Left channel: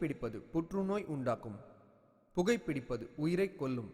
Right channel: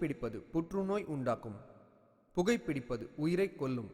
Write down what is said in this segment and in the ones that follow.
புகைப்பிடிப்பது புற்றுநோய் உண்டாக்கும். புகைப்பிடிப்பது உயிரை கொல்லும்.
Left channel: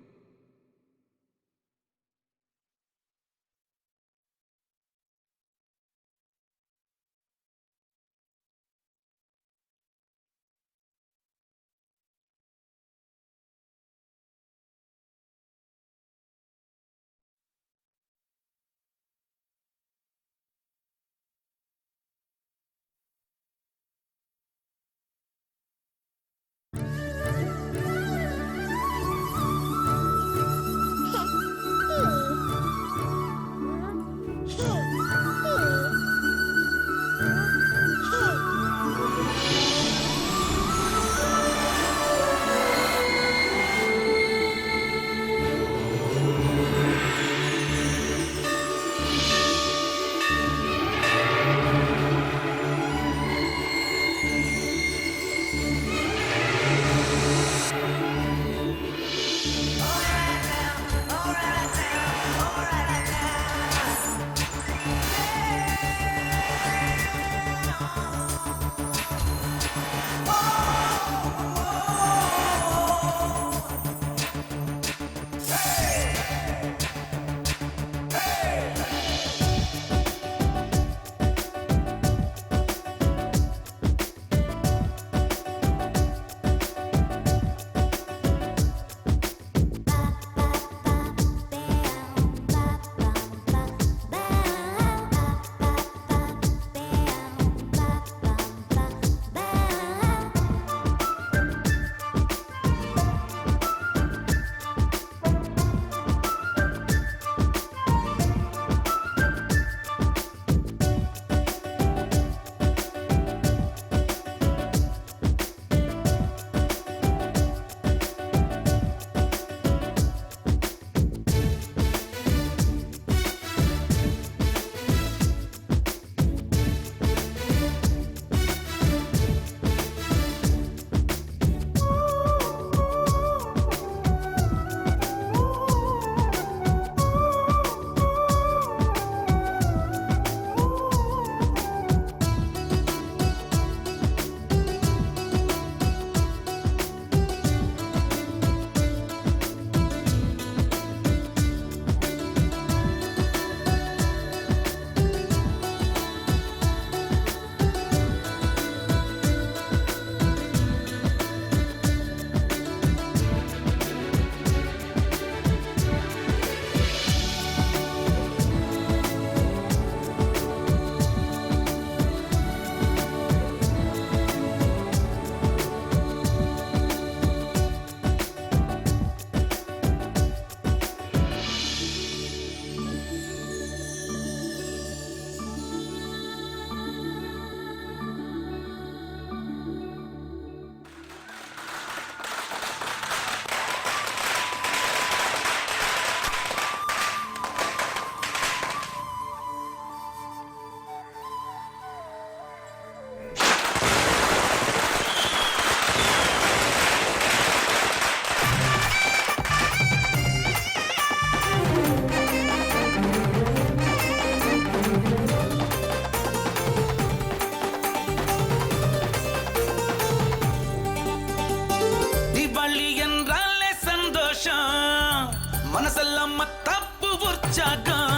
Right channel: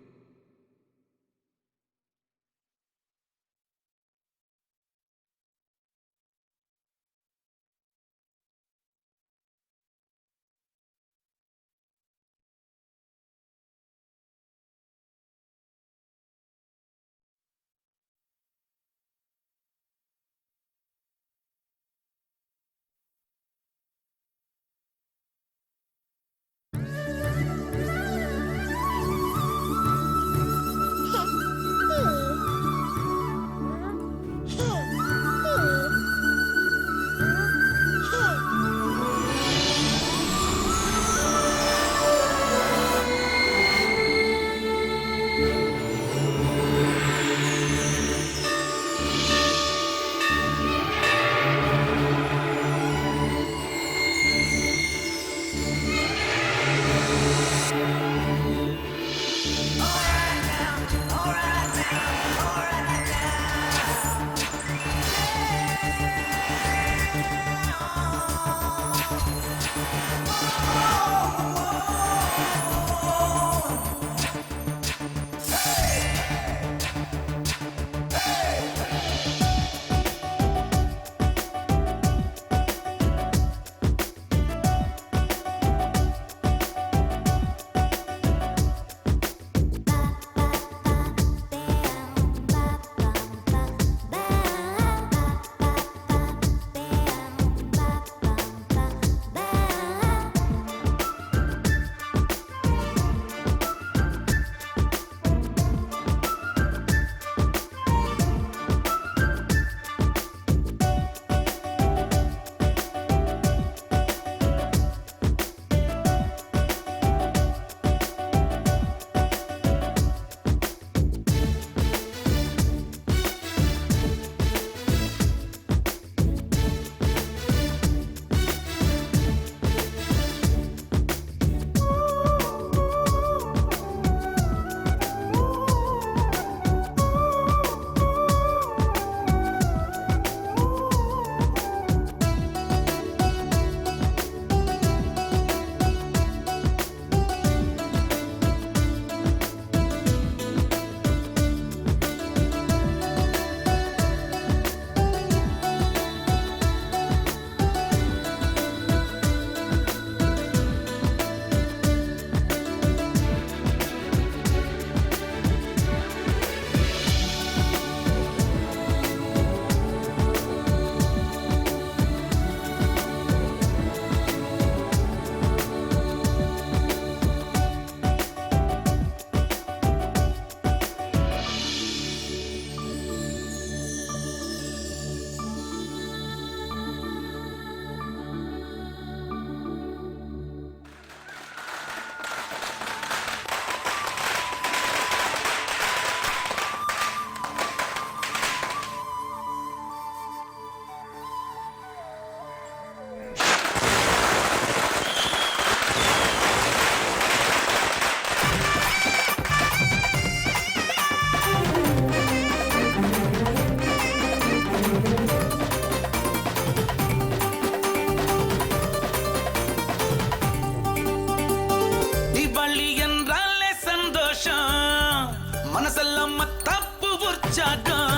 தீபாவளி என்றாலே சந்தோஷம், மனசெல்லாம் தப்பு உற்சாகம்.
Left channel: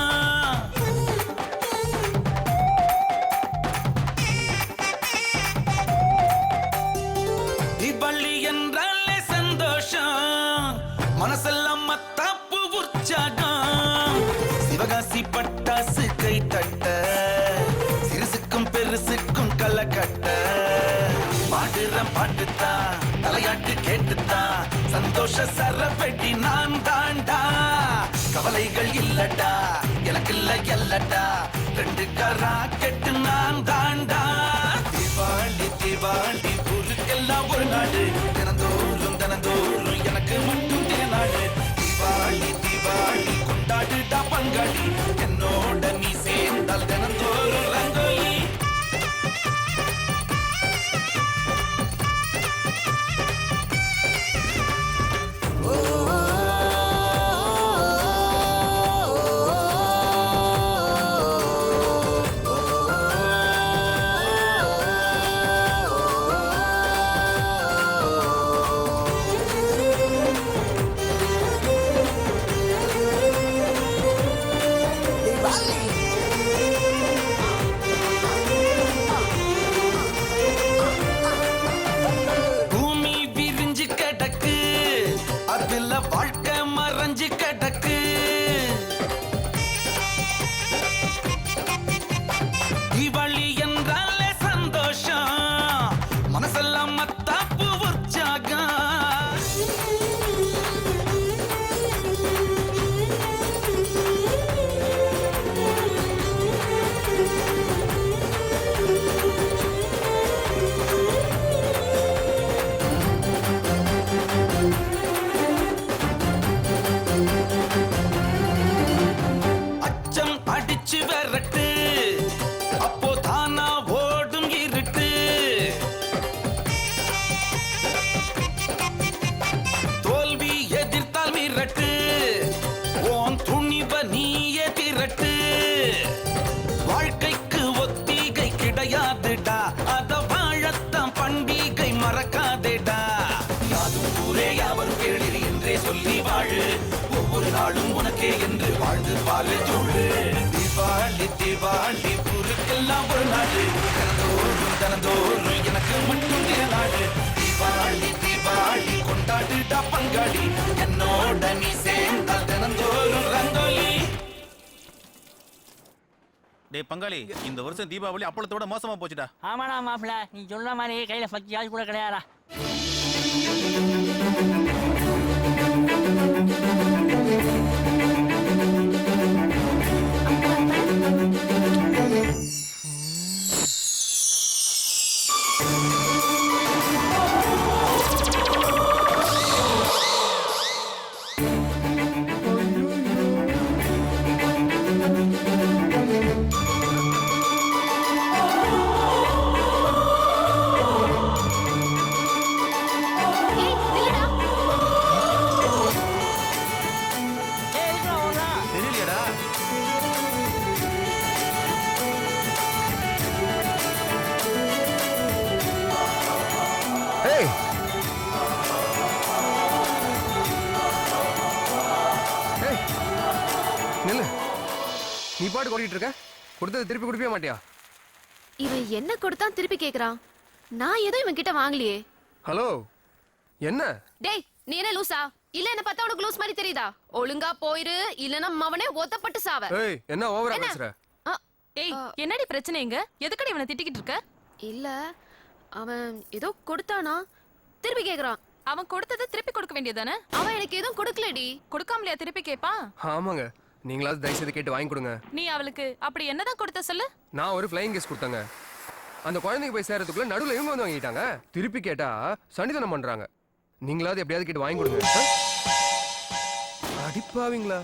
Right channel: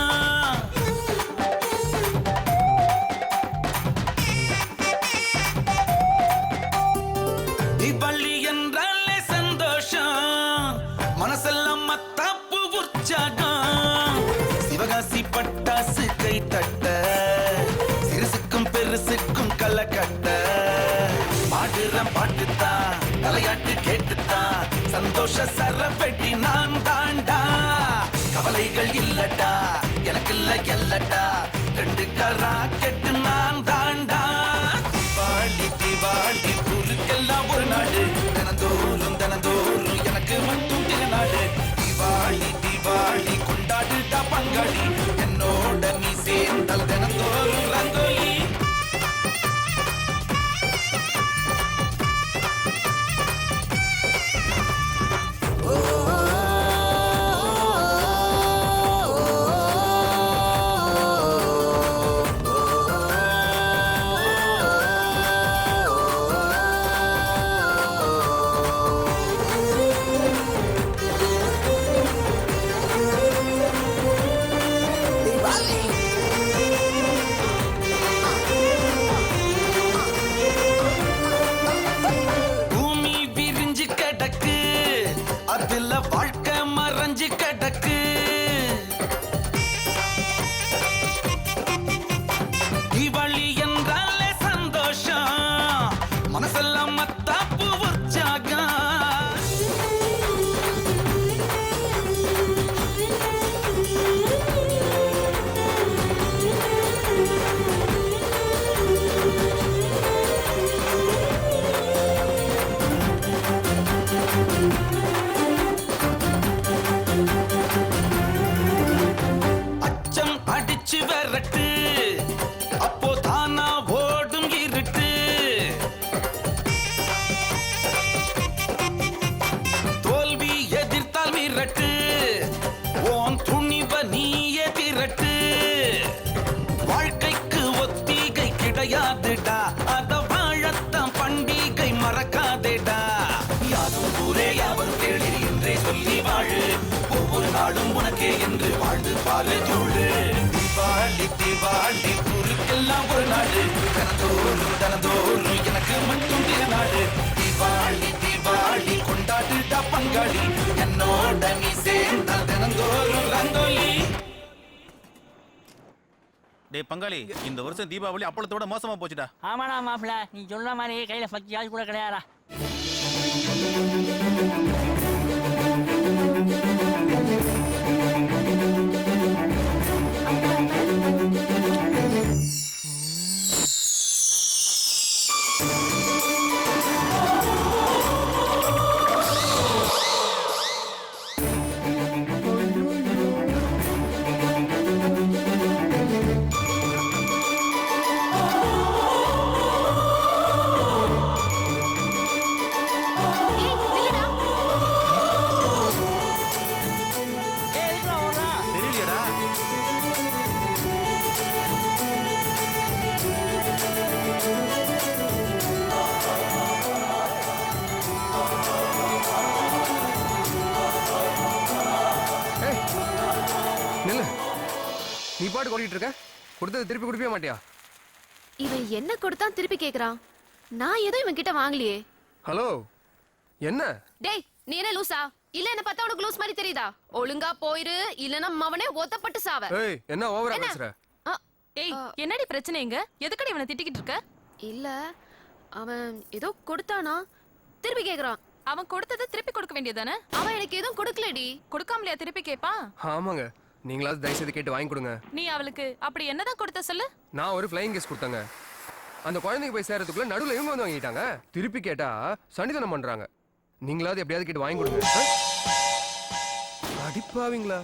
தீபாவளி என்றாலே சந்தோஷம், மனசெல்லாம் தப்பு உற்சாகம். சிவகாசி பட்டாசு கை தட்ட, சிறுசுக்கும் பெருசுக்கும் களை கட்ட. பாடுறேன் பாட்டுத்தா, தலையாட்டு கேட்டுத்தா, சந்தோஷ சரவெட்டி நான் தாண்டா. கவலைகள் இல்லடா, எனக்கு இல்ல எல்லடா, ரெண்டு கரா கெட்டு நான் தாண்டா. தீபாவளி தீபாவளி ஊருக்கெல்லாம் ஒரு நாடு, தினந்தோறும் தினந்தோறும் எனக்கு மட்டும் திருநாடு. தீபாவளி தீபாவளி கொண்டாடுடா பங்காளி, என்னோட நீ சேர்ந்தால் தினந்தோறும் ரங்கோலி. விரிஞ்சு கிடக்கு, அதுல வாழ்க்கை மறைஞ்சு கிடக்கு. தீபாவளி என்றாலே சந்தோஷம், மனசெல்லாம் மத்தாப்பு உற்சாகம். அச்சம் அடிச்சு விரட்டு, அப்போ தானா ஓடும் இருட்டு. தோல்வி எதிர்த்தால் மிரட்டு, ஓன் துணிவ நீயே திரட்டு. வாழ்க்கைக்கு ஒத்திகை கிடையாதுடா, அத வாழத்தான் பண்டிகை மறக்காதேடா. யாரும் ஊரே யாவரும் கேளிர் என்றே சொல்லி வாழு, ஒவ்வொரு நாளும் உனக்கே என்று வாழ்ந்து பாலு தோடு. தீபாவளி தீபாவளி ஊருக்கெல்லாம் ஒரு நாடு, தினந்தோறும் தினந்தோறும் எனக்கு மட்டும் திருநாடு. தீபாவளி தீபாவளி கொண்டாடுடா பங்காளி, என்னோட நீ சேர்ந்தால் தினந்தோறும் ரங்கோலி. டேய் பங்காளி, இந்த வருஷம் தீபாவளி அப்பளத்தோட மோசமா போச்சுடா. ஆமாடா மாப்பிள்ள, நீ சொல்ற மாதிரி கையில 10 காசு கூட கிடையாதா. தெரியலையடா. ஏய் ஏய் நில்லு, நீ பாட்டு ஓடிட்டு இருக்க, கொடுத்தது திருப்பி கொடுக்கவே மாட்டியா? இவன் என்ன கொடுத்தான் திருப்பி கேக்குறான்? நான் எதுவும் இவன் கிட்ட வாங்கலையே. ஹலோ, என்ன? டேய், நீ என்ன லூசா? இல்ல என்ன பார்த்தா உனக்கு லூஸ் மாதிரி தெரியுதா? ஒழுங்கா போயிரு, இல்லனா மவனே ஒத்தப்பட்டு சாவ. ஏய், என்ன ஓவரா பேசுற? ஏய், என்னடி பிரச்சனை இங்க? எதுக்கடி இவனை திட்டிக்கிட்டு இருக்க? இல்ல, அவன் ஏதோ கொடுத்தானா, திருப்பி கேக்குறான். அவன் கொடுத்ததை திருப்பி கொடுக்க வேண்டியதானே? அவன் எனக்கு எதுவும் கொடுக்கலடி. கொடுக்காமலையா திருப்பி கேப்பா? ஆமாங்க, நீங்களாவது தயவு செய்து கேட்டு வாங்கி கொடுங்க. நீ அவளுக்கு அப்படி என்னதான் கொடுத்த சொல்லு. நான் ஒரு ஃப்ளைங் கேஸ் கொடுத்தேங்க. அந்த குழந்தைக்கு போய் சேர்றதுக்குள்ள நடுவுல இவங்க வந்து வாங்கிட்டாங்க. திருப்பி கேட்டா சண்டிதனம் பண்றாங்க. நீங்களாவது எப்படியாவது கேட்டு வாங்கி கொடுங்க. அடிப்பாவீங்களா?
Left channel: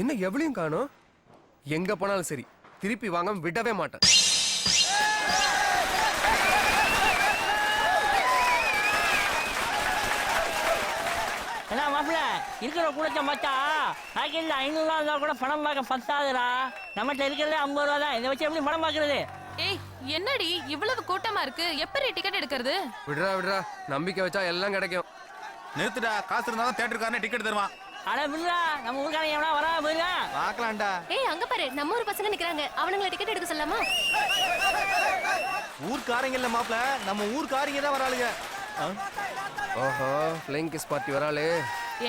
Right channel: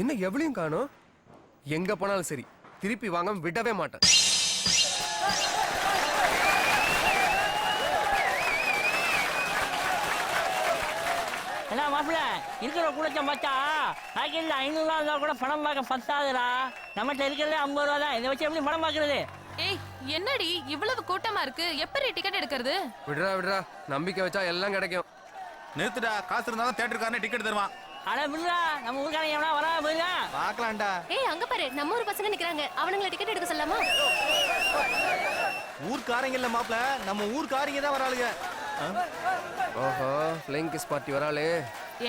என்ன எவ்வளையும் காணோம்? எங்க போனாலும் சரி திருப்பி வாங்க விடவே மாட்டேன். என்ன மாப்பிள்ள, இருக்கிற கூடத்தை பார்த்தா பாக்கெட்ல 500 ரூபா இருந்தா கூட படம் பார்க்க பத்தாதுடா. நம்மகிட்ட இருக்கிறதே 50 ரூபா தான். இதை வச்சு எப்படி படம் பார்க்கறது? ஏய், என்னடி இவ்வளவு கூட்டமா இருக்கு? எப்படி டிக்கெட் எடுக்கிறது? விடுறா விடுறா, நம்பிக்கை வச்சா எல்லாம் கிடைக்கும். நிறுத்துடா, காசு இருந்தாலும் தியேட்டருக்காரனே டிக்கெட் தருவான். அட விடுறா, நம்ம ஊருக்காரங்க எவனா வரா போயிருக்கா? பார்க்கலாம்டா. ஏய், அங்க பாரு, நம்ம ஊர் பசங்க நிக்கறாங்க. அவனுங்களை டிக்கெட் எடுக்க சொல்லலாமா? ஊர்க்காரங்க இல்ல மாப்ள, நம்ம ஊர்க்காரங்க தான் வராளுங்க. ஓஹோ, ஃப்ளைங் கிஸ் பார்ட்டி வராளே.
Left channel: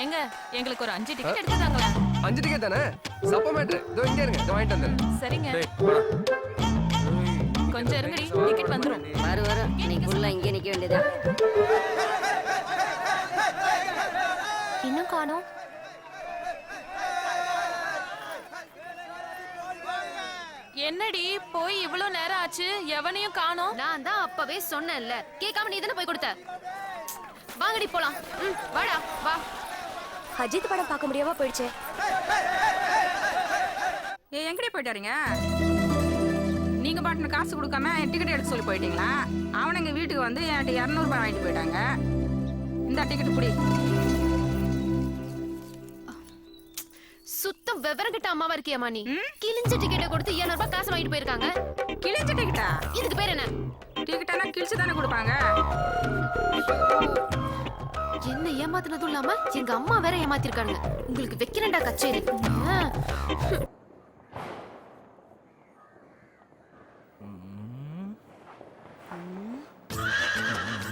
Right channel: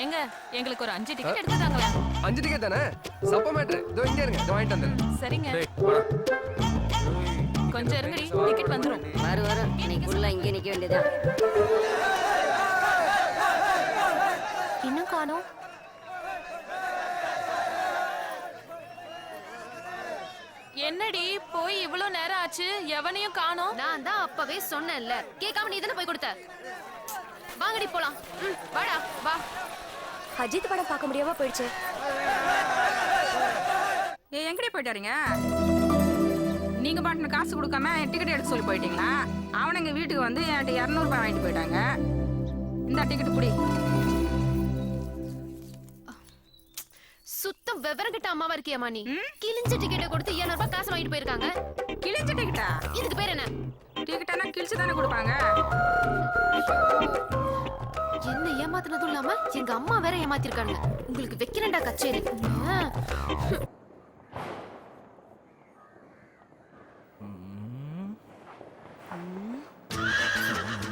ஏங்க, எங்களுக்கு ஒரு 5 டிக்கெட் எடுத்து தாங்களேன். 5 டிக்கெட் தானே? சப்ப மேட்ரு. இதோ இங்க இருங்க, இதோ வாங்கிட்டு வந்துடுறேன். சரிங்க, டேய் வாடா. கொஞ்சம் இருங்கடி, டிக்கெட் வந்துரும். வரும் இன்னைக்கு ஃபுல்லா இங்கே நிக்க வேண்டியதா. இன்னும் காணோம். என்னடி போய் இவ்வளவு நேரம் ஆச்சு, எவனையும் காணோம். நான் தான் அப்பவே சொன்னேன்ல, கேட்காம நீ தானே போய் கொடுத்த. வாங்கடி போலாம். வாடா வா. அஜித் படம் பார்க்க முடியாம போயிடுச்சு. எங்கடி போயிட்டாருங்க? நீங்க பாட்டுன்னு காசு கொடுக்காம டிக்கெட் எடுக்க சொல்லி போயிட்டீங்களா? அவனுங்க வீட்டுக்கு வந்து என்கிட்ட 200 ரூபாய் வாங்கிட்டு போயிட்டாங்க. இந்த டிக்கெட் புடி. சுத்தம் விவரம் கிட்ட அம்மாவா இருக்கியாமா நீ? கிழிஞ்ச டிக்கெட்டை கொடுத்து 200 ரூபாய் காசு வாங்கிட்டு போயிருக்காங்க. கிழிஞ்ச டிக்கெட்டா? இதுக்கு பேர் என்ன? டிக்கெட்டானா கிழிச்சு தானே கொடுப்பாங்க. என்ன ஏமாத்தினதும் இல்லாம எங்க அம்மா வேற ஏமாத்திருக்காங்க. உங்களுக்கு வைக்கிறேன்டா கச்சேரி.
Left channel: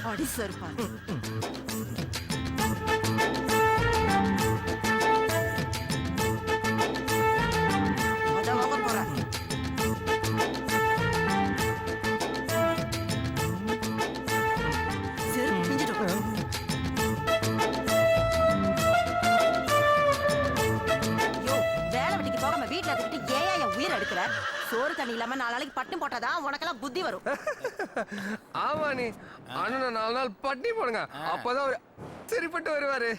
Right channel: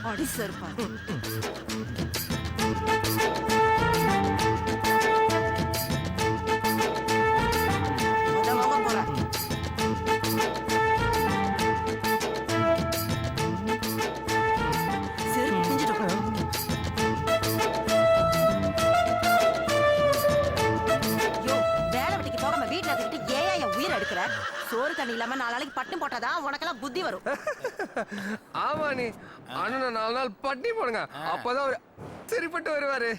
அடி அடி சருப்பாரு. வாங்க போறேன். செருப்பு பிஞ்சிடும். யோ, வேலை வெட்டிக்கு போகாம வீட்டுல இருந்துக்கிட்டு ஏன் என் உயிரை எடுக்கிற? சோறு தண்ணி இல்லாம 4 நாளைக்கு பட்டும் போட்டாதான் உனக்கெல்லாம் புத்தி வரும். ஆமா நீ அண்ணனை 4 நாள் பட்டி போடுங்க, அப்பதான் அவர் சரிப்பட்டு வருவாரு.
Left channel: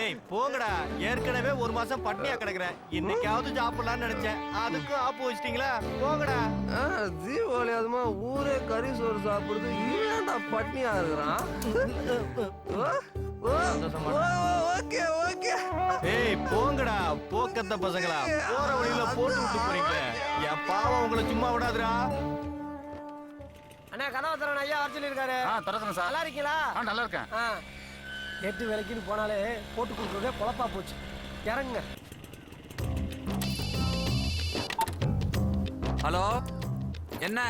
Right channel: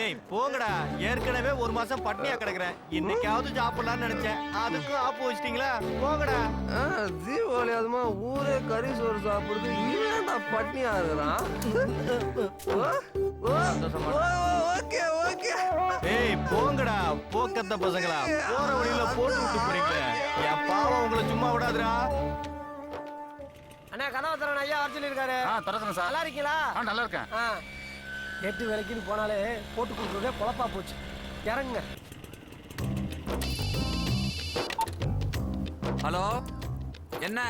டேய் போங்கடா. ஏற்கனவே 1 மாசம் பட்னியா கிடக்குறேன். இன்னைக்காவது சாப்பிடலாம்னு நினைச்சேன். அதுக்கும் ஆப்பு வச்சிட்டீங்களா? போங்கடா. தீபாவளி அதுமா ஊரே கறி சோறு சாப்பிடுது, இவன்டா பட்னியா இருக்கிறான். Okay okay. ஏய் போங்கடா போக்கத்த பசங்களா. போற வழியில போட்டு விட்டு போறீங்களே. என் பாவம் உங்களை சும்மா விடாதுடா. அண்ணா கனவத்தரன் ஐயா வர சொல்லியிருக்காரு. திறக்கிறேன் சார். நல்லா இருக்கீங்களா? நல்லா இருக்கேன். 8 வேலைக்குன்னு போனாலே போட்டு கொடுக்குறதே பொழப்பா போச்சு. இறங்குங்க. ஹலோ, என்ன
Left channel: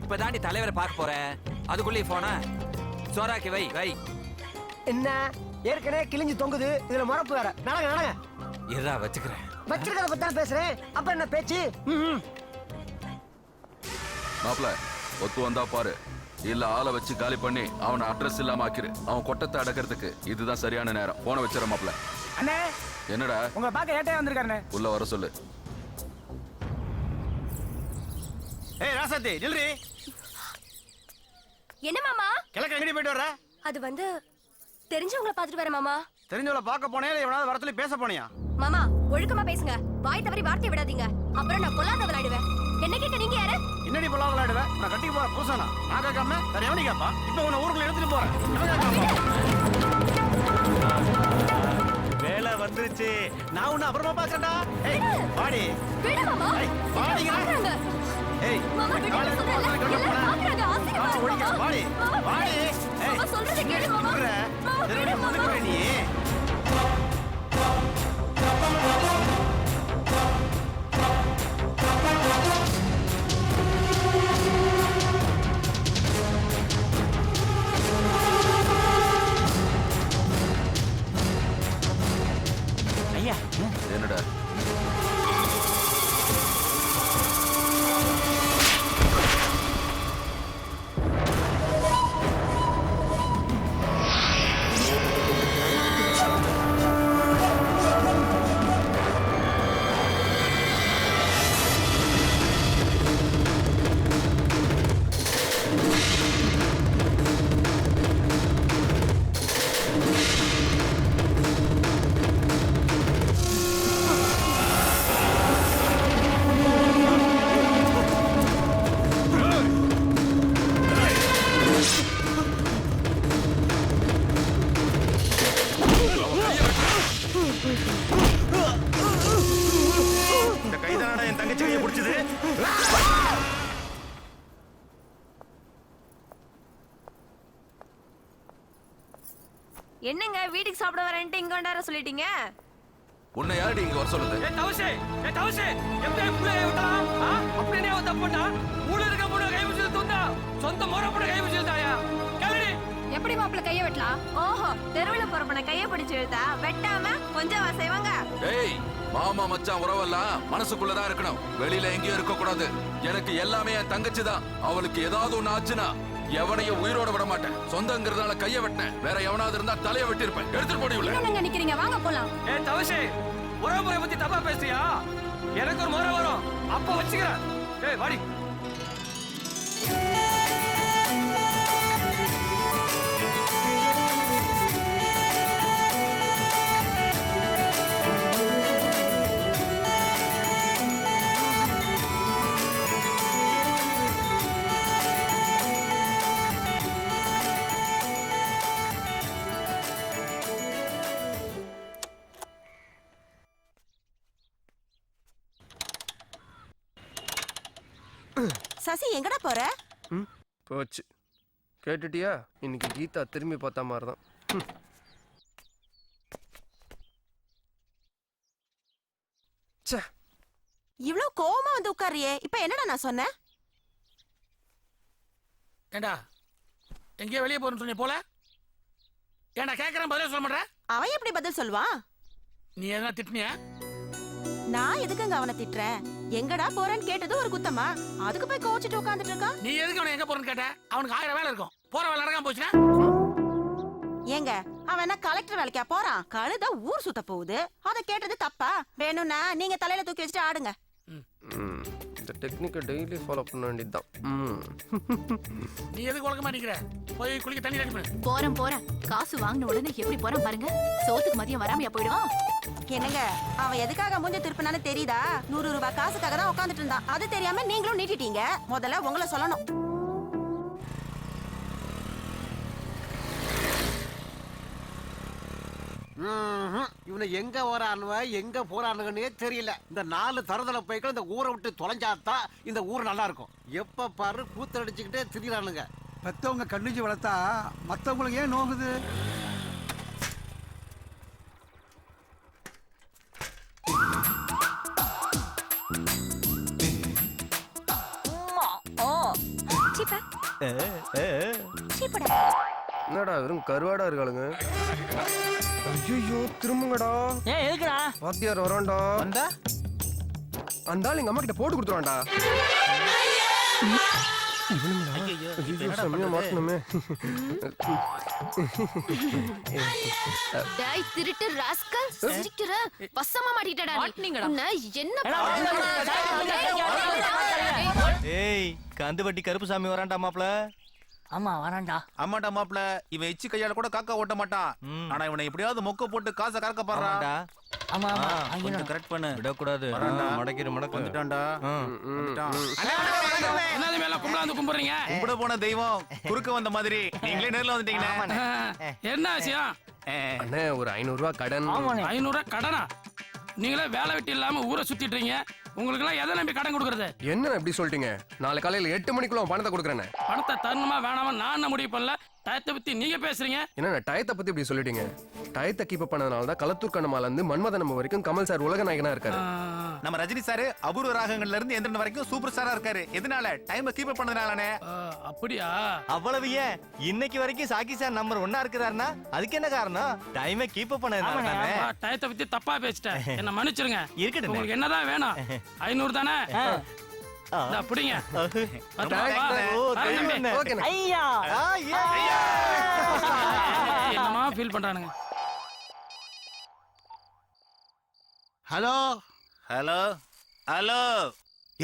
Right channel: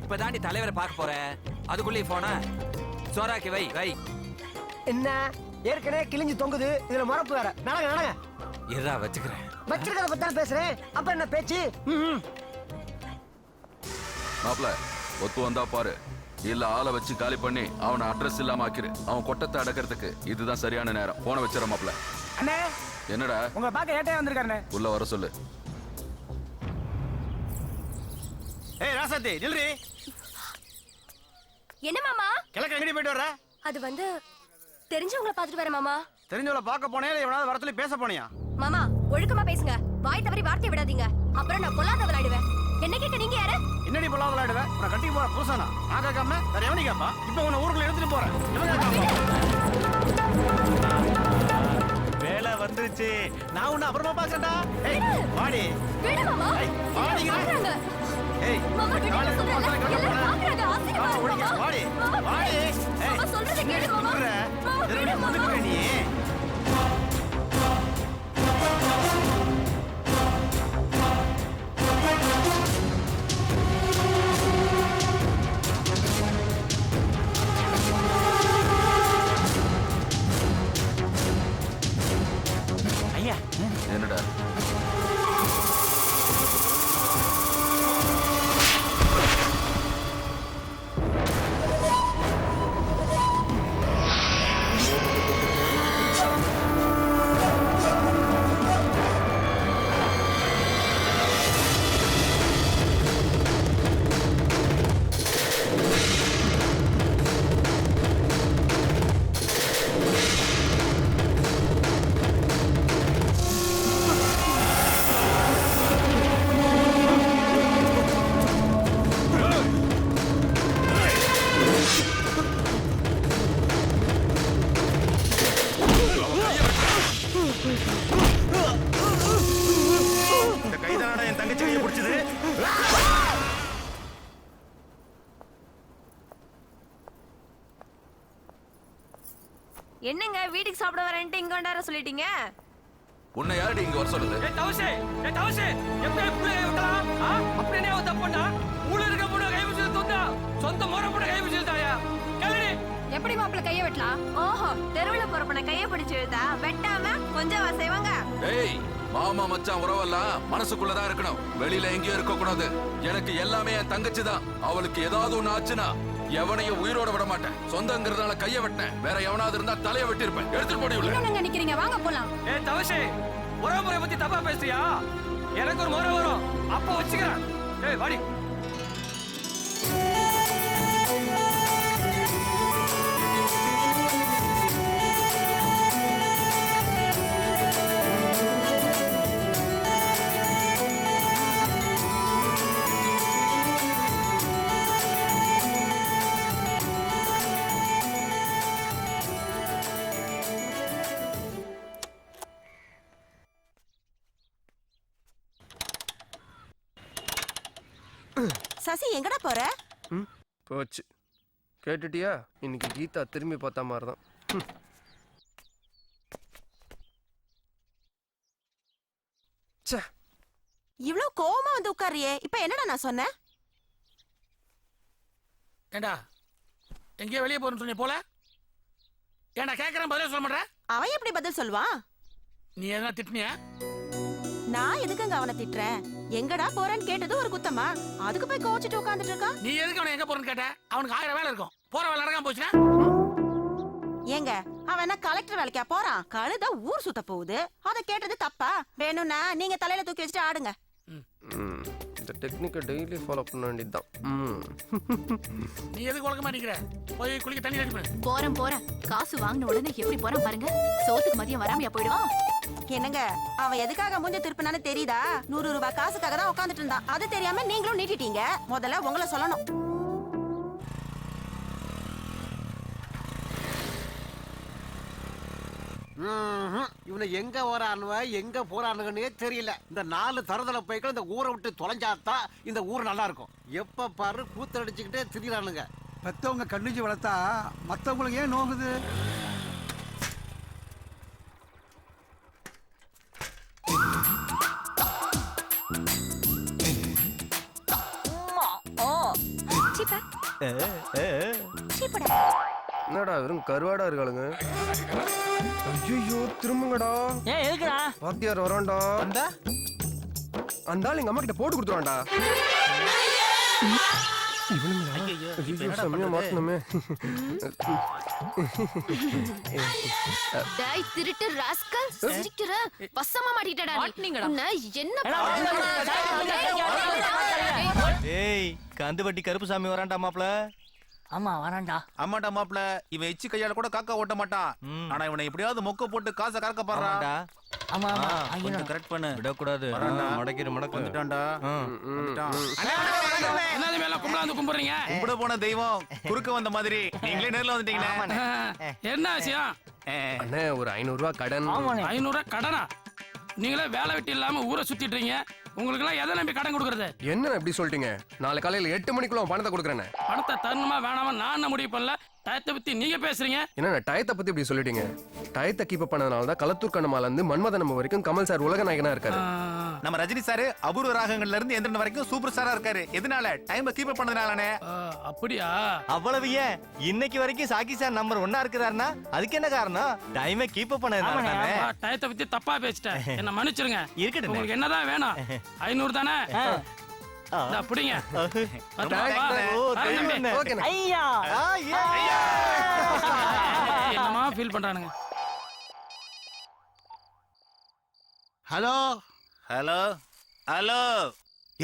இப்பதாண்டி தலைவரை பார்க்க போற, அதுக்குள்ளே போன சோறாக்கி வை வை. என்ன ஏற்கனவே கிழிஞ்சு தொங்குது, இதுல மரப்பு வேற. நடங்க நடங்க. இருடா வச்சுக்கிறேன். வச்சிருக்கிறத பத்தி தான் பேசுறேன், அப்புறம் என்ன பேச்சு? மாப்ள ஒத்து வந்தா பாரு, இல்ல ஆளை வச்சு காலி பண்ணி அவனை அட்ரஸ் இல்லாம ஆக்கிரு. அவன் கொட்டத்தை அடக்கிறதுக்கு இதுதான் சரியான நேரம். போன வச்சிட மாப்ள. அண்ணே என்னடா உங்களை பார்க்க ஏட்டையா வந்திருக்காருண்ணே. உள்ள வர சொல்லு. ஏய் ராசாத்தி நில்றி. என்ன மாமா? கிழக்கு எங்கடி போயிட்டு வர? அது வந்து தெரிஞ்சவங்கள பாத்துட்டு வரேன் மாமா. தெரிஞ்சவள பார்க்க போனே இல்ல எவனாவது வர சொல்லி பேச போனியா? மாமா ஒழுக்கமா பேசுங்க, வாய் தவறி வார்த்தை விடாதீங்க, அப்புறம் நான் கொல்லாத விளையாடுவேன். என்ன கேட்க நீங்க யாரு? என்னடி பொல்லாத விளையாடுவ? நான் கட்டிக்கு போற புருஷனா? நான் கேட்காம வேற எவனி கேப்பா? இப்ப உன்னை ஊருக்குள்ள எடுத்துட்டு போறேன். வேலை வந்துருச்சு. நான் உன்னை அப்புறமா பாக்குறேன்டா. ஏய் வாடி. விடு மாமா. ஏய் வாடிங்க. ஏய் மாமா விடு சொல்றேன். எல்லாம் பாக்குறாங்க. ஆசீர்வாதம் வாடி. வாடி. வாடி. ஏய் மாமா சொல்றத கேளு மாமா. திருடி முந்துக்குற நீ. ஐயா என்னடா இந்த கைதானடா என் தங்கச்சி கையை பிடிச்சது. என்னங்க வீட்டுக்கு சாப்பிட வரேன்ட்டு இங்க வந்தார சொல்லிட்டீங்க? உன்னை யாரடி இங்க வர சொல்லுது? எப்படி புள்ளைய விட்டலாம்? அப்படியே அவன் தப்புண்டா. ஊழ இருக்க பொண்ணு கை பிடிச்சது துண்டா, சொந்த முறை பொண்ணு கை பிடிச்சதாயா? கேளுடி. எப்படி மாப்பிள்ள கைய வெட்டலாம்? ஓஹோ, தெருவுல போறப்பன கைய பிடிச்சு இழுத்தா வெட்டாம கொஞ்சம் செய்வாங்க. ஏய் மாமா மச்சான் உறவெல்லாம் மனசுக்குள்ளதான் இருக்கணும், வெளியில எங்கேயும் இருக்க கூடாது. எனக்கு எல்லாமே என் தங்கச்சி தான். அவளுக்கு ஏதாவது ஒண்ணு ஆச்சுன்னா எவனையும் உயிரோட விட மாட்டேன். சொந்தங்கிறதுனால கைய வெட்டினேன், வேற எவனாவது இருந்தா தலைய வெட்டிருப்பேன். எடுத்துட்டு போடி உள்ள. என்னங்க நிக்கிறீங்க? வாங்க போலாம். தவசே உறவு முறை பத்தி தப்பா பேசுறியா? எனக்கு ஒரு முறை வரும், அப்ப வச்சுக்கிறேன். ஏய் வாடி. சசி எங்கடா போற? போச்சு. கேட்டுட்டியா? இன்னைக்கு கீதா திரும்பி பார்த்த மாதிரி தான். இவ்ளோ கோவமா வந்து உட்காரியே, இப்ப என்னடா நான் சொன்னேன்? ஏண்டா எங்கேயோ வெளியே போறேன்னு சொன்னி போல ஏண்டா கேட்கறேன் பதிலே சொல்ல மாட்டேன். அவன் எப்படி பதில் சொல்வான்? நீ எதனா திட்டினியா? நான் எதுக்குங்க அவனை திட்டுறேன்? எங்கடா போறேன்னு கேட்டது ஒரு குத்தமா? அதுக்கு போய் கோச்சிட்டு உட்கார்ந்துட்டு இருக்கான். நீ எதுக்கு அவனை எங்க போறேன்னு கேட்ட? அவனுக்கு 1000 வேலை இருக்கும். போற வேலை நடக்காம போச்சுன்னா ஏங்க அவன் என்ன கலெக்டர் வேலைக்கா போறான்? கழுத ஊர் சுத்த போகுது. அத கேட்டது தப்பா? வேணும்னா நீங்க தலையில தூக்கி வச்சுட்டு ஆடுங்க. இந்த டெக்னிக்கை டெய்லி ஃபாலோ பண்ண வேண்டியதுதான். நீ எதுக்கு உலக மாட்டேங்கிற? போய் குளிக்க தண்ணி ரெடி பண்ணு. போறேன் காசு வாங்கின உடனே எப்படி போறான் பாருங்க. சோத்துக்கு மதியம் வராமையா போயிடுவான். என்னங்க அவன் எதுக்காக மூஞ்ச திருப்பினான்னு தெரியுதா? 100 ரூபாய் காசுக்காக தான் உட்காந்துட்டு இருந்தான். அது தெரியாம நீங்களும் நீட்டிட்டீங்க. முதல்ல உங்களை சொல்லணும். இவனை எங்க வரானுவ எங்க போறானுங்கன்னே தெரியல. இந்த 4 தரதல பைக்கள் இந்த ஊரை விட்டு தொலைஞ்சாதான் இந்த ஊர் நல்லா இருக்கும். எப்ப பாரு கூத்தடிச்சுக்கிட்டே திரிகிறானுங்க. பெத்தவங்க கண்டிச்சு வளர்த்தா மத்தவங்களுக்கு ஏன் நோகுது? என்னடா வெறும் கருவாடா இருக்காளுங்க. ஐயோ திரும்புங்கடா. ஏன் எதுக்குடா? வாத்தியார் வரான்டா. அந்த ஆள் எங்க அம்மா கிட்ட போட்டு கொடுத்துருவான்டா. டேய் திருட்டு ராஸ்கல், சிரிக்கிற பசமா மாட்டிட்டடா நீ. உன்னை என்ன ஏய் கந்து வட்டி கருப்புசாமி வரான்டா மாப்ள. ஆமா வரான்டா. ஆமாடா மாப்ள, இவன் எச்சி கையால கூட காக்கா ஓட்ட மாட்டான். ஆனா இவனை எப்படியாவது மொக்க போட்டு காசை கறக்க பாடுறான்டா. ஆமா ஆமா கொஞ்சம் கரெக்ட் பண்ணு. விடக்கூடாது. மடக்கிரு மடக்கு. வந்துட்டான்டா. என்னது மேல கும்பலாந்து கும்பிடுறீங்க? கும்பிட போன தெய்வம் குறுக்க வந்த மாதிரி நீங்களே நேர்ல வந்துட்டீங்களே. என்ன விஷயம்? அண்ணே ஒரு 500 ரூபாய் கடன். 500 ரூபாய் கடனா? நீங்களே வேலை வெட்டி இல்லாம ஊரை சுத்திட்டுறீங்க. உங்களுக்கு எல்லாம் எதை நம்பி கடன் கொடுக்கறது? என்ன இப்படி சொல்லிட்டீங்க? நாளை காலையில 8 மணிக்குள்ள பணத்தை கொடுக்குறேன். பணத்தை தரணுமா வேணாமா நான் என்ன முடிவு பண்ணல. டயத்தை பத்தி நீங்க பேசுறீங்க. என்ன டயத்தை பத்தி இப்படி சொல்லிட்டீங்க? டயத்தை கீப் பண்ணதுனால தான் களத்தூர் கண்ணமால இருந்து மன்மதன் நம்ம வரைக்கும் கமல் சார் உலக நாயகனா இருக்காரு. நம்ம ரஜினி சார் அபூர்வ ராகங்கள்ல இருந்து எந்திரன் வரைக்கும் சூப்பர் ஸ்டாரா இருக்காரு. எதனால? டைம் கீப் பண்ணதுனாலனே. அப்படியா? அவ்வளவு ஏன் இன்னைக்கு வரைக்கும் சாக்கி சார் நம்பர் 1 இருக்கிறாருன்னா அதுக்கு என்ன காரணம்? டைமை கீப் பண்ணதுனால தானே. டயத்தை பத்தி தப்பா பேசிட்டேன். என்ன மன்னிச்சிருங்க. இருக்கட்டும். உங்களுக்கு என்னதான் வேணும்? 500 தானே? அப்படிங்க. என்னமா ஃபீல் பண்றானுங்க? Hello hello hello.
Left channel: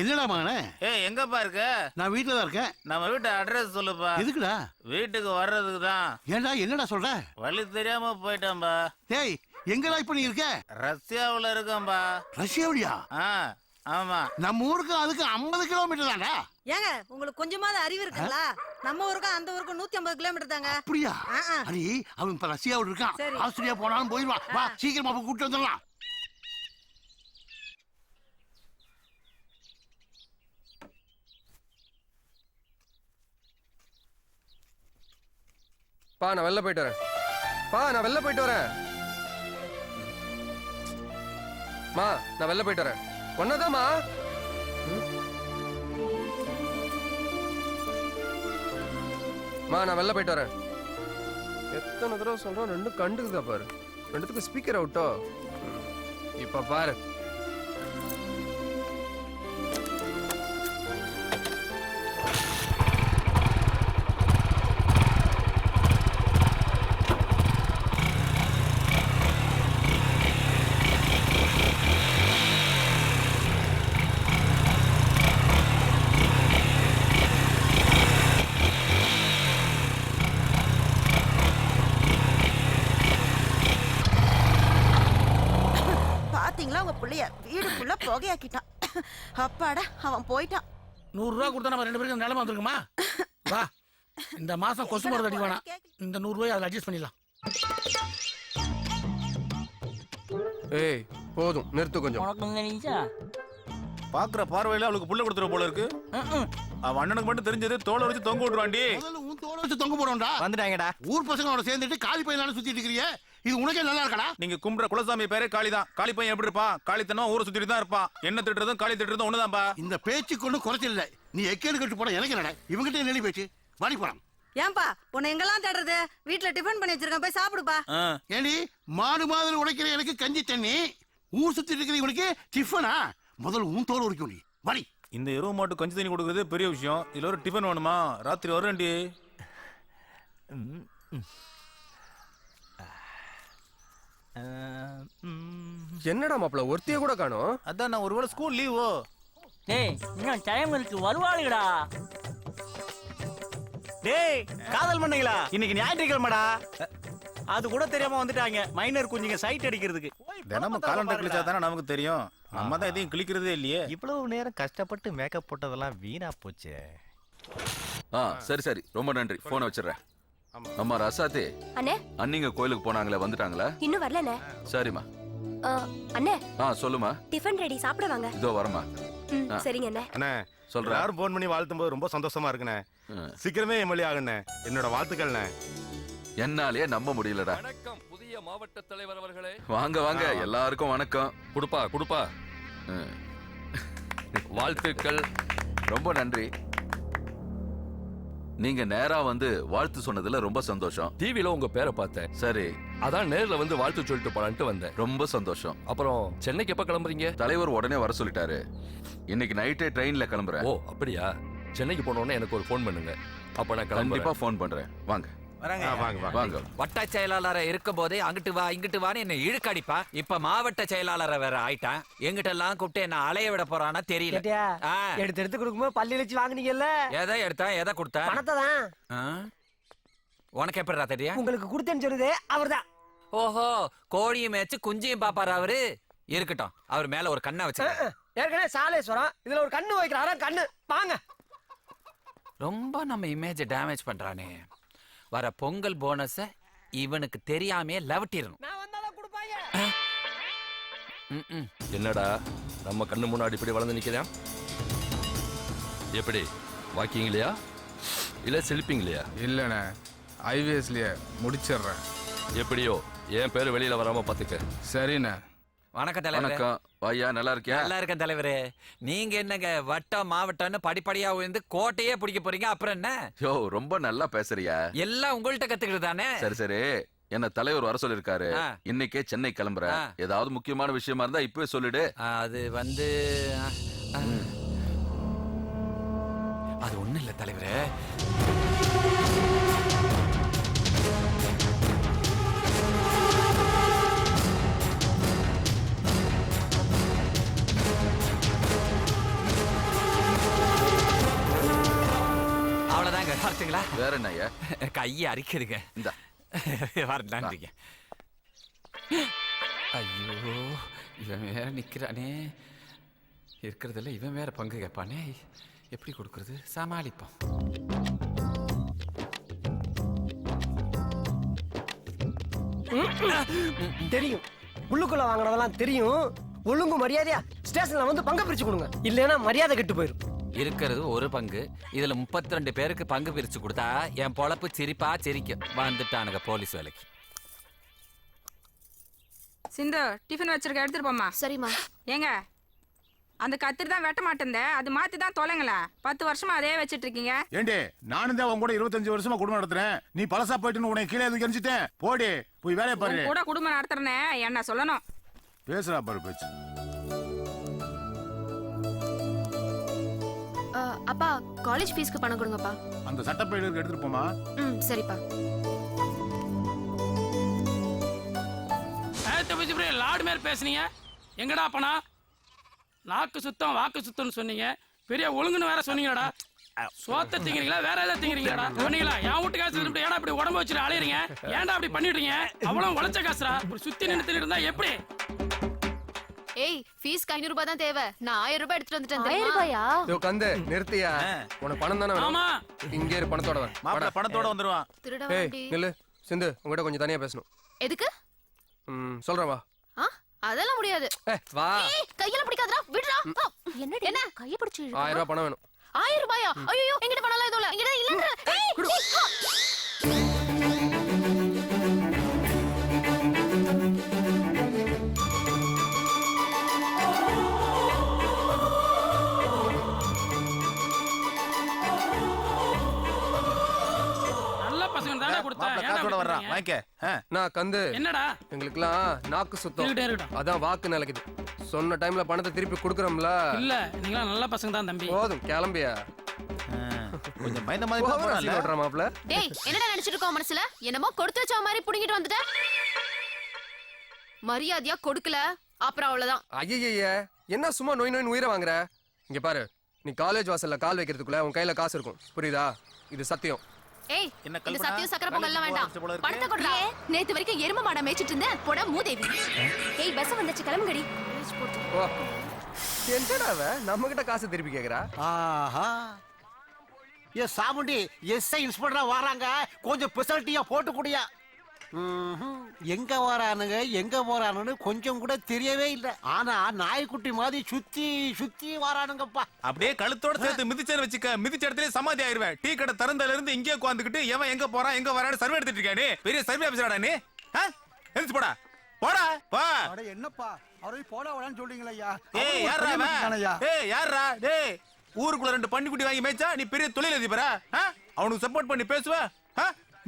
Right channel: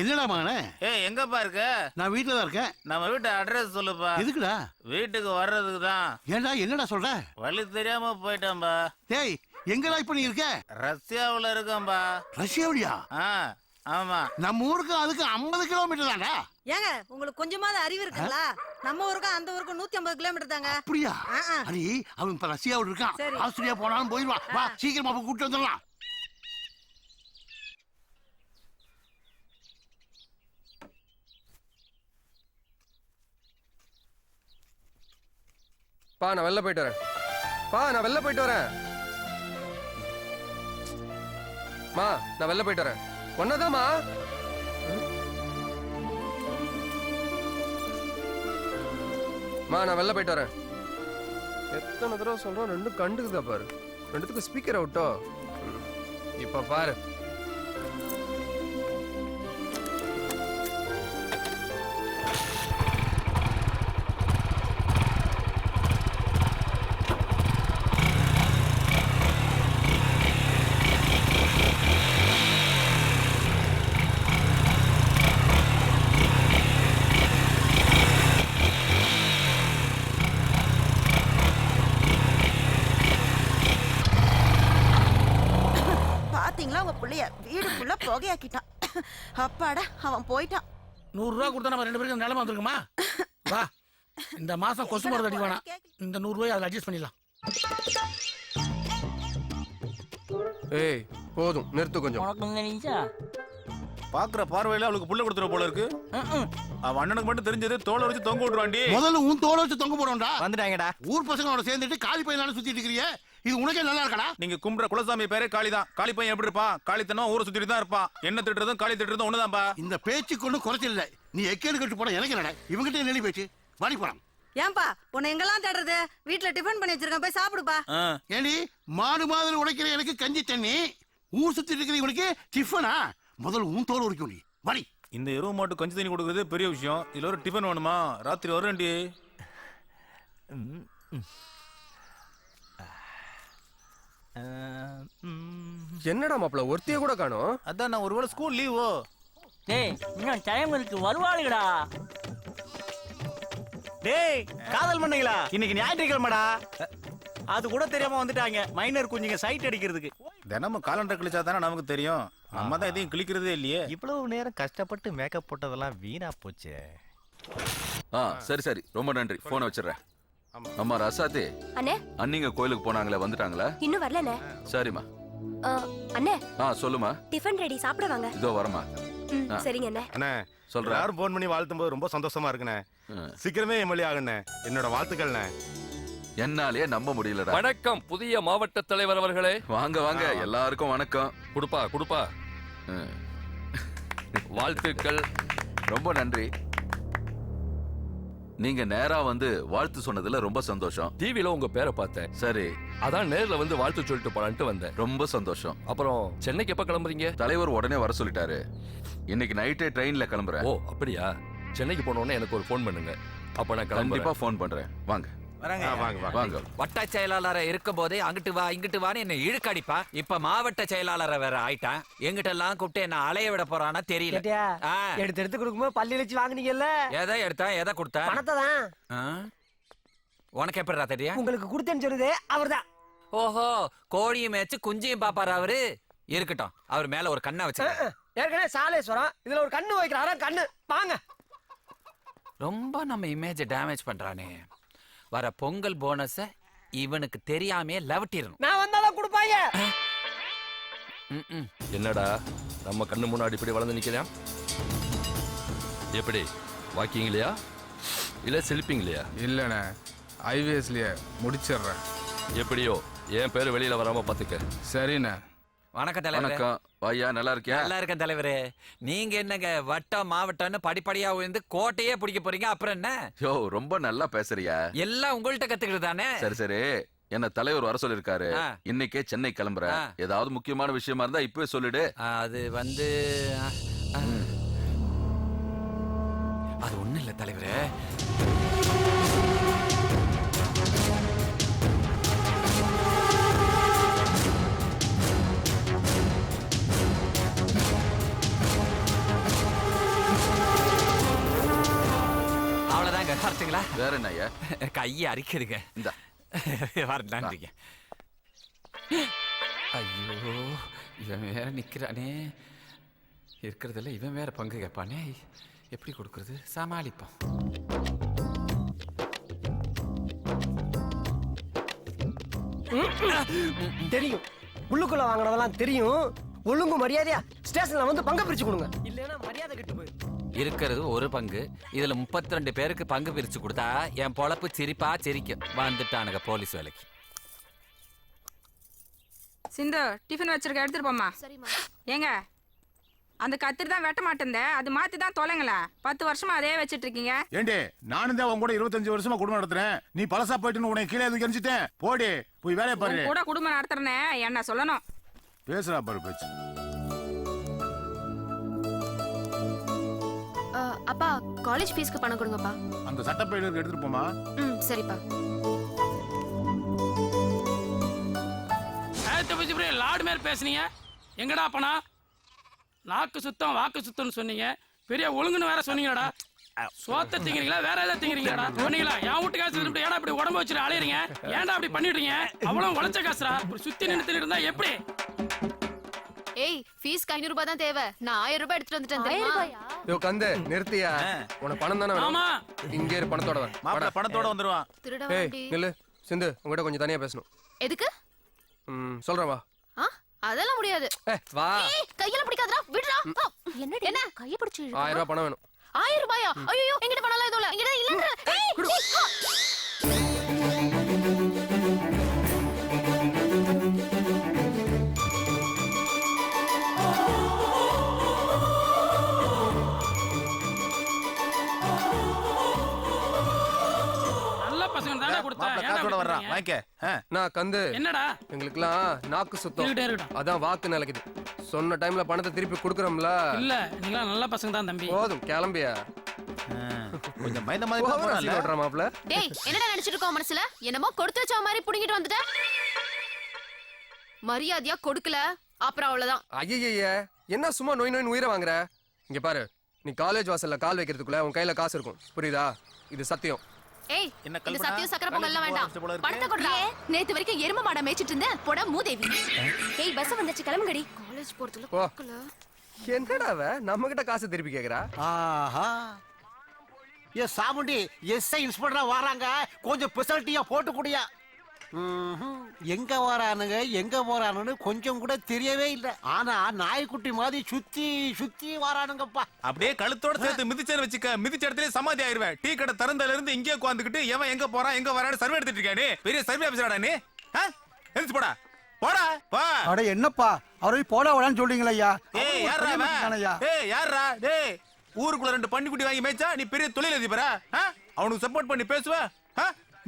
என்னடா மகனே? ஏய் எங்கப்பா இருக்க? நான் வீட்டுல தான் இருக்கேன். நம்ம வீட்டு அட்ரஸ் சொல்லுப்பா. எதுக்குடா? வீட்டுக்கு வர்றதுக்கு தான். ஏண்டா என்னடா சொல்ற? வழி தெரியாம போயிட்டேன்பா. டேய் எங்கடா இப்ப நீ இருக்க? ரஷ்யாவுல இருக்கேன்பா. ரஷ்யாவிலியா? ஆமா. நம்ம ஊருக்கு அதுக்கு 50 கிலோமீட்டர் தானே. ஏங்க உங்களுக்கு கொஞ்சமாவது அறிவு இருக்குங்களா? நம்ம ஊருக்கு அந்த ஊருக்கு 150 கிலோமீட்டர் தாங்க. அப்படியா? அடி அவன் இப்ப ரஷ்யாவில் இருக்கான். ஆஸ்திரேலியா போனாலும் போயிடுவான். வா சீக்கிரமா போய் கூட்டிட்டு வந்துடலாம். பா நான் வெளில போயிட்டு வரேன். நான் வெளில போயிட்டு வரேன். மா நான் வெளில போயிட்டு வரேன். ஒன்னதாமா? நான் வெளில போயிட்டு வரேன். எத்தனை தடவை சொல்றோம், ரெண்டும் கண்டுக்குதா பாரு. ரெண்டுத்துக்கு ஸ்பீக்கர் அவுட்டோ. இப்ப பாரு. பாத்தீங்களா உங்க புள்ளைய வீடுக்குள்ள புகையாக்கிட்டான். அப்பாடா அவன் போயிட்டான். 100 ரூபாய் கொடுத்தா நம்ம 2 பேருக்கு நிலைமை வந்துருக்குமா? வா இந்த மாசம் கொசு மருந்து அடி வேணாம். இந்த 100 ரூபாய் அதில் அட்ஜஸ்ட் பண்ணிடலாம். ஏய் போதும் நிறுத்து கொஞ்சம். பாக்குற பார்வையில அவளுக்கு புள்ள கொடுத்துற போல இருக்கு. அவன் அண்ணனுக்கு மட்டும் தெரிஞ்சது தோலை வச்சு தொங்க விட்டுருவாண்டி. முதல்ல உன் தோலை வச்சு தொங்க போறோம்டா. வந்துட்டாங்கடா. ஊர் பசங்களோட சேர்ந்துட்டு காலி பையனால சுத்திட்டு இருக்கீங்க. இது உனக்கே நல்லா இருக்கடா? நீங்க கும்பிடுற குலசாமி பேரே காளிதான். காளி பையன் எப்படி இருப்பான்? காளித்தனம் ஊரை சுத்திட்டு தான் இருப்பான். என்ன திட்டுறதும் காளி திட்டுறதும் ஒண்ணுதான்பா. இந்த பேச்சுக்கு ஒன்றும் குறைச்சல் இல்லை. நீ எக்கேடு கட்டு போட எனக்கு என்னடா? இவங்கிட்ட என்ன பேச்சு? வாடி போலாம். ஏன்பா உன்னை எங்கெல்லாம் தேடுறது? வீட்டுல டிஃபன் பண்ணி வச்சிருக்கேன், போய் சாப்பிடுப்பா. ஏடி மாடு மாதிரி உடைக்கிற எனக்கு கஞ்சி தண்ணி, ஊர் சுத்தி இருக்கிற உனக்கு டிஃபனா? முதல்ல உன் தோல் உரிக்கும் நீ. வாடி. இந்த எருவு மாட்டு கஞ்சி தண்ணி கொடுக்கறது பெரிய விஷயம். இதுல ஒரு டிஃபன் வேணுமா? ராத்திரி வரேன்டி. என்னடா மாப்பிள ஒருத்திய கூட காணோம்? அதான் நான் ஒருவேளை ஸ்கூல் லீவோ. டேய் இன்னும் டைம் இருக்கு, வருவாளுடா. டேய் காதல் பண்ணீங்களா? இன்னைக்கு ஞாயிற்றுக்கிழமைடா. அது கூட தெரியாம வந்துட்டாங்க மைனர் குஞ்சுங்க சைட் அடிக்கிறதுக்கு. தினமும் காலண்டர் கிழிச்சா தானே நமக்கு தெரியும். நம்ம தான் எதையும் கிழிக்கிறதே இல்லையே. இவ்வளவு நேரம் கஷ்டப்பட்டு மேக்கப் போட்டதெல்லாம் வீணா போச்சே. சரி சரி, ரொம்ப நன்றி. போனை வச்சிடுறேன். அம்மா ரசாத்தி, அண்ணே அண்ணிங்க கோயிலுக்கு போனாங்களே, வந்துட்டாங்களா? இன்னும் வரலண்ணே. சரிம்மா. அண்ணே சொல்லுமா. டிஃபன் ரெடி, சாப்பிட வாங்க. இதோ வரமா. சரிங்க அண்ணே. அண்ணே சொல்றேன். யாரும் போன் பண்ணி வாழ்த்தும் போது ரொம்ப சந்தோஷமா இருக்குண்ணே. சீக்கிரமே எம்எல்ஏ ஆகுண்ணே. என்னோட வாழ்த்துக்கள்ண்ணே. என்னாலேயே நம்ப முடியலடா. வணக்கம் புதிய மாவட்ட தலைவர் அவர்களே. வாங்க வாங்க, எல்லாருக்கும் வணக்கம். குடுப்பா வாழ்த்துக்கள். ரொம்ப நன்றி. நீங்க நேரா வந்து வாழ்த்து சொன்னதுல ரொம்ப சந்தோஷம். டிவில உங்க பேரை பார்த்தேன். சரி, அதான் நேர்ல வந்து வாழ்த்து சொல்லிட்டு போலான்ட்டு வந்தேன். ரொம்ப சந்தோஷம். அப்புறம் சென்னைக்கு எப்ப கிளம்புறீங்க? தலைவர் உடனே வர சொல்லிட்டாரு. இன்னைக்கு நைட்டே ட்ரெயின்ல கிளம்புறேன். ஓ அப்படியா? சென்னைக்கு போனோடனே எனக்கு ஒரு ஃபோன் பண்ணுங்க. அப்ப நான் கண்டிப்பா கிளம்பிப்பா ஃபோன் பண்றேன். வாங்க வாங்க. வட்ட செயலாளரை இருக்கும் போதே அங்கிட்டு வா இங்கிட்டு வான்னு என்ன இழுக்கடிப்பா. இப்ப மாவட்ட செயலாளரை வேற ஆயிட்டான். எங்கிட்ட எல்லாம் கூப்பிட்டு என்ன அலைய விட போறானா தெரியல. எடுத்து கொடுக்கும்போது பள்ளி வச்சு வாங்குனீங்கல்ல? எதை எடுத்தா எதை கொடுத்தா? பணத்தை தான். உனக்கு எப்படிடா தெரியும்? உங்களுக்கு கொடுத்தேன்னு சொல்லுதே அவர்தான். ஓஹோ, கோழியும் மேய்ச்சு குஞ்சியும் பாப்பாரு அவரு. இருக்கட்டும், அவர் மேல ஒரு கண்ணை வச்சு. ஏற்கனவே சாலேஸ்வரம், இதுல ஒரு கண்ணு வைக்கிறாரா? கண்ணு வாங்க. ரொம்ப நம்ம இமேஜ் டேமேஜ் பண்றானே. வர பொங்கல் போனஸ இவனுக்கு தெரியாமே லவட்டிரணும். நான் வந்தாதான் கொடுப்பாங்க. என்னடா நம்ம கண்ணு முன்னாடி இப்படி வளர்ந்து நிக்கிறேன்? எப்படி வாக்கிங்லையா இல்ல செல்பிங்லையா? இல்லண்ணே, ஐவிஎஸ்லயே முடிச்சிடுறேன். எப்படியோ என் பேரு வெளியில வராம பாத்துக்க. சரிண்ணே. வணக்கம் தலைவர். வணக்கம். ஐயா நல்லா இருக்கியா? நல்லா இருக்கேன் தலைவரே. நீங்க என்னங்க வட்டம் மாவட்டம்னு படிப்படியா உயர்ந்து கோட்டையே பிடிக்க போறீங்க, அப்புறம் என்ன? யோ ரொம்ப நல்லா பேசுறியா? எல்லாம் உங்கள்கிட்ட கத்துக்கிட்டு தானே. சரி சரி, என்ன தலைவர் வர சொல்லிருக்காரு. இன்னைக்கே சென்னை கிளம்புறேன். ஏதாவது முக்கியமான விஷயமா இருந்தா இப்பவே சொல்லிடு. அது வந்து அது ஒண்ணு இல்ல தலைவரே. அவ்வளவுதாங்க. வரட்டுங்களா? வேற என்ன ஐயா? கையை அரிக்குதுங்க. இந்த வரலான்றீங்க. ஐயோ, இவன் வேற நிக்கிறானே. இருக்கிறதுல இவன் வேற பங்கு கேட்பானே. எப்படி கொடுக்கறது? சமாளிப்போம். தெரியும், உள்ளுக்குள்ள வாங்கினதெல்லாம் தெரியும். ஒழுங்கு மரியாதையா ஸ்டேஷன்ல வந்து பங்கு பிரிச்சு கொடுங்க, இல்லைன்னா மரியாதை கெட்டு போயிடும். இருக்கிறது ஒரு பங்கு, இதுல 32 பேருக்கு பங்கு பிரிச்சு கொடுத்தா என் பொழப்பு சிரிப்பா சிரிக்கும். வந்துட்டானுங்க போலீஸ் வேலைக்கு. சிந்து டிஃபன் வச்சிருக்க, எடுத்துட்டு போமா. சரிம்மா. ஏங்க அந்த கத்திரி தான் வெட்ட மாட்டேன், அது மாத்தி தான் தொலைங்களா. 10 வருஷமா அதே வச்சிட்டு இருக்கீங்க. ஏண்டே, நானும் தான் உன் கூட 25 வருஷமா குடும்பம் நடத்துறேன். நீ பழசா போயிட்டு உனக்கு கீழே எதுவும் கணிச்சிட்டேன். போடி போய் வேலையை பாரு. கூட குடும்பம் நடத்துறேன்னு என்ன சொல்லணும்? பேசுறா பாரு பேச்சு. அப்பா காலேஜ் ஃபீஸ்க்கு பணம் கொடுங்கப்பா. அந்த சட்டப்பையில எடுத்துட்டு போமா. சரிப்பா. லாடு மேல பேசுனீங்க, எங்கடா பணம்? நாக்கு சுத்தம் வாக்கு சுத்தம்னு சொன்னீங்க, பெரிய ஒழுங்குன்னு வேற சொன்னீங்கடா. சோத்த திங்கிறீங்களா வேற ஏதாவது திங்கிறீங்களா? சொன்னீங்களா என் வீட்டு காசு திருப்பிட்டு ஏன்டா இப்படி உடம்பு வச்சுட்டு அலையறீங்க? ஏன்டா அப்படி பண்ணிடுறீங்க? அவ்வளவு உழைச்ச காசுடா, இப்படி சுத்தி நின்று இருந்தா எப்படி? ஏய், ஃபீஸ்க்கு 500 ரூபாய் தான் தேவை. நான் 1000 ரூபாய் எடுத்துட்டு வந்துட்டேன். 1000 ரூபாயா? யோ கந்தே, நிறுத்தியா? உனக்கு பணம் தானே வேணும்? ஆமா. இங்க இரு, பணத்தோட வா. மாப்பிள பணத்தோட வந்துருவான். திருடா ஏய் வண்டி. நில்லு. சிந்து, உங்ககிட்ட கொஞ்சம் தனியா பேசணும். எதுக்கு? சொல்றேன் வா. அதெல்லாம் முடியாது. வா. ஏய், கையில பிடிக்காதடா, விடுடா. என்னடி? என்ன கைய பிடிச்சு இழுக்குற? 1000 ரூபாய் பணம் வேணும். 1000 ரூபாயா? ஐயோ, என்கிட்ட பணம் எல்லாம் எதுவும் இல்ல. என்கிட்ட இல்லன்ற. பசங்க தானே கொடுத்தேன் மாப்பிள்ளை ஏன்டா காசோட இப்படி வர்றான் பண்றீங்க? வாங்கிக்க நான் கந்து என்னடா எங்களுக்குலாம் நாக்கு சுத்தம் இருக்கட்டும், இருக்கட்டும். அதான் வாக்கு நிலைக்குது சொன்ன டைம்ல பணத்தை திருப்பி கொடுக்குறோம்ல இல்ல நீங்களா நல்ல பசங்க தான் தம்பி போதும் கிளம்பியா கொஞ்சம் பயந்த மாதிரி தான் போறான்ல. மாப்பிள்ள டேய் என்னடா நினைச்சிட்டு இருக்கோம் மனசுல என்னமோ கொடுத்து வச்ச மாதிரி புடிங்கிட்டு வந்துட்ட மரியாதையா கொடுக்கல அப்புறம் அவ்வளவுதான். ஐயய்ய என்ன சும்மா நோய் நோய் உயிரை வாங்குற இங்க பாரு நீ காலேஜ் வாசல்ல கால் வைக்கிறதுக்குள்ள உன் கையில காசு இருக்கும் புரியுதா இது சத்தியம். ஏய் என்ன இந்த கல்பனா? சத்தியம் சக்கரை பொங்கல்லாம் வேண்டாம் போல இருக்கு. பணத்தை கொடுறா. நேத்து வரைக்கும் எரும மாட மேய்ச்சிட்டு இருந்த போட மூதேவி. ஏய் பஸ் வந்துச்சு கிளம்புங்கடி. காலேஜ் போறது ஓ என்னடா அவ நம்ம கிட்ட காசு திருப்பி கேக்குறா ஆஹா ஏ சாமுண்டி எஸ்ஐ இன்ஸ்பெக்டரா வராங்க கொஞ்சம் ஸ்பெஷாலிட்டியா போட்டு குடியா எங்க வரானுங்க எங்க போறானுன்னு கொஞ்சம் கூட தெரியவே இல்லை ஆனா நாய்க்குட்டி மாதிரி சுத்தி சுத்தி வரானுங்கப்பா அப்படியே கழுத்தோட சேர்த்து மிதிச்சேன்னு வச்சுக்க மிதிச்ச இடத்துல சமாதி ஆயிருவேன். டீ கடை திறந்தல இருந்து இங்கே உட்காந்துக்கிட்டு எவன் எங்க போறான் எங்க வரான்னு சர்வே எடுத்துட்டு இருக்கானே பெரிய சர்வே ஆபீசராடா நீ எந்திரிச்சு போடா போடா போ. அட என்னப்பா அவரை போட விடான்னு சொல்றீங்களா ஐயா ஏய் யாரா அவன்? ஏய் யாரா டேய் ஊருக்குள்ள 2 பன்னிக்குட்டி வாங்கி மேய்ச்சா நீ பெரிய தொழில் அதிபரா அவனுக்கு சப்போர்ட் பண்ணி பேசுவ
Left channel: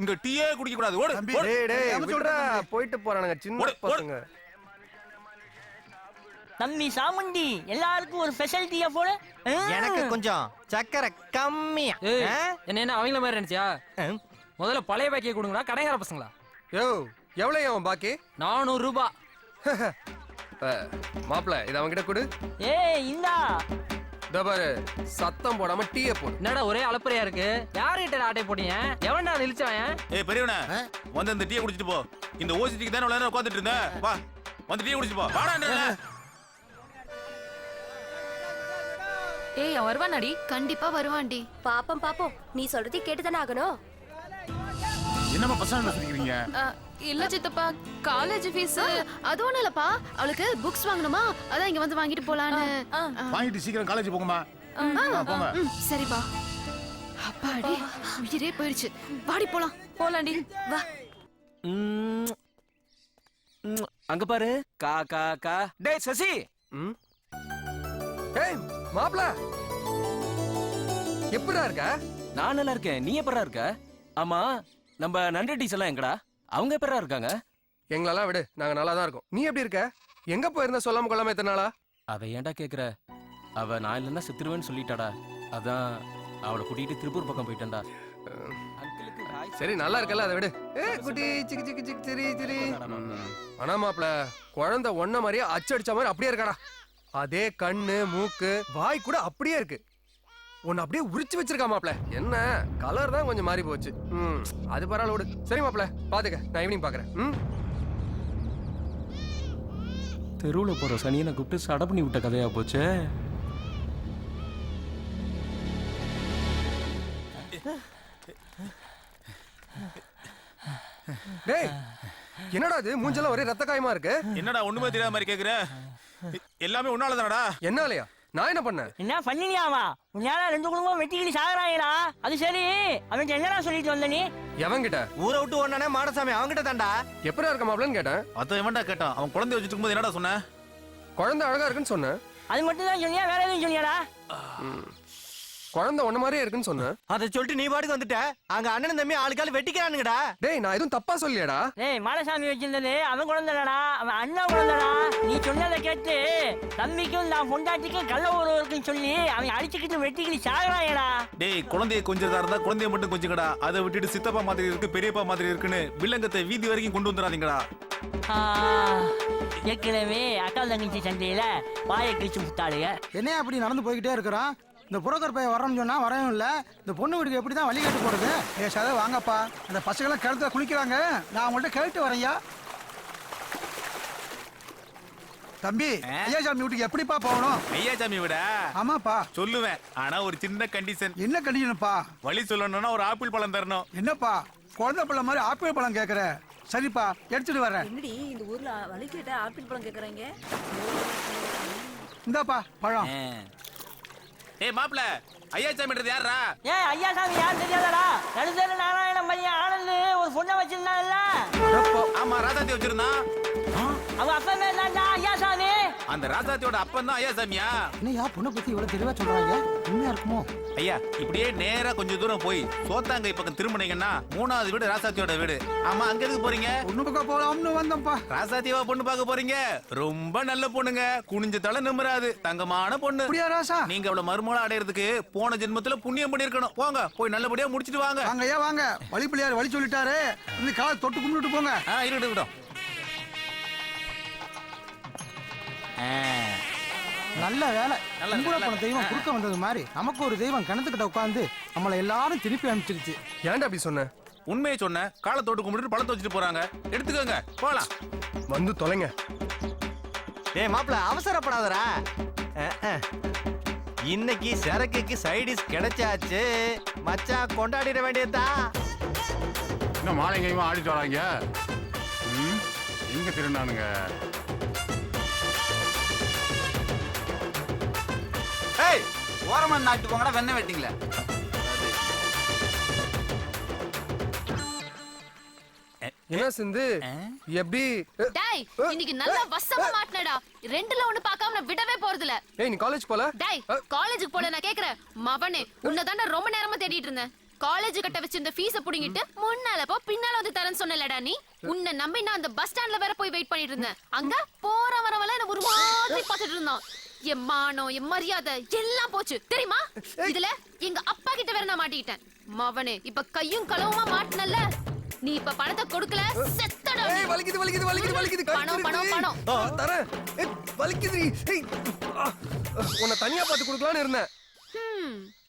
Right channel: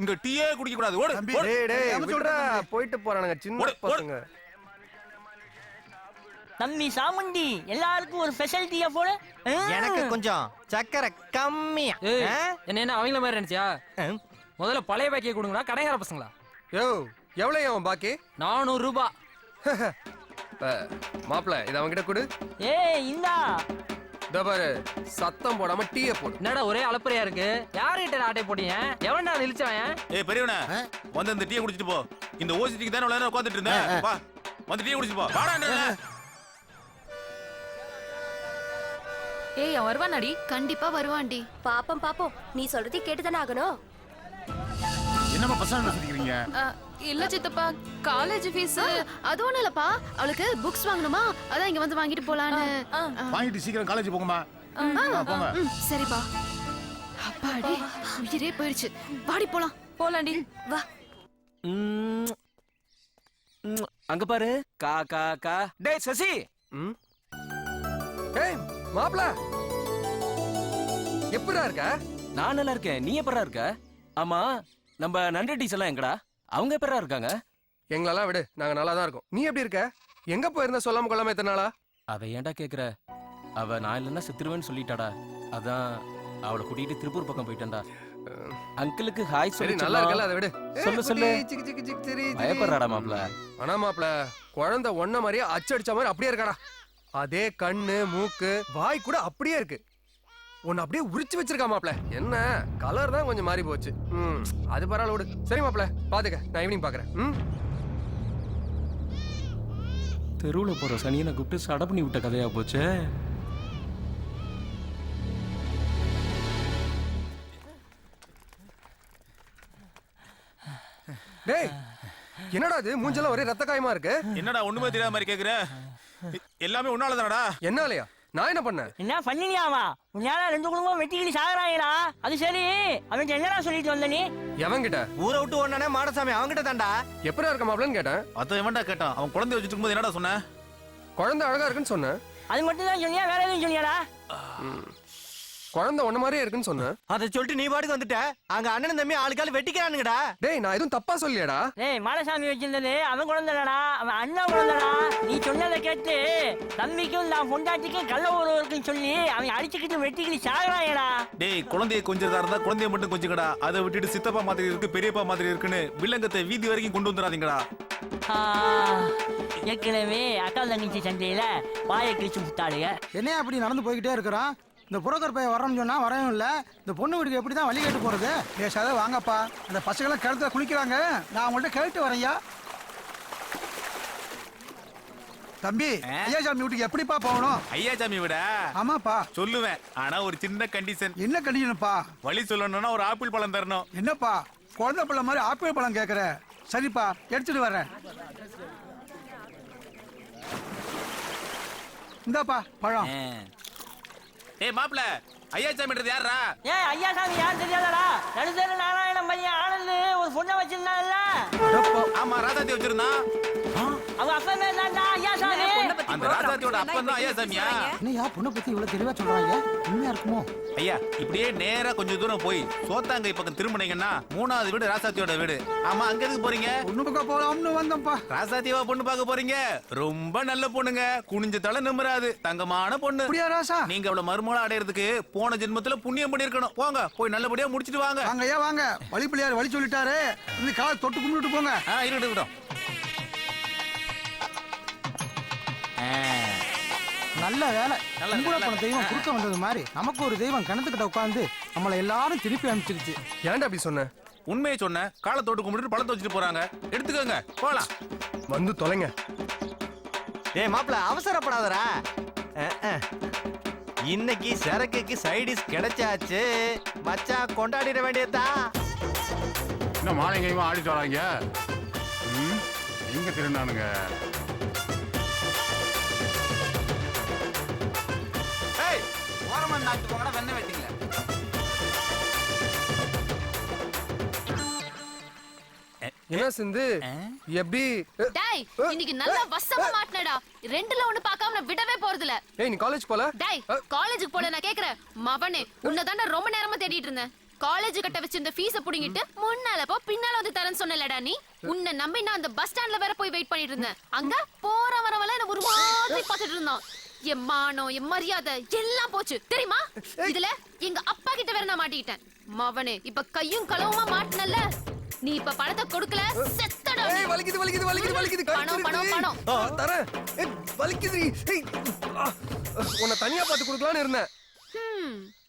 இங்க டீயே குடிக்க கூடாது ஓடு டேய் டேய் விடுடா போயிட்டு போறானுங்க சின்ன பசங்க. தம்பி சாமுண்டி எல்லாருக்கும் ஒரு ஸ்பெஷாலிட்டியா போல எனக்கு கொஞ்சம் சக்கரை கம்மியா என்ன அவங்கள மாதிரி நினைச்சியா முதல்ல பழைய பாக்கியை கொடுங்கடா கடைக்கார பசங்களா யோ எவ்வளவு அவன் பாக்கி 400 ரூபாய் மாப்பிள்ள இது அவன்கிட்ட கொடு. ஏய் இந்தா இதோ பாரு சத்தம் போடாம டீயை போடு. என்னடா ஒரே அலப்பறையா இருக்கு யாருகிட்ட ஆட்டை போட்டீங்க எவன்டா இழிச்சவன் ஏய் பெரியவனே வந்து இந்த டீயை குடிச்சிட்டு போ. இந்த ஓசிட்டிக்கு தானே உள்ள உட்கார்ந்துட்டு இருந்தேன் வா வந்து டீயை குடிச்சிட்டு போ வாடான்றல. ஏய் அவன் வருவானாடி கண்டிப்பா வருவான்டி. பாப்போம் பாப்போம் நீ சொல்றதை கேட்டுதானே ஆகணும். என்னமா பசங்க சுத்திக்கிறீங்க? இல்ல சித்தப்பா காலேஜ் ஃபீஸ் அது ஒண்ணும் இல்லப்பா அவளுக்கு புக்ஸ் வாங்கணுமா அதான் இங்க வந்து வாங்கிட்டு போலான்னு. வாங்கிட்டு சீக்கிரம் காலேஜ் போங்கம்மா. போங்க. சரிப்பா அப்பாடி உயிரே போயிடுச்சு வாடி போலாம். போலாண்டி வா. அங்க பாரு கா கா கா டேய் சசி ஏய் மாப்பிள்ள எப்படிடா இருக்க? நான் நல்லா இருக்கேன் நீ எப்படா இருக்க? ஆமா நம்ம நன்றி டீஸ் எல்லாம் எங்கடா அவங்க எப்படா இருக்காங்க? எங்களெல்லாம் விடு நாங்க நல்லா தான் இருக்கோம். நீ எப்படி இருக்க? எங்க போயிருந்த சொல்லாம கொள்ளாம எத்தனை நாளா? அவ ஏன்டா கேக்குற அவ நான் இல்லைன்னா செத்துருவேன்னு சொல்லிட்டாடா அதான் அவளை கூட்டிட்டு திருப்பூர் பக்கம் போயிட்டேன்டா. அங்கிளுக்கு ஹாய் சரி நல்லா இருக்கல அதை விடு. சொல்லு சொல்லு சிக்கு சிக்கு சிக்கு சரி பயப்படுறாடா மாப்ள. ஆனா மாப்பிள்ள குழந்தை ஒன்ன மாதிரியே அச்சடிச்ச மாதிரி அப்படியே இருக்காடா. அதே கண்ணு மூக்கு வாய் கூட அப்படியே இருக்கு. உன்னை அப்படியே உரிச்சு வச்சிருக்கா மாப்ள. என்ன கலர் தான் கொஞ்சம் மாறி போச்சு. அது பரவாயில்ல விடு. சரி மாப்ள பாத்துக்க நான் ஈவினிங் பாக்குறேன். தெருவுல போற சனியனை கூப்பிட்டு சட பண்ணி விட்ட கதையா போச்சு. டேய் என்னடா இது மூஞ்செல்லாம் ஒரே ரத்த காயமா இருக்கு. என்னடா ஒண்ணுமே தெரியாத மாதிரி கேக்குற? எல்லாமே உன்னால தானடா. என்னாலயா? நான் என்ன பண்ணேன்? என்ன பண்ணினியாவா உன்னால 2 குடும்பம் வெட்டிக்கிட்டு சாகுறாங்களா? அது சரி அவன் என்னடா சொல்லிட்டு வந்த நீ? எவன்கிட்ட? ஊரை விட்டு ஓடனே மாடசாமி அவங்கிட்ட தான்டா. எப்படா இருக்க மாப்பிளன்னு கேட்டேன். அத எவன்டா கேட்டான்? அவன் குழந்தை வச்சிட்டு இருக்கும்போது என்னடா சொன்ன? குழந்தை அழகா இருக்குன்னு சொன்னேன். அது மட்டும் தான் சொன்னியா வேற எதுவும் சொன்னியாடா? குழந்தை ஒண்ணு மாதிரியே இருக்குன்னு சொன்னேன். அதை சொல்லிட்டு நீ பாட்டுக்கு வந்துட்ட. அங்க அண்ணன் தம்பி ஆளுக்கால வெட்டிக்கிறானுங்கடா. டேய் நான் எதுவும் தப்பா சொல்லியாடா? டேய் மாடசாமி வச்சிருந்தது அவன் குழந்தைடா அவன் அண்ணன் குழந்தைடா. நீ சொன்னதை கேட்டு தம்பிக்கும் நான் பொண்டாட்டிக்கும் கள்ள ஒருவருக்கும் சொல்லி அவன் அடிச்சுக்கிட்டு வெட்டிக்கிட்டு சாகுறாயடா. டேய் குழந்தைய கொஞ்சதா இருந்தா குழந்தைய மட்டும் கொஞ்சங்கடா. அதை விட்டுட்டு சித்தப்பா மாதிரி இருக்கு பெரியப்பா மாதிரி இருக்குன்னு வில்லங்கத்தை வீதி வரைக்கும் கொண்டு வந்துடாதீங்கடா. ஏற்கனவே அக்கா தங்கச்சி சண்டையில வாயை கிழிச்சு முட்டாளுங்க. என்ன அப்படி நடந்து போய்கிட்டே இருக்கிறான்? இந்த புரோக்கர் பையன் வரணும்னு சொன்னா வரவும் இல்லை. இந்த பொண்ணு வீட்டுக்கு எப்படி தான் வழி கேட்டு போறது? பேசாத வாங்கப்பா. அந்த பசங்களாம் கிணத்துல குளிக்கிறாங்க. நான் அவங்கள்ட்ட கேட்டு வரேன்யா. தம்பி ஐயாசாமி வீட்டுக்கு எப்படிப்பா போகணும்? ஐயாசாமி விட ஆமாப்பா சொல்லுவேன். ஆனா ஒரு சின்ன கண்டிஷன். என்ன கண்டிஷன்ப்பா? வழி சொல்லணும்னா ஒரு ஆப்பிள் பழம் தரணும். என்னப்பா குழந்தை பழம் மாதிரி ஆப்பிள் பழம் கேட்குற? சரிப்பா எடுத்துட்டு வரேன். இந்த ஊர்ல வழி கேட்ட ஆப்பிள் பழம் கேக்குறாங்க. இந்தாப்பா பழம். ஏய் மாப்ள ஐயாசாமின்றது யாரா? ஏய் ஐயாசாமி யார் தெரியாதடா? நடுதேர நாராயணன் பையன் ஆனந்து ஒரு பொண்ணை வச்சிருந்தான்ல. ஆமா ராதாத்தி வச்சிருந்தான். அவ அப்பா மேல தான்டா ஐயாசாமி. அந்த ராசாத்தியோட அப்பன் தான் ஐயா சாமியா. என்னையா பொண்ணை பத்தி இவ்வளவு தெளிவா சொல்றாங்க? உண்மையா இருக்குமோ? ஐயா இப்படியே நேரா கொஞ்சம் தூரம் போய் சோத்தாங்கை பக்கம் திரும்பினீங்கன்னா 3வது வீடு ராசாத்தியோட வீடு. ஆமா அங்க எதுக்கு போறீங்க? பொண்ணு பார்க்க போலாம்னு வந்தோம்ப்பா. ராசாத்தியவா பொண்ணு பார்க்க போறீங்க? ரொம்ப நல்ல பொண்ணுங்க, குனிஞ்ச தலை நிமிராது, தங்கமான பொண்ணு. அப்படியா ராசா? நீங்க அவள மருமகளா அடையறதுக்கு போன ஜென்மத்துல புண்ணியம் பண்ணிருக்கணும். போங்க போய் நல்லபடியா முடிச்சிட்டு வாங்க. வாங்க ஐயா வாங்க. வழி பிள்ளையார் வழி சொல்லிட்டாரு. இந்த காலை தொட்டு கும்பிட்டு போங்க. இருக்கட்டும். நல்ல வேலை. கும்புற போன தெய்வம் குறுக்க வந்தது மாதிரி நமக்கு ஒரு தெய்வம் கிணத்துக்கிட்ட உட்காந்து நம்மள எல்லாரும் திருப்பி அனுப்பிச்சிருச்சு. ஏன்டா அப்படி சொன்ன? உண்மையை சொன்ன. காலை தொட்டு கும்பிட்டு பழத்தை வச்சுட்டு போறாங்க. எடுத்துக்கோங்க போலாம். வந்து தொலைங்க. ஏய் மாப்பிள்ள அவசரப்படாதடா. இன்னைக்கு சரக்குக்கு சைடிஸ் கிடைச்சாச்சு. மச்சான் கொண்டாடிட வேண்டியதா. இன்னும் மாலைங்கையுமா ஆடிட்டு வராங்க. எங்க திருநானுங்க? ஏய் ஓரமா நாட்டு போங்கடா வெண்ணெய் வெட்டிங்களே. என்ன சிந்து எப்படி? டேய் இன்னைக்கு நல்லா வசமா மாட்டனடா. ரெண்டுல ஒண்ணு பார்க்காம நான் விடவே போறதில்ல. ஏய் நீ காலேஜ் போல? டேய் காலேஜுக்கு போல நான் கேக்குறேன். மவனே உன்னை தாண்டா ரொம்ப நேரமா தேடிட்டு இருந்தேன். காலேஜ் கட்ட வச்சிருந்த ஃபீஸ புடிங்கிட்டு முன்னால போ பின்னால வந்து தரேன்னு சொன்னலடா நீ. உன்னை நம்பி நான் அந்த பஸ் ஸ்டாண்ட்ல வேற போய் வெயிட் பண்ணிட்டு இருந்தேன். அங்க போற வரவெல்லாம் என்ன ஒரு மாதிரி பார்த்துட்டு இருந்தான். என் மானம் என் மரியாதை எல்லாம் போச்சு தெரியுமா? இதுல எங்க அப்பா கிட்ட வேற நான் மாட்டிக்கிட்டேன். மவனே இப்ப கையும் களவுமா மாட்டினல்ல. நீ இப்ப பணத்தை கொடுக்கல செத்தடா. ஏய் வலிக்குது வலிக்குது வலிக்குது வலிக்குது. பணம் பணம் பணம் தரேன். ஏய் வலிக்குது. ஏய் உன்னை தனியா பார்த்து கொடுக்கலாம்னு இருந்தேன்.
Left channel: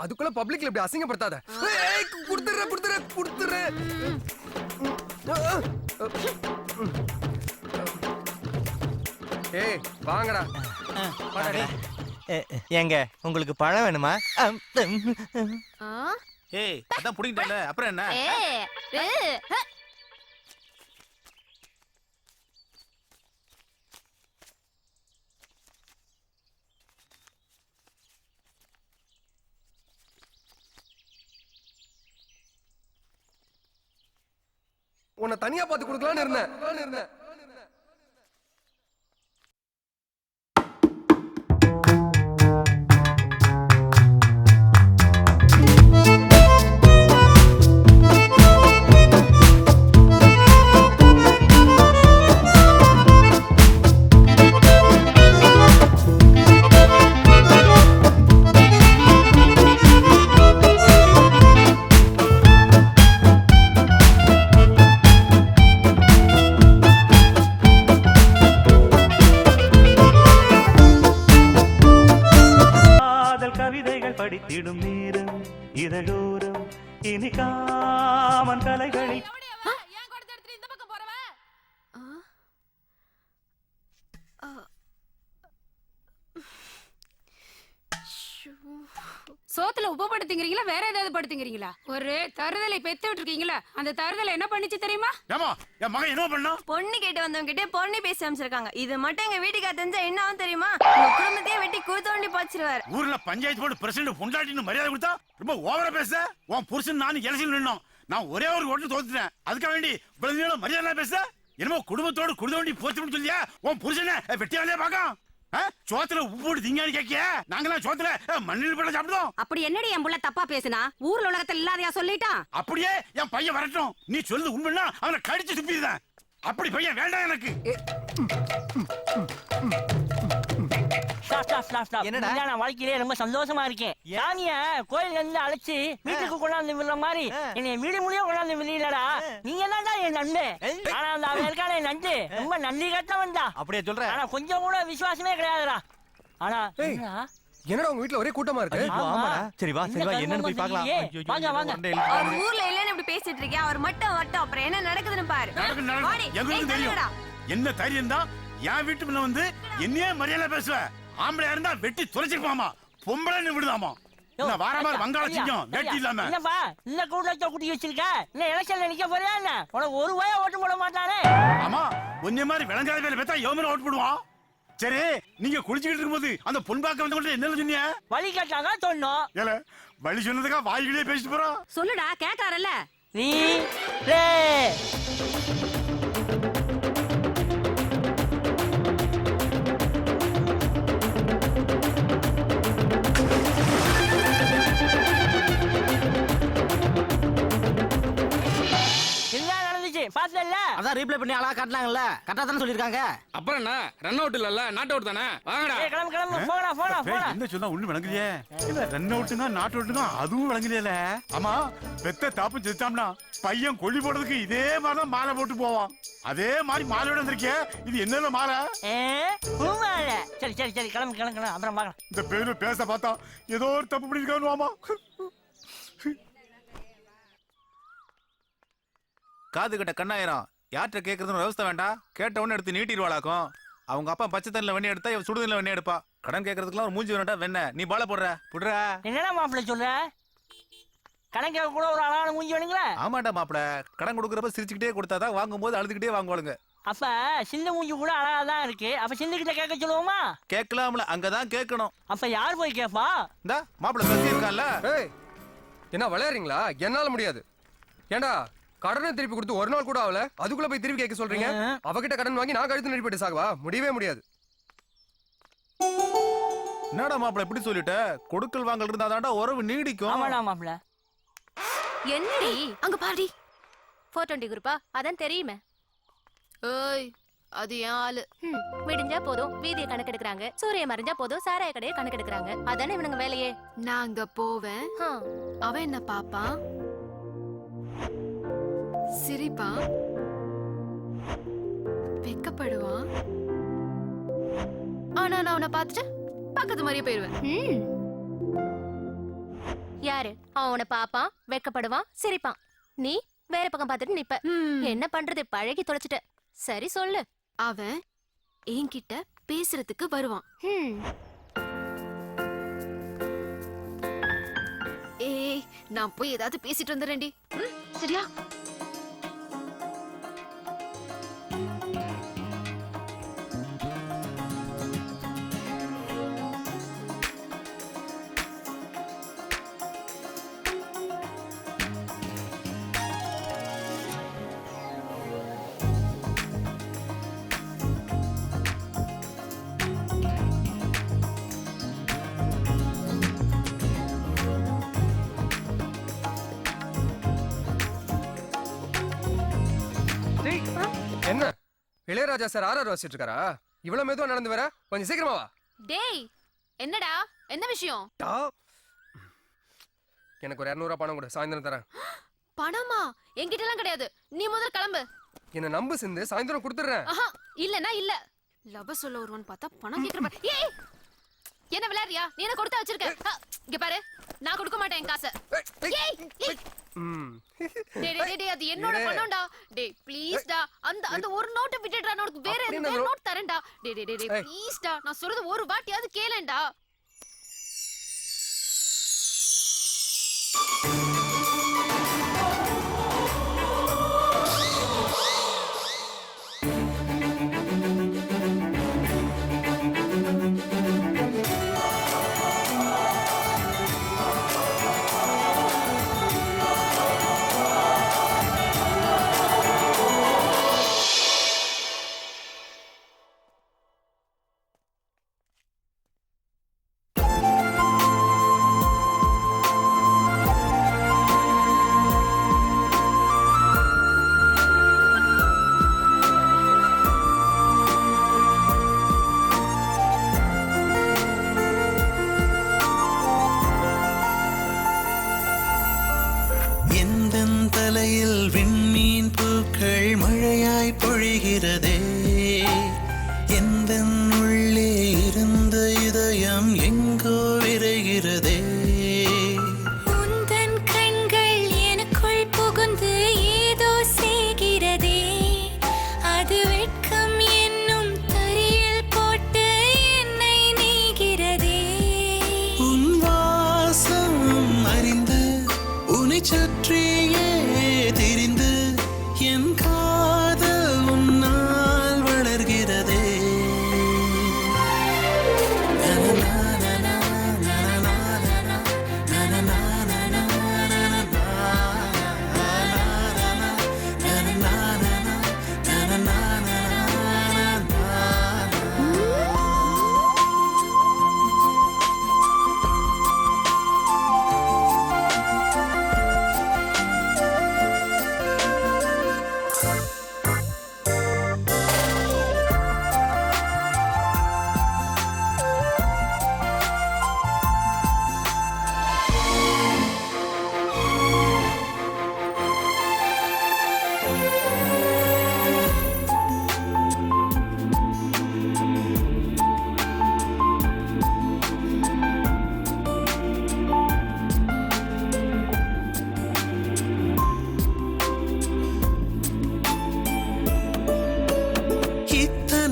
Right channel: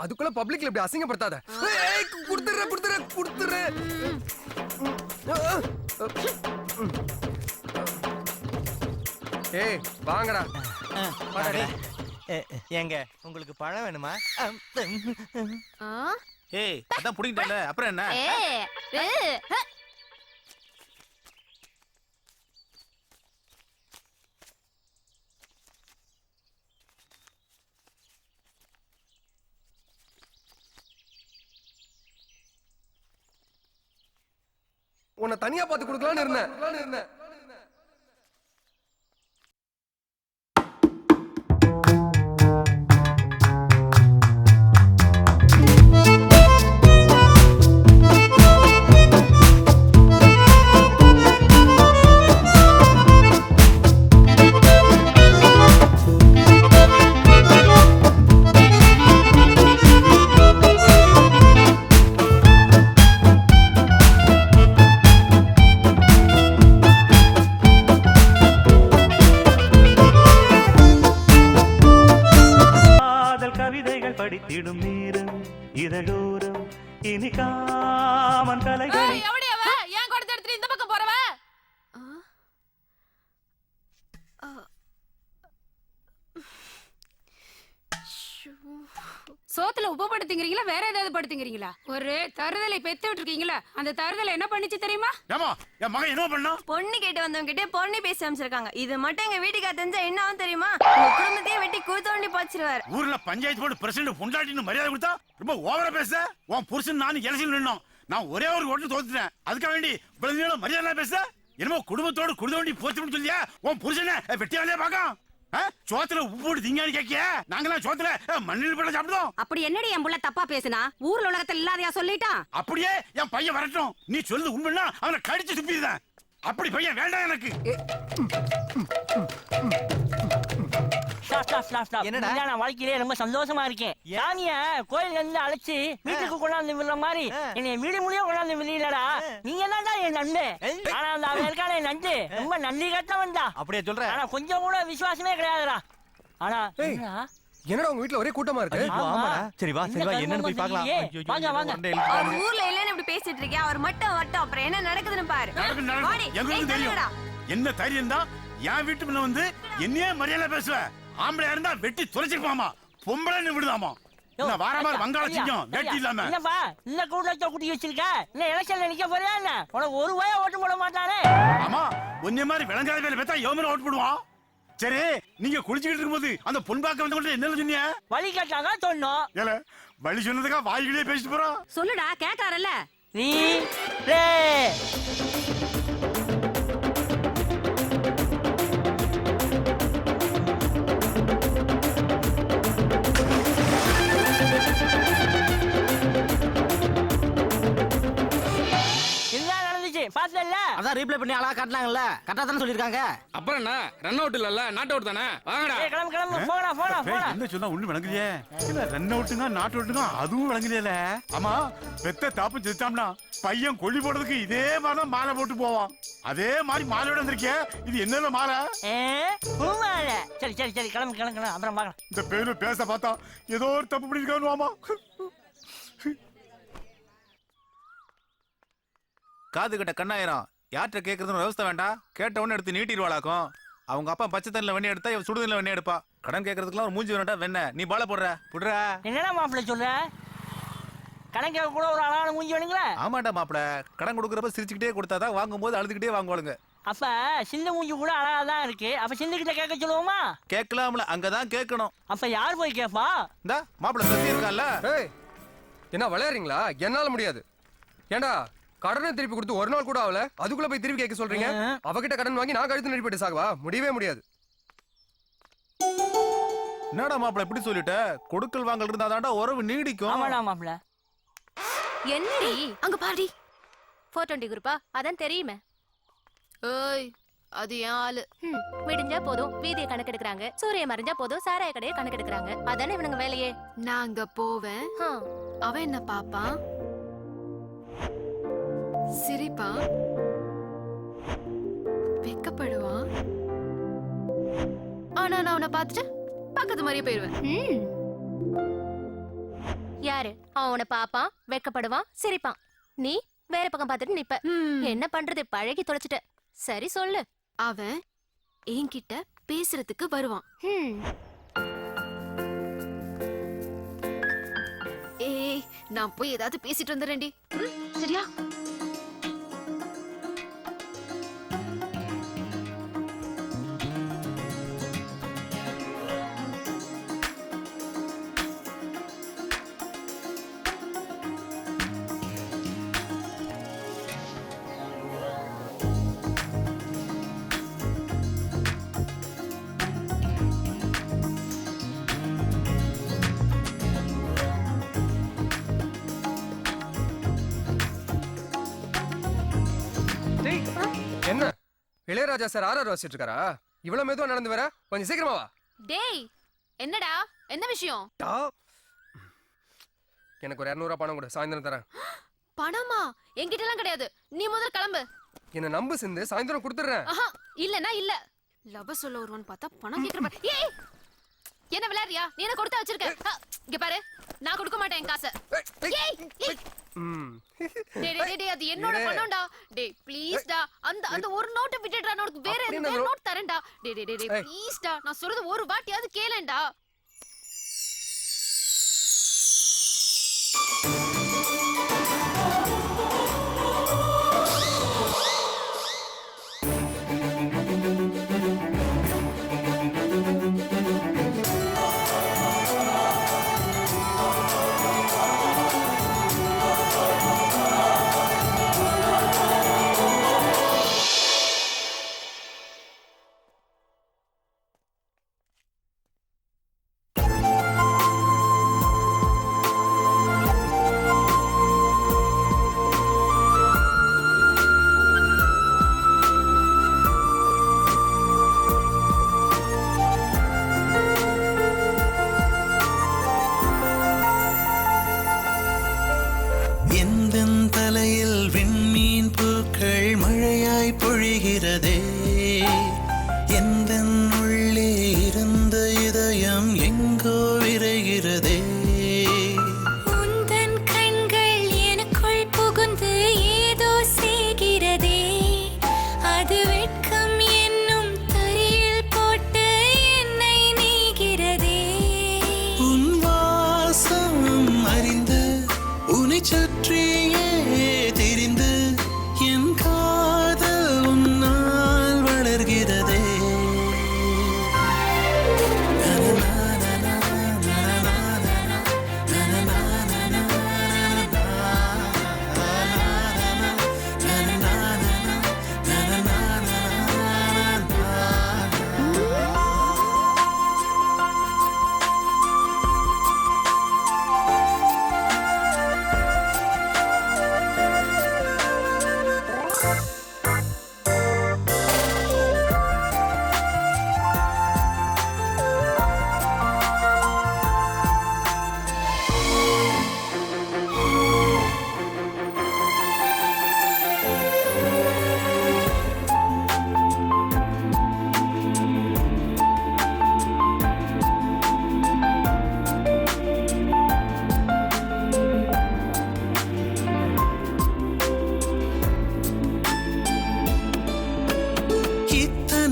அதுக்குள்ள பப்ளிக்ல இப்படி அசிங்கப்படுத்தாத. ஏய் குடுத்துற. ஏய் வாங்கடா. ஏங்க உங்களுக்கு பழம் வேணுமா? ஏய் அதான் புடிங்கிட்டல அப்புறம் என்ன? உன்னை தனியா பார்த்து கொடுக்கலாம்னு இருந்தேன். படித்திடும் நேரம் இதழோரம் இனி காமன் கலைகள். ஏன் கொடுத்து எடுத்துட்டு இந்த பக்கம் போறவ? சோத்துல உப்பு படுத்துங்கிறீங்களா வேற ஏதாவது படுத்துங்கிறீங்களா? ஒரு தருதலை பெத்து விட்டுருக்கீங்களா? அந்த தருதலை என்ன பண்ணிச்சு தெரியுமா? ஏமா என் மகன் என்ன பண்ணா? பொண்ணு கேட்டு வந்தவங்க கிட்டே பொண்ணு பேசி அமைச்சிருக்காங்க. இது மட்டும் எங்க வீட்டுக்கு தெரிஞ்சா என்ன ஆகும் தெரியுமா? உங்க குடும்பத்தையே வெட்டி கூத்தோண்டி போச்சிருவாரு. ஊர்ல பஞ்சாயத்து போர்டு பிரசிடண்ட் பொண்டாட்டின்னு மரியாதை கொடுத்தா ரொம்ப ஓவரா பேச. உன் புருஷன் நானும் எலெக்ஷன் நின்னோம். நான் ஒரே ஒரு ஓட்டு தோத்துட்டேன். அதுக்காக வேண்டி இவ்வளவு மரியாதை பேச. என்னமோ குடும்பத்தோடு குடுதோண்டி போச்சுன்னு சொல்லியா? உன் புருஷனை வெட்டியாலே பாக்க. சோத்துல உப்பு போட்டு திங்கான்னு கேக்கிய? நாங்களாம் சோத்துல மண்ணில் போட சாப்பிடுவோம். அப்படி என்னடி என் புள்ள தப்பா பேசினா? ஊர்ல உலகத்துல இல்லாதையா சொல்லிட்டான்? அப்படியே என் பையன் வரட்டும். நீ சொல்லுது உண்மைன்னா அவனை கடிச்சு துப்பிடுதான். அப்படி பையன் வேண்டாம் எனக்கு. என்னடா நான் வாழ்க்கையிலே ரொம்ப சந்தோஷமா இருக்கேன். சாமிய கோயில்ல இருந்து அழைச்சு வீட்டுக்கு கொண்டாந்து விடுற மாதிரி என்னை வீடு முடிய கொண்டாந்து விடலடா. நீங்க தான்டா என் நண்டு. ஆனா அந்த அவன் இருக்கான என் நண்டு ரொம்ப நன்றி கட்டவன் தான். அப்படியே சொல்றேன். ஆனா கொஞ்சம் கூட விசுவாசமே கிடையாதுடா. ஆனா என்னடா உங்க வீட்ல ஒரே கூட்டமா இருக்கு? சரி வா என்னன்னு போய் பார்க்கலாம். வாங்க வாங்க. அவர் ஊர்ல இல்லன்னு இப்படி பேசிட்டு இருக்கே. அவர் மட்டும் வரட்டும். அப்புறம் என்ன நடக்குதுன்னு பாரு. எங்களுக்கு தெரியும். என்ன தைரியம் தான் என் வீட்டு முன்ன வந்து என்னையே மரியாதை பேசுவ? ஆம்பளையா இருந்தா வெட்டி தொலைச்சிருப்பாமா. பொம்பளை விடுதாமா. நான் வார மாதிரி வங்காள சிங்கம் வேட்டி இல்லாம. என்னப்பா இந்த கூட்டத்தை கூட்டி வச்சிருக்க? என்ன எலெக்ஷன்ல நிக்க போறியா என்ன? உனக்கு ஒரு வாயா ஓட்டு போட மாட்டானே. ஆமா ஒன்னே மாதிரி விளங்காத வேலை பார்த்தா எவமே ஓட்டு போடுவான். சரி நீங்க குளிச்சுக்கிட்டு இருக்கும்போது அந்த பொன்பாக்க வந்து என்ன சொன்னீங்க? வழி கேட்டாங்க சொன்னோம். ஏல வழி சொன்னதுக்கா வாய்களே பேசிட்டு போறோம். சொல்லுடா கேட்டாரல்ல. நீ ரே போச்சு பாத்தல. அதான் ரீப்ளே பண்ணி அழகா காட்டினாங்கல்ல, கரெக்டா தானே சொல்லிருக்காங்க. அப்புறம் என்ன ரன் அவுட் இல்லல்ல, நாட் அவுட் தானே. வாங்கடா. ஏய் கிளம்பு கிளம்பு, போடா போடா போடா. என்ன சொன்னா ஒண்ணு விளங்கலையே. இல்ல ரன் அவுட்டுங்க நாட் அவுட்டுங்க அதுவும் விளங்கலையே. ஆமா பெத்த தாப்பு செத்தாம்னா பையன் கொல்லி போடுறதுக்கு இதே மாதிரிதான் மாலை போட்டு போவான். அதே மாதிரி மாலையோட வந்திருக்கே, இது என்னென்ன மாலை? பூமாலை. சரி சரி சரி கிளம்பு கிளம்பு கிளம்பு, அப்புறம் பார்க்கலாம். இந்த பேரு பேச பார்த்தா ஏதோ ஒரு தப்பு பண்ணிருக்கான்னு வாமா. காது கிட்ட கண்ணாயிரம் யார்கிட்ட கேட்கறதுன்னு விவசாய வேண்டாம். கேட்ட உடனே எடுத்து நீட்டிடுவாளாக்கும். அவங்க அப்பா பச்சை தண்ணில வெண்ணி எடுத்தா இவன் சுடுதண்ணில வெண்ணி எடுப்பா. கடன் கேட்கறதுக்குலாம் ஒரு மூஞ்சி வேண்டாம் வெண்ண. நீ பால போடுற புடுற. என்னடா மாப்பிள்ள சொல்ற? கடன் கேட்க கூட ஒரு அழகான மூஞ்சி வேணுங்களா? ஆமாண்டா மாப்பிள்ள, கடன் கொடுக்குறப்ப சிரிச்சுக்கிட்டே கொடுத்தாதான் வாங்கும்போது அழுதுகிட்டே வாங்குவாளுங்க. அப்ப சின்ன மூஞ்சி கூட அழகா தான் இருக்கு. அப்ப சிந்துகிட்ட கேட்க சொல்லுவோமா? கேட்கலாம்ல, அங்கதான் கேட்கணும். அப்ப யார் போய் கேப்பா? இந்த மாப்பிள்ள பேசி இருக்கான்ல. என்ன விளையாடுறீங்களா? என்னால முடியாது. ஏண்டா கடனை திருப்பி கொடுத்து ஒரு நாள் கூட ஆகல, அதுக்குள்ள போய் திருப்பி கேட்க சொல்றீங்க? அவகிட்ட கடன் வாங்கி நான் கழுத்து நெறிப்பட்டு சாகவா? முடியவே முடியாது. என்னடா மாப்பிள்ள இப்படி சொல்லிட்ட? கொடுக்கல் வாங்கல் இருந்தாதான்டா உறவு நீடிக்கும். ஆமாடா மாப்பிள்ள. என்னடி அங்க பாடி 420 குரூப்பா? அதான் தெரியுமே. ஏய் அது ஏன் ஆளு. விடிஞ்சா போதும் வீதியை கணக்கெடுக்கிறாங்க, சூரிய மறைஞ்சா போதும் சாராய கடையை கணக்கெடுக்கிறாங்க. அதானே இவனுங்க வேலையே. நான் அங்க போவேன், அவன் என்ன பாப்பான், சிரிப்பான், வெக்கப்படுவான். ஆனா நான் அவனை பார்த்துட்டு பக்கத்து மாதிரியே போயிருவேன். யாரு அவனை பாப்பான், வெக்கப்படுவான், சிரிப்பான். நீ வேற பக்கம் பார்த்துட்டு நிப்ப. என்ன பண்றது, பழகி தொலைச்சிட்ட. சரி சொல்லு. அவன் என்கிட்ட பேசுறதுக்கு வருவான். ஏய் நான் போய் ஏதாவது பேசிட்டு வந்துடுறேன்டி. சரியா? என்ன இளையராஜா சார் ஆர்ஆர் வாசிட்டு இருக்காரா? இவ்வளவு மெதுவா நடந்து வர, கொஞ்சம் சீக்கிரமா வா. டேய் என்னடா, என்ன விஷயம்? எனக்கு ஒரு 200 பணம் கொடு, சாயந்தரம் தரேன். பணமா? என்கிட்ட எல்லாம் கிடையாது. நீ முதல்ல கிளம்பு. என்ன நம்பு சிந்து, சாயந்தரம் கொடுத்துறேன். இல்லனா இல்ல. லவ சொல்ல ஒருவன் பார்த்தா பணம் கேக்குற. ஏய் என்ன விளையாடுறியா? நீ என்ன கொடுத்தா வச்சிருக்க? இங்க பாரு, நான் கொடுக்க மாட்டேன் என் காசை. ஏய் டேய் அது என்னோட பணம்டா. டேய் ப்ளீஸ் டா, அந்த ஒரு நோட் விட்டுடா, நான் உனக்கு வேற நோட் தரேன்டா. டேய் ப்ளீஸ் டா, நான் சொல்றது ஒரு வாட்டியாவது கேளேன்டா. தலையில் விண்மீன் பூக்கள் மழையாய் பொழிகிறதே. எந்தன் உள்ளே இருந்த இதயம் எங்கோ விரைகிறதே. உந்தன் கண்கள் எனக்குள் புகுந்து ஏதோ செய்கிறதே. அது வெட்கம் என்னும் தரையில் போட்டு என்னை நீகிறதே. உன் வாசம் அறிந்து உன்னை சுற்றியே திரிந்து என் காதல் உன்னால் வளர்கிறதே.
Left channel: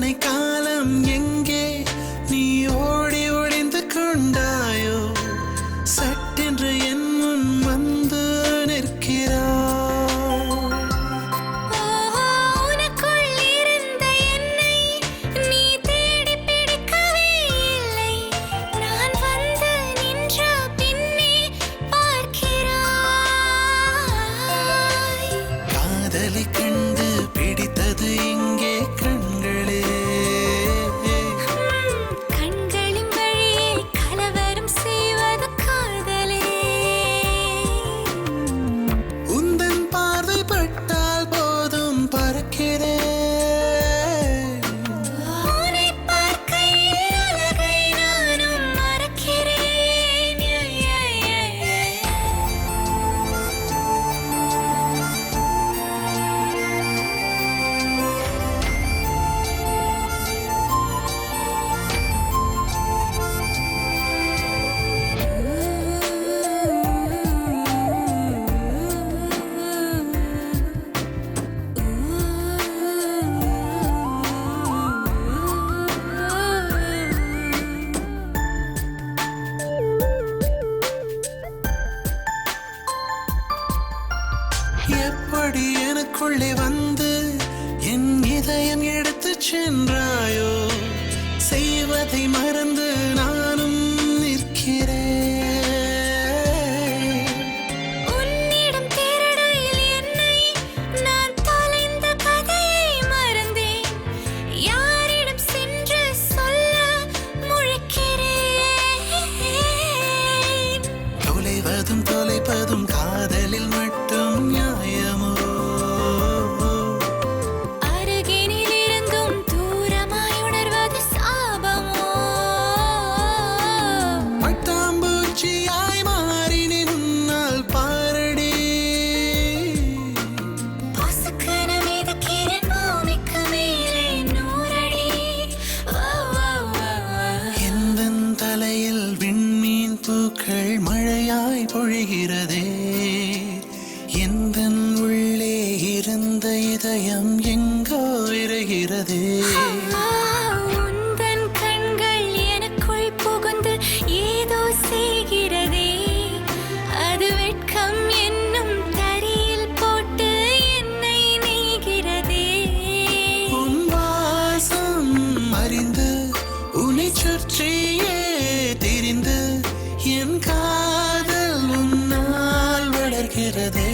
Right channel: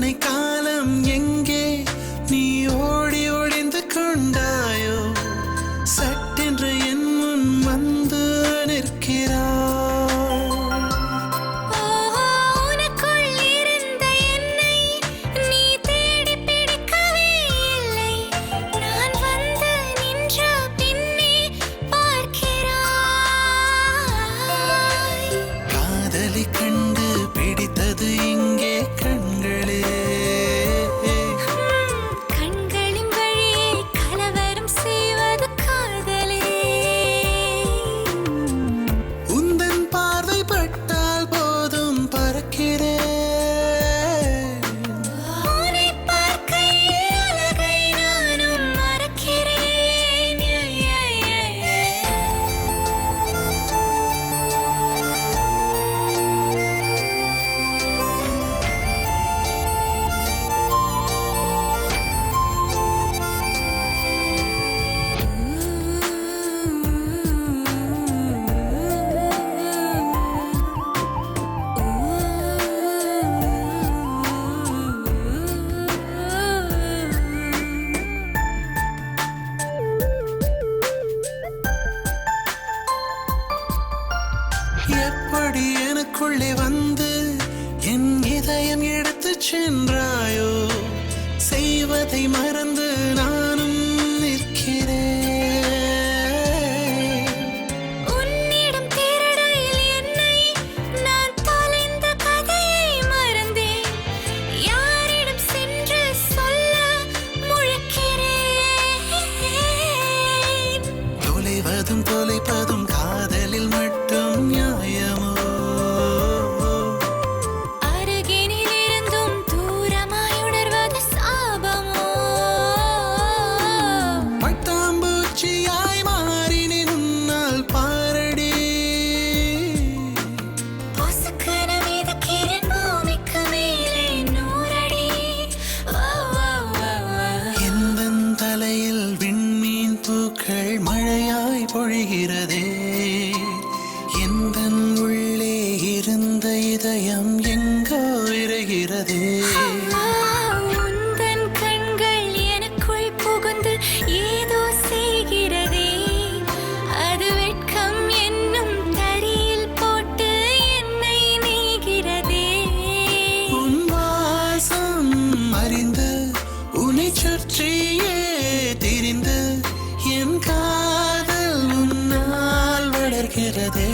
இத்தனை காலம் எங்கே நீ ஓடி ஒளிந்து கொண்டாயோ சட்டென்று என் முன் வந்து நிற்கிறாய் கண்டு பிடித்தது இங்கே கண்களே கண்களின் வழியே கலவரம் செய்வது காதலே உந்தன் பார்வை பட்டால் போதும் பறக்கிறேன் உன்னை பார்க்கையில் அழகை நானும் மறக்கிறேன் எப்படி எனக்குள்ளே வந்து என் இதயம் எடுத்து சென்றாயோ செய்வதை மறந்து நானும் நிற்கிறேன் உன்னிடம் தேடடையில் என்னை நான் தொலைந்த கதையை மறந்தேன் யாரிடம் சென்று சொல்ல முழிக்கிறேன் தொலைவதும் தொலைப்பதும் காதலில் மட்டும் நியாயமோ அருகினில் இருந்தும் தூரமாய் உணர்வது சாபமோ பட்டாம்பூச்சியாய் மாறினேன் உன்னால் பாரடி பொசுக்கன மிதக்கிறேன் பூமிக்கு மேலே 100 அடி எந்தன் தலையில் விண்மீன் பூக்கள் மழையாய் பொழிகிறதே எந்தன் உள்ளே இருந்த இதயம் எங்கோ இறைகிறதே உந்தன் கண்கள் எனக்குள் புகுந்து ஏதோ செய்கிறதே அது வெட்கம் என்னும் தரியில் போட்டு என்னை நீகிறதே உன் வாசம் அறிந்து உன்னை சுற்றியே திரிந்து என் காதல் உன்னால் வளர்கிறதே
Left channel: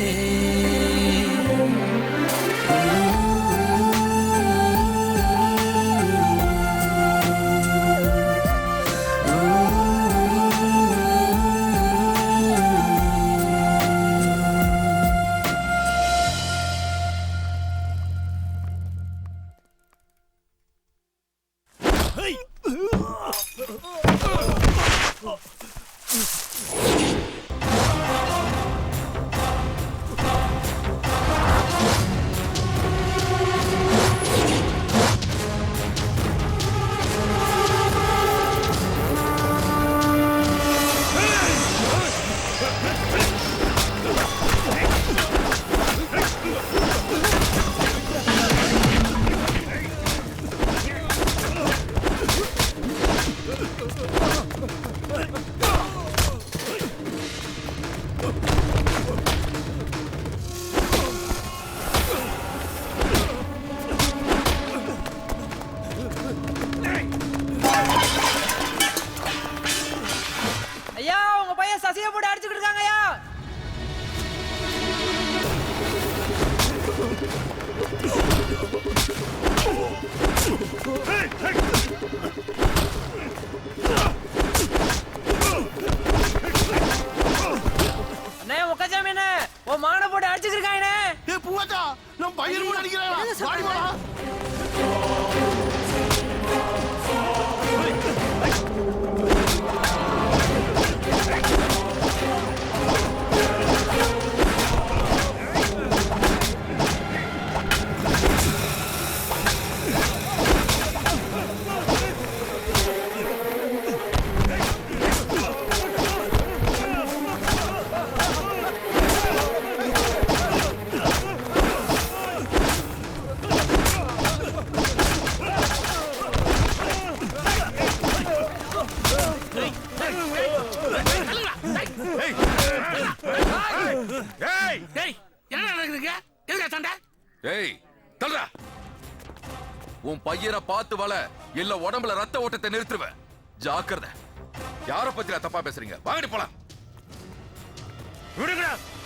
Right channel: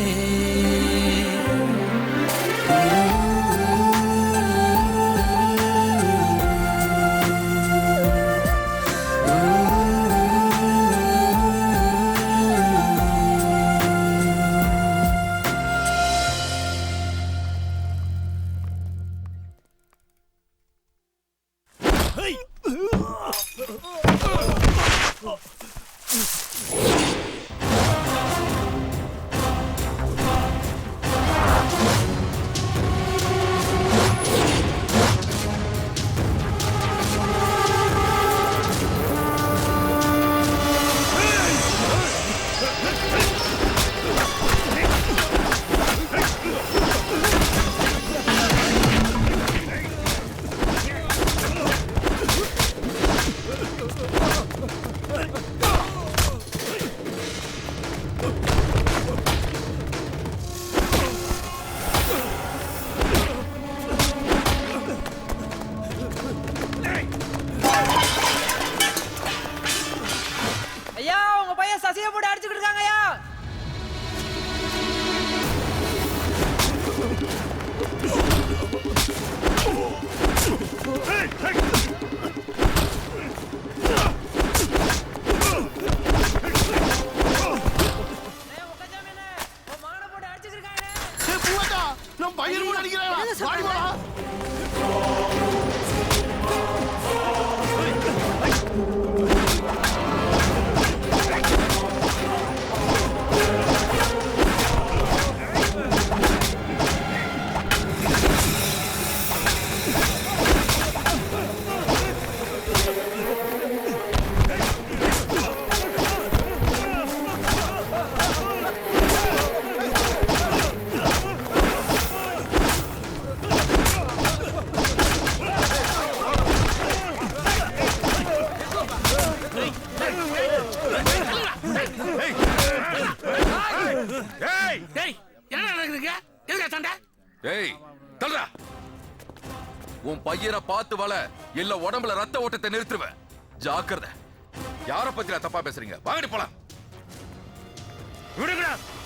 ஏய் தல்றா, உன் பையனை பார்த்து வள, இல்ல உடம்புல ரத்த ஓட்டத்தை நிறுத்துவேன். ஜாக்கிரதை. யார பத்தியா தப்பா பேசுறீங்க? வாங்கடி போலாம்.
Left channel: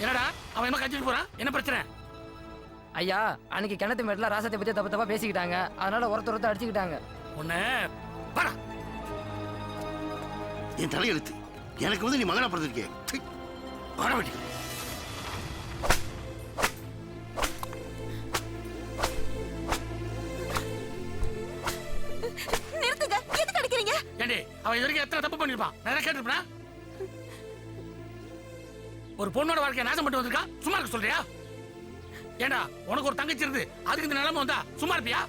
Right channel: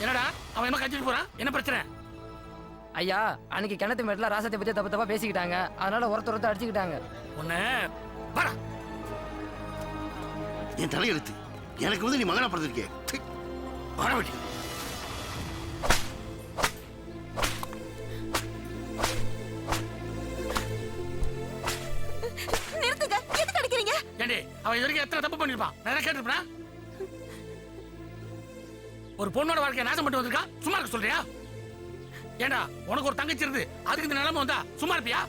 என்னடா அவன் என்ன கட்டிட்டு போறான்? என்ன பிரச்சனை? ஐயா, அன்னைக்கு கிணத்து மேட்ல ராசத்தை பத்தி தப்பு தப்பா பேசிக்கிட்டாங்க. அதனால ஒருத்தர் அடிச்சுக்கிட்டாங்க. உன்னை என் தலையெழுத்து. எனக்கு வந்து நீ மகனா பிறந்திருக்கே. பாடவட்டி. நிறுத்துங்க. எதுக்கு அடிக்கிறீங்க? ஏண்டி அவன் இதுவரைக்கும் எத்தனை தப்பு பண்ணிருப்பான்? நான் கேட்டிருப்பேன். ஒரு பொண்ணோட வாழ்க்கையை நாசம் பண்ணிட்டு வந்திருக்கான். சும்மா இருக்க சொல்றியா? ஏண்டா உனக்கு ஒரு தங்கச்சி இருந்து அதுக்கு இந்த நிலைமை வந்தா சும்மா இருப்பியா?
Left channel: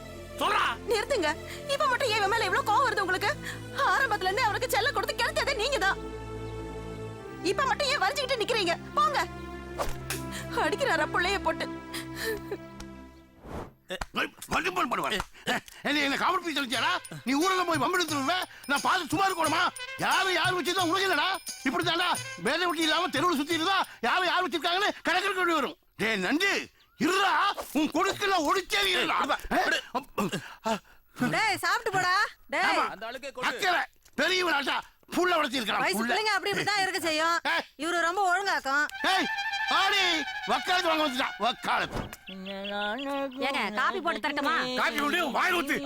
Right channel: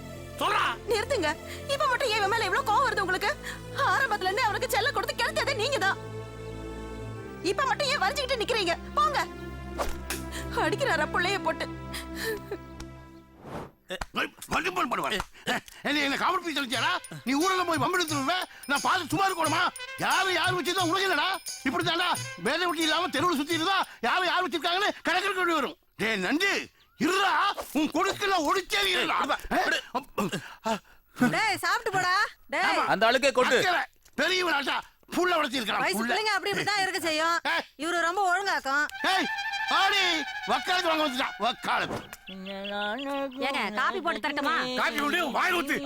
சொல்றா. நிறுத்துங்க. இப்ப மட்டும் ஏன் மேல இவ்வளவு கோவம் வருது உங்களுக்கு? ஆரம்பத்துல இருந்து அவனுக்கு செல்ல கொடுத்து கிளத்ததே நீங்கதான். இப்ப மட்டும் ஏன் வரைஞ்சுக்கிட்டு நிக்கிறீங்க? போங்க. அடிக்கிறாரா புள்ளைய போட்டு? என்ன காமெடி பீஸ் சொல்லிச்சாடா? நீ ஊர்ல போய் வம்பிடுத்துருவ. நான் பார்த்து சும்மா இருக்கணுமா? யார் வச்சிருந்தா உனக்கு இல்லடா. இப்படித்தாண்டா வேலை விட்டு இல்லாம தெருவில் சுத்தி இருந்தா யார் வச்சிருக்காங்கன்னு கணக்கு வரும். டே நண்டு இருடா, உன் கொடுக்கல ஒடிச்சேரி சாப்பிட்டு போடா. அந்த ஆளுக்கே கொடு. பெரியவனாட்டா புள்ள வளர்த்திருக்கான். அப்படி இப்படிதான் இருக்க செய்யும். இவரு ரொம்ப ஒழுங்காக்கும். ஆடி வக்காலத்து வாங்க வந்துட்டான். வக்காலத்து. ஏங்க காபி போட்டு தரட்டுமா? காபி போட்டு வாய் ஊத்து.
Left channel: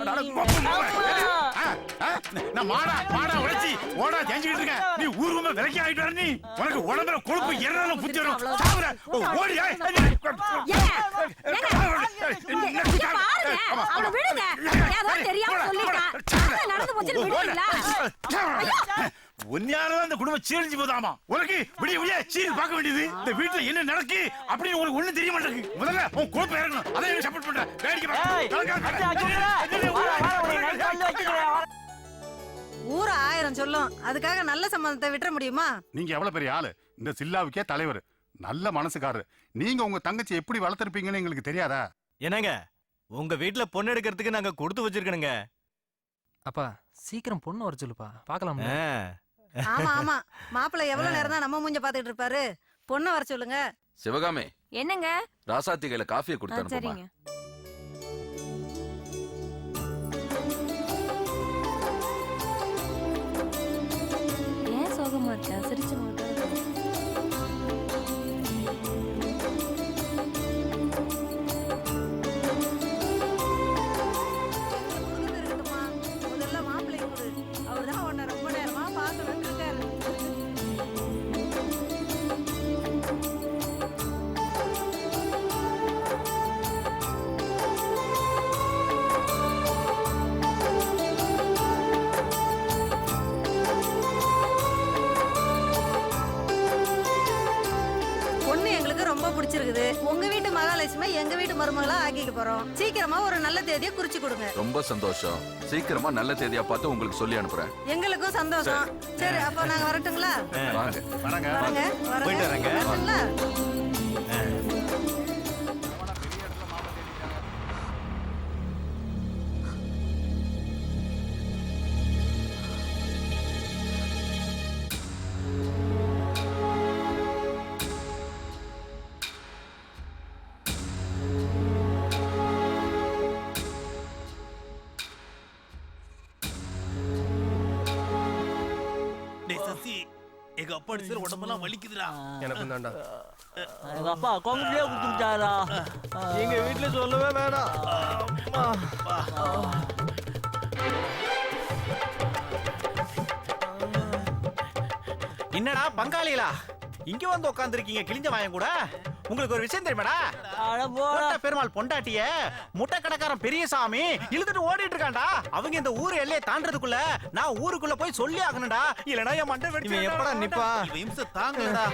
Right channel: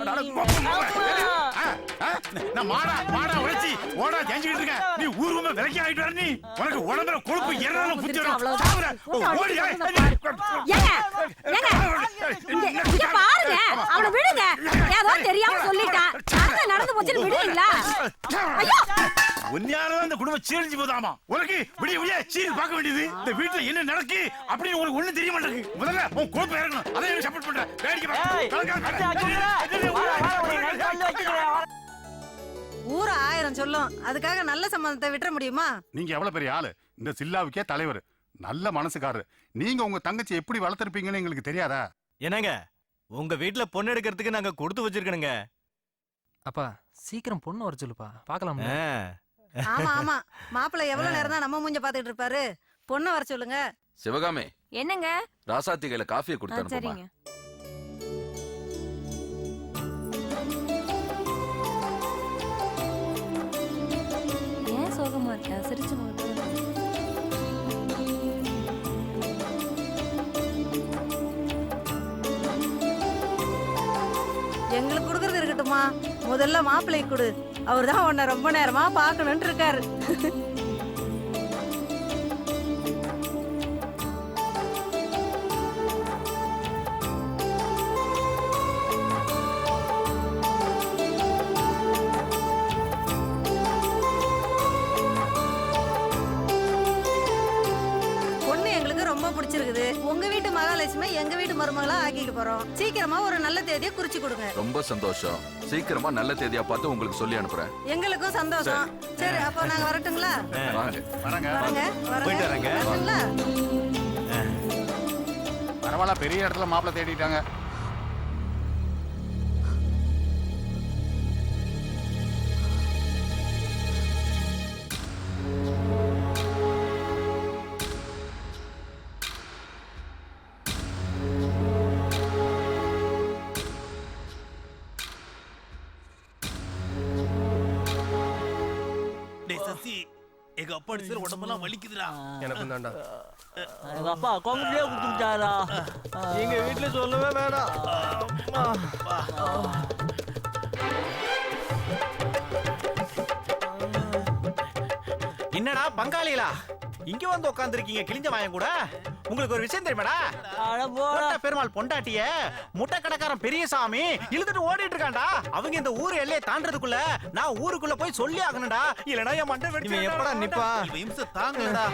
நான் மாடா உழைச்சி ஓடா தேஞ்சிக்கிட்டு இருக்கேன். நீ ஊர்வமா விலைக்கு ஆயிட்டு வர. நீ உனக்கு உடம்புல கொழுப்பு எறனாலும் புத்திரும். சாவுற. ஓடி பாருங்க. அவளை விடுங்க. ஏதோ தெரியாம சொல்லிட்டான். நடந்து போச்சு விடுவீங்களா? உன்னையாலதான் இந்த குடும்பம் சீரழிஞ்சு போதாமா? உனக்கு விடிய சீரி பார்க்க வேண்டியது. இந்த வீட்டுல என்ன நடக்கு அப்படின்னு உனக்கு ஒண்ணும் தெரிய மாட்டேங்குது. முதல்ல உன் கொழுப்பு இறங்கணும். அதை எனக்கு சப்போர்ட் பண்றேன். ஊர 1000 சொல்லும். அதுக்காக நல்ல சம்பந்தத்தை விட்டுற முடியுமா? நீங்க எவ்வளவு பெரிய ஆளு? இந்த சில்லாவுக்கே தலைவர். நல்ல மனசுக்காரரு. நீங்க உங்க தங்கச்சி எப்படி வளர்த்திருப்பீங்கன்னு எங்களுக்கு தெரியாதா? என்னங்க உங்க வீட்டுல பொண்ணு எடுக்கிறதுக்கு நாங்க கொடுத்து வச்சிருக்கணுங்க. அப்பா சீக்கிரம் பொண்ணு வர சொல்லுப்பா, பாக்கலாம். ஆமா ஆமா, மாப்பிள்ளை எவ்வளவு நேரம் தான் நம்ம மூஞ்ச பாத்துட்டு இருப்பாரு? பொண்ணு வர சொல்லுங்க. சிவகாமி, என்னங்க? ராசாத்தி கையில காஃபியை கொடுத்து சரிங்க. ஏன் சோகமா இருக்க? சிரிச்சு முகத்தோட எங்களுக்கு கொடுக்கறது இருக்கட்டுமா? முதல்ல மாப்பிள்ளை கொடு. அவர்தான் உன்னை ரொம்ப நேரமா பாக்கணும்னு இருக்காரு. பொண்ணு எங்களுக்கு ரொம்ப பிடிச்சிருக்குது. உங்க வீட்டு மகாலட்சுமி எங்க வீட்டு மருமகளா ஆக்கிக்க போறோம். சீக்கிரமா ஒரு நல்ல தேதியை குறிச்சு கொடுங்க. ரொம்ப சந்தோஷம். சீக்கிரமா நல்ல தேதியா பார்த்து உங்களுக்கு சொல்லி அனுப்புறேன். எங்களுக்கும் சந்தோஷம். சரி, அப்ப நாங்க வரட்டுங்களா? வாங்க. போயிட்டு வரேங்க. பரவாயில்ல, பெரிய இடத்துல மாப்பிள்ளை தேடிட்டாங்க. எங்க அப்பா அடிச்சது உடம்பெல்லாம் வலிக்குதுடா. எனக்கும் தான்டா. எங்க அப்பா கோமதியே குடுத்துட்டாரா? எங்க வீட்டுல சொல்லவே வேணாம். என்னடா பங்காளிகளா இங்க வந்து உட்கார்ந்துருக்கீங்க கிழிஞ்ச வாயம் கூட? உங்களுக்கு ஒரு விஷயம் தெரியுமாடா? பெருமாள் பொண்டாட்டிய முட்டை கடைக்காரன் பெரியசாமி இழுத்துட்டு ஓடிட்டு இருக்கான்டா. அவங்க இந்த ஊர் எல்லையை தாண்டறதுக்குள்ள நான் ஊருக்குள்ள போய் சொல்லி ஆகணும்டா. இல்லனா என் மண்டை வெடிச்சு எப்படா நிப்பா? இவன் இம்சை தாங்கலடா.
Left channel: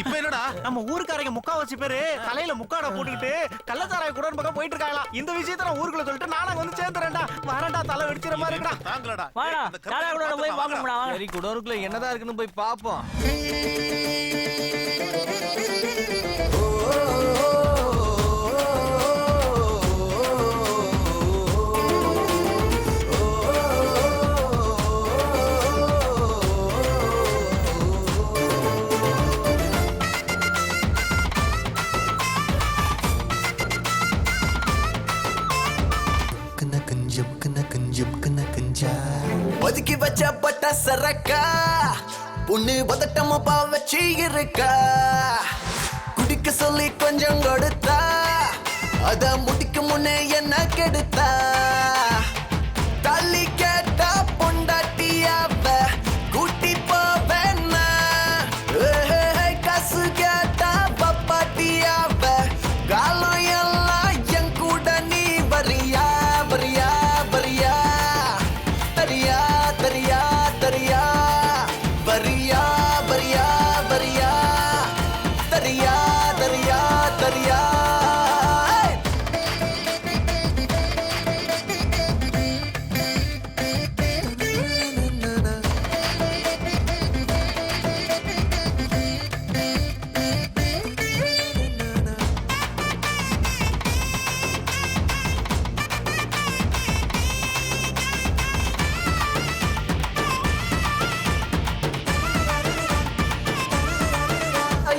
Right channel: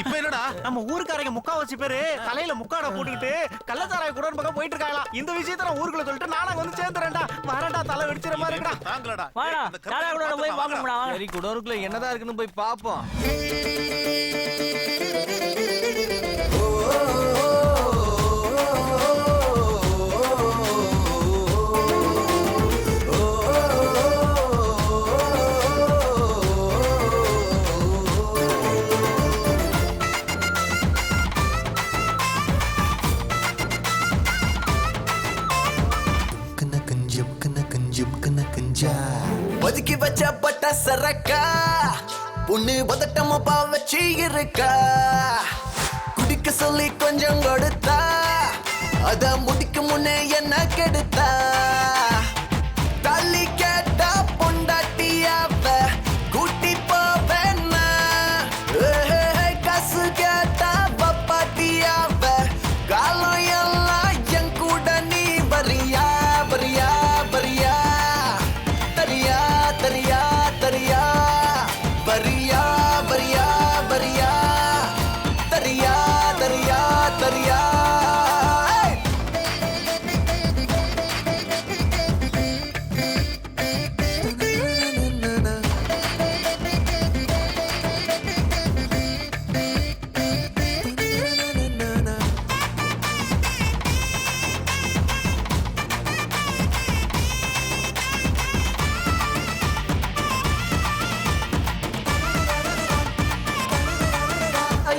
இப்ப என்னடா நம்ம ஊருக்காரங்க முக்காவாசி பேரு தலையில முக்காட போட்டுக்கிட்டு கள்ளச்சாராய குடோன் பக்கம் போயிட்டு இருக்காங்களா. இந்த விஷயத்த நான் ஊருக்குள்ள சொல்லிட்டு நானா வந்து சேர்ந்துறேன்டா. வரேன்டா, தலை வெடிச்சிர மாதிரி இருக்கடா. தாங்கலடா. வாடா, சாராய குடோன் போய் பாக்கணும்டா. சரி, குடோனுக்குள்ள என்னதான் இருக்குன்னு போய் பாப்போம். ஒதுக்கி வச்ச பட்ட சரக்கா பொண்ணு பதட்டமா வச்சு இருக்கா குடிக்க சொல்லி கொஞ்சம் கொடுத்தா அத முடிக்க முன்னே என்ன கெடுத்தா தள்ளி கேட்டா பொண்டாட்டியாவ கூட்டி போவேன்னா காசு கேட்டா பப்பாட்டியாவ காலம் எல்லாம் என் கூட நீ வரியா வரியா வரியா தரியா தரியா தரியா வரியா வரியா வரியா தரியா தரியா தரியா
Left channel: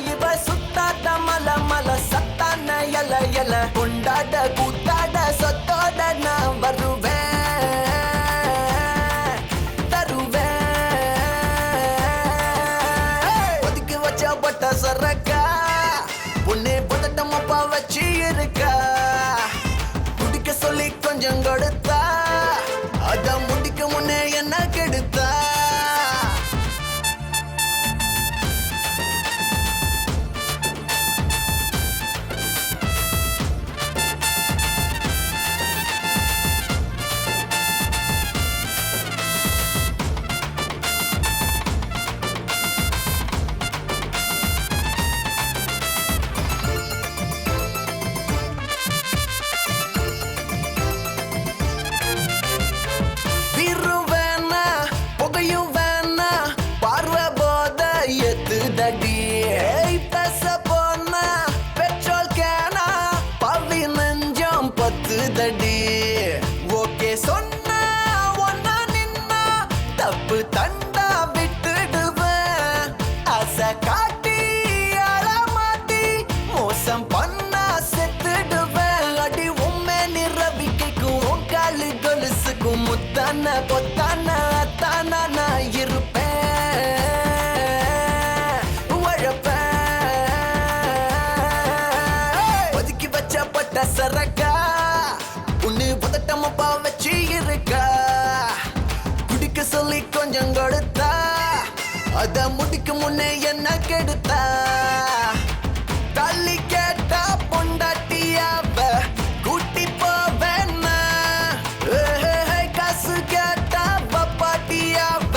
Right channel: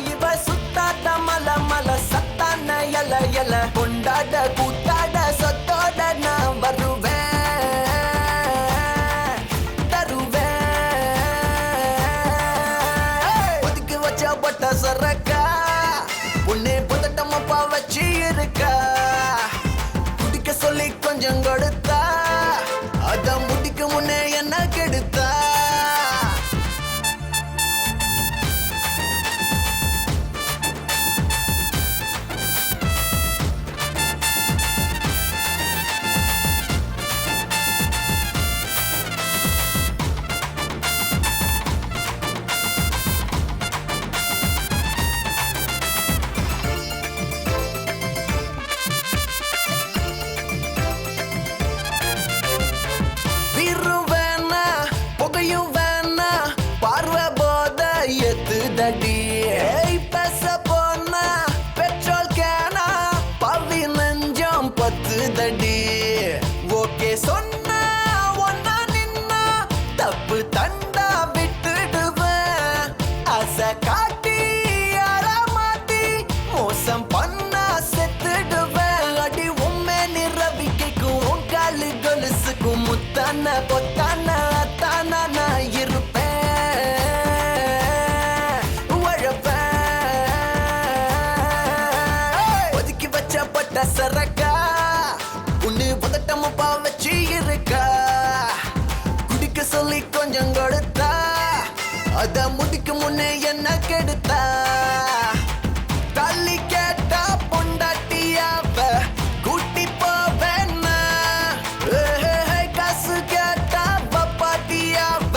இவ சுத்தாட மல மல சத்தான எல எல கொண்டாட கூத்தாட சொத்தோட நான் வருவேன் தருவேன் ஒதுக்கி வச்ச பட்ட சரக்கா பொண்ணு பதட்டமாப்பா வச்சு இருக்கா குடிக்க சொல்லி கொஞ்சம் கொடுத்தா அத முடிக்க முன்னே என்ன கெடுத்தா தடி பேச போனா பெட்ரோல் கேனா பவி நெஞ்சம் பத்து தடி ஓகே சொன்னா ஒன்னா நின்னா தப்பு தண்டா விட்டுடுவேன் ஆசை காட்டி அறமாட்டி மோசம் பண்ணா செத்துடுவேன் அடி உண்மை நிரவிக்கைக்கும் உன் காலு கொலுசுக்கும் முத்தான பொத்தான அத்தான நான் இருப்பேன் சரக்கா உன்னு பதட்டமாப்பா வச்சு இருக்கா குடிக்க சொல்லி கொஞ்சம் கொடுத்தா அத முடிக்க முன்னே என்ன கெடுத்தா தள்ளி கேட்டா பொண்டாட்டியாவ கூட்டி போவேன்னா காசு கேட்டா பப்பாட்டியாவ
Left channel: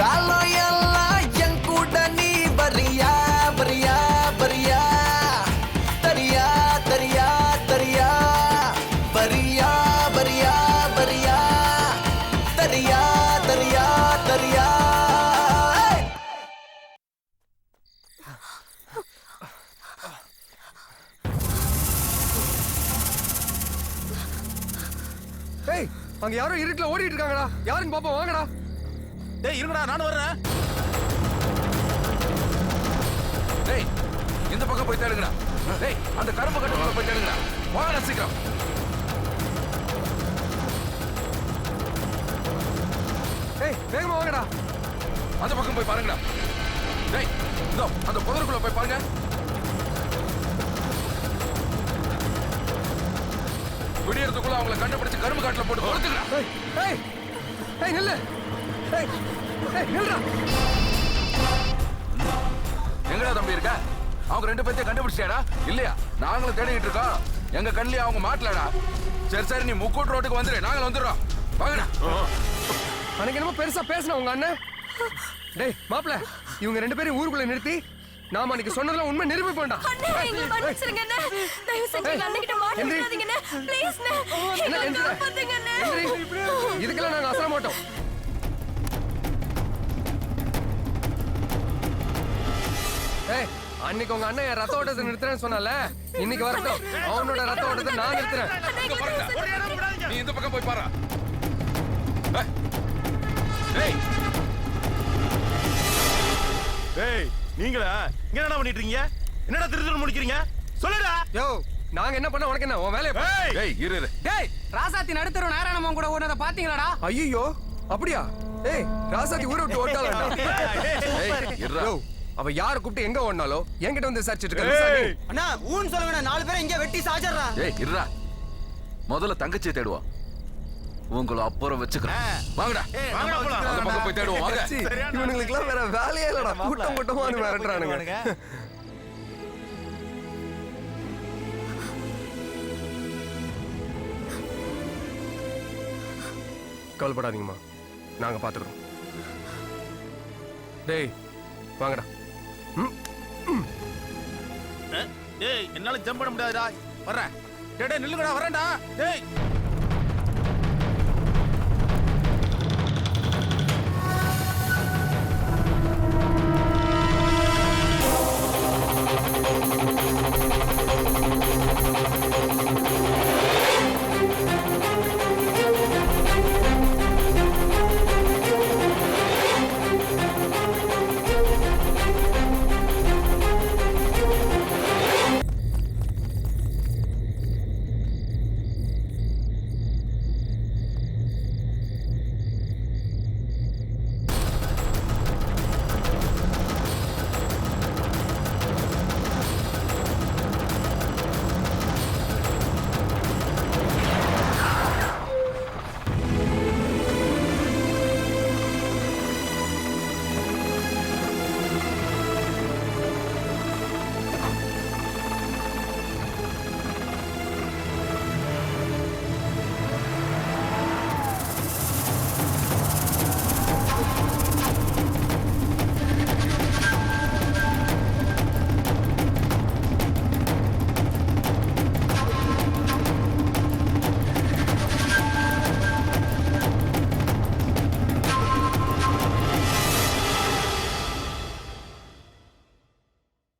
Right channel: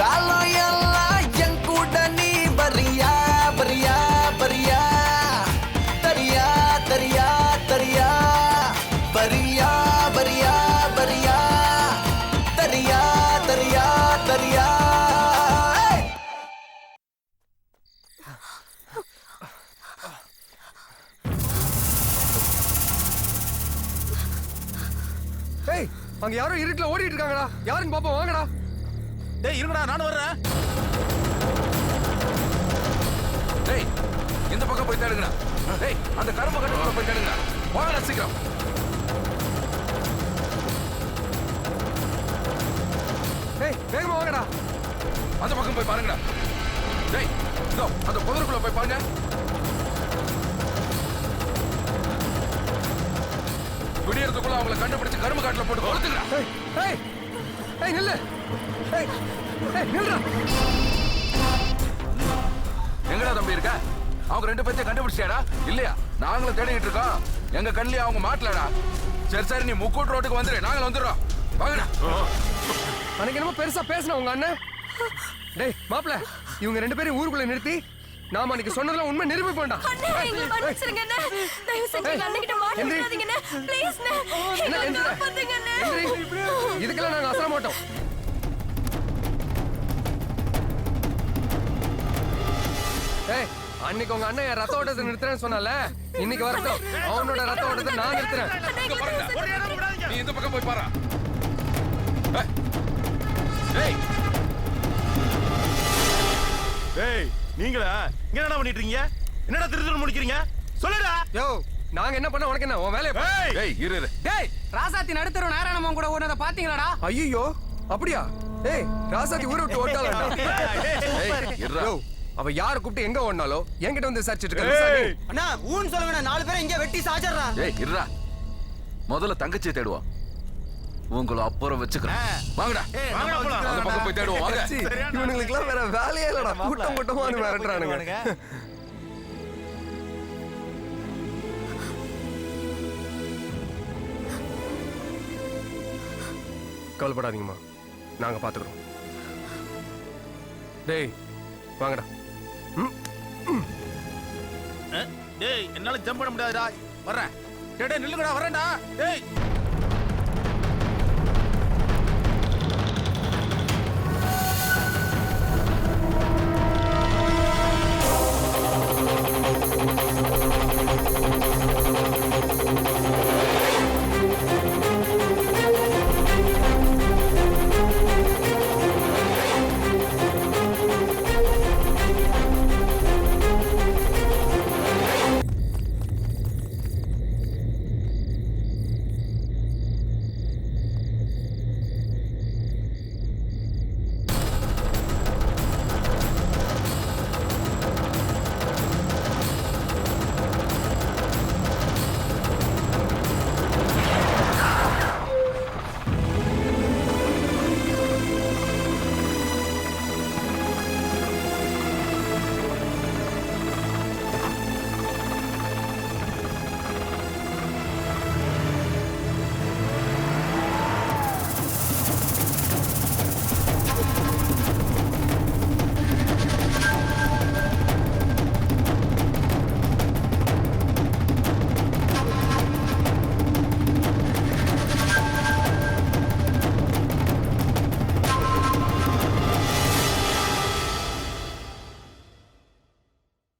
காலம் எல்லாம் என் கூட நீ வரியா வரியா வரியா தரியா தரியா தரியா வரியா வரியா வரியா தரியா தரியா தரியா ஏய் அங்க யாரோ இருட்டுல ஓடிட்டு இருக்காங்கடா யாருன்னு பாப்போம் வாங்கடா டேய் இருங்கடா நானும் வர்றேன் டேய் இந்த பக்கம் போய் தேடுங்கடா டேய் அந்த கரும்பு கட்டுக்குள்ள போய் தேடுங்கடா வாங்கடா சீக்கிரம் ஏய் வேகமா வாங்கடா அந்த பக்கம் போய் பாருங்கடா டேய் இதோ அந்த புதருக்குள்ள போய் பாருங்க விடியறதுக்குள்ள அவங்கள கண்டுபிடிச்சு கரும்பு காட்டுல போட்டு கொளுத்துங்கடா ஏய் ஏய் நில்லு ஏய் ஏய் நில்லுடா எங்கடா தம்பி இருக்க அவங்க ரெண்டு பேர்த்தையும் கண்டுபிடிச்சியாடா இல்லையா நாங்களும் தேடிட்டு இருக்கோம் எங்க கண்ணிலே அவங்க மாட்டலடா சரி சரி நீ முக்கூட்டு ரோட்டுக்கு வந்துரு நாங்களும் வந்துடுறோம் வாங்கடா அன்னைக்கு என்னமோ பெருசா பேசின உங்க அண்ணன் டேய் மாப்ள இவங்க ரெண்டு பேரும் ஊருக்குள்ள நிறுத்தி நாம அன்னைக்கு சொன்னதெல்லாம் உண்மை நிரூபிப்போம்டா இதுக்கெல்லாம் நாங்க அசர மாட்டோம் ஏய் அன்னைக்கு உங்க அண்ணன் ரத்த ஓட்டத்தை நிறுத்துறேன்னு சொன்னால இன்னைக்கு வரட்டும் அவனோட ரத்த ஓட்டத்தை நான் நிறுத்துறேன் நீ இந்த பக்கம் போய் பாரு டேய் டேய் நீங்களா இங்க என்ன பண்ணிட்டு இருக்கீங்க என்னடா திருத்துன்னு முடிக்கிறீங்க சொல்லுடா யோ நாங்க என்ன பண்ண உனக்கு என்ன உன் வேலைய டேய் இரு டேய் ராசாத்தி நடுத்தர நாராயணமன் கூட ஓடுனத பாத்தீங்களாடா ஐயோ அப்படியா ஏய் ராசாத்தி ஊரை விட்டு ஓட்டாளா? அவ யார கூப்பிட்டு எங்க ஓடினாலோ என்கிட்ட வந்து விசாரிச்சிட்டு இருக்க. அண்ணா ஊன்னு சொல்லுங்க, 4 பேரை இங்க வெட்டி சாச்சறா. ஏய் இருடா, முதல்ல தங்கச்சியை தேடுவோம், உங்களை அப்புறம் வச்சுக்கிறேன். வாங்கடா அந்த பக்கம் போய் தேடுவோம். வாங்க. இவனுங்களுக்குலாம் வேற வேலையே இல்லடா, கூட்டம் கூட்டமா வந்து மிரட்டுறானுங்க. கவலைப்படாதீங்கம்மா, நாங்க பாத்துக்கிறோம். டேய் வாங்கடா. டேய் என்னால ஜம்ப் பண்ண முடியாதுடா, வர்றேன். டேய் நில்லுங்கடா, வரேன்டா. டேய்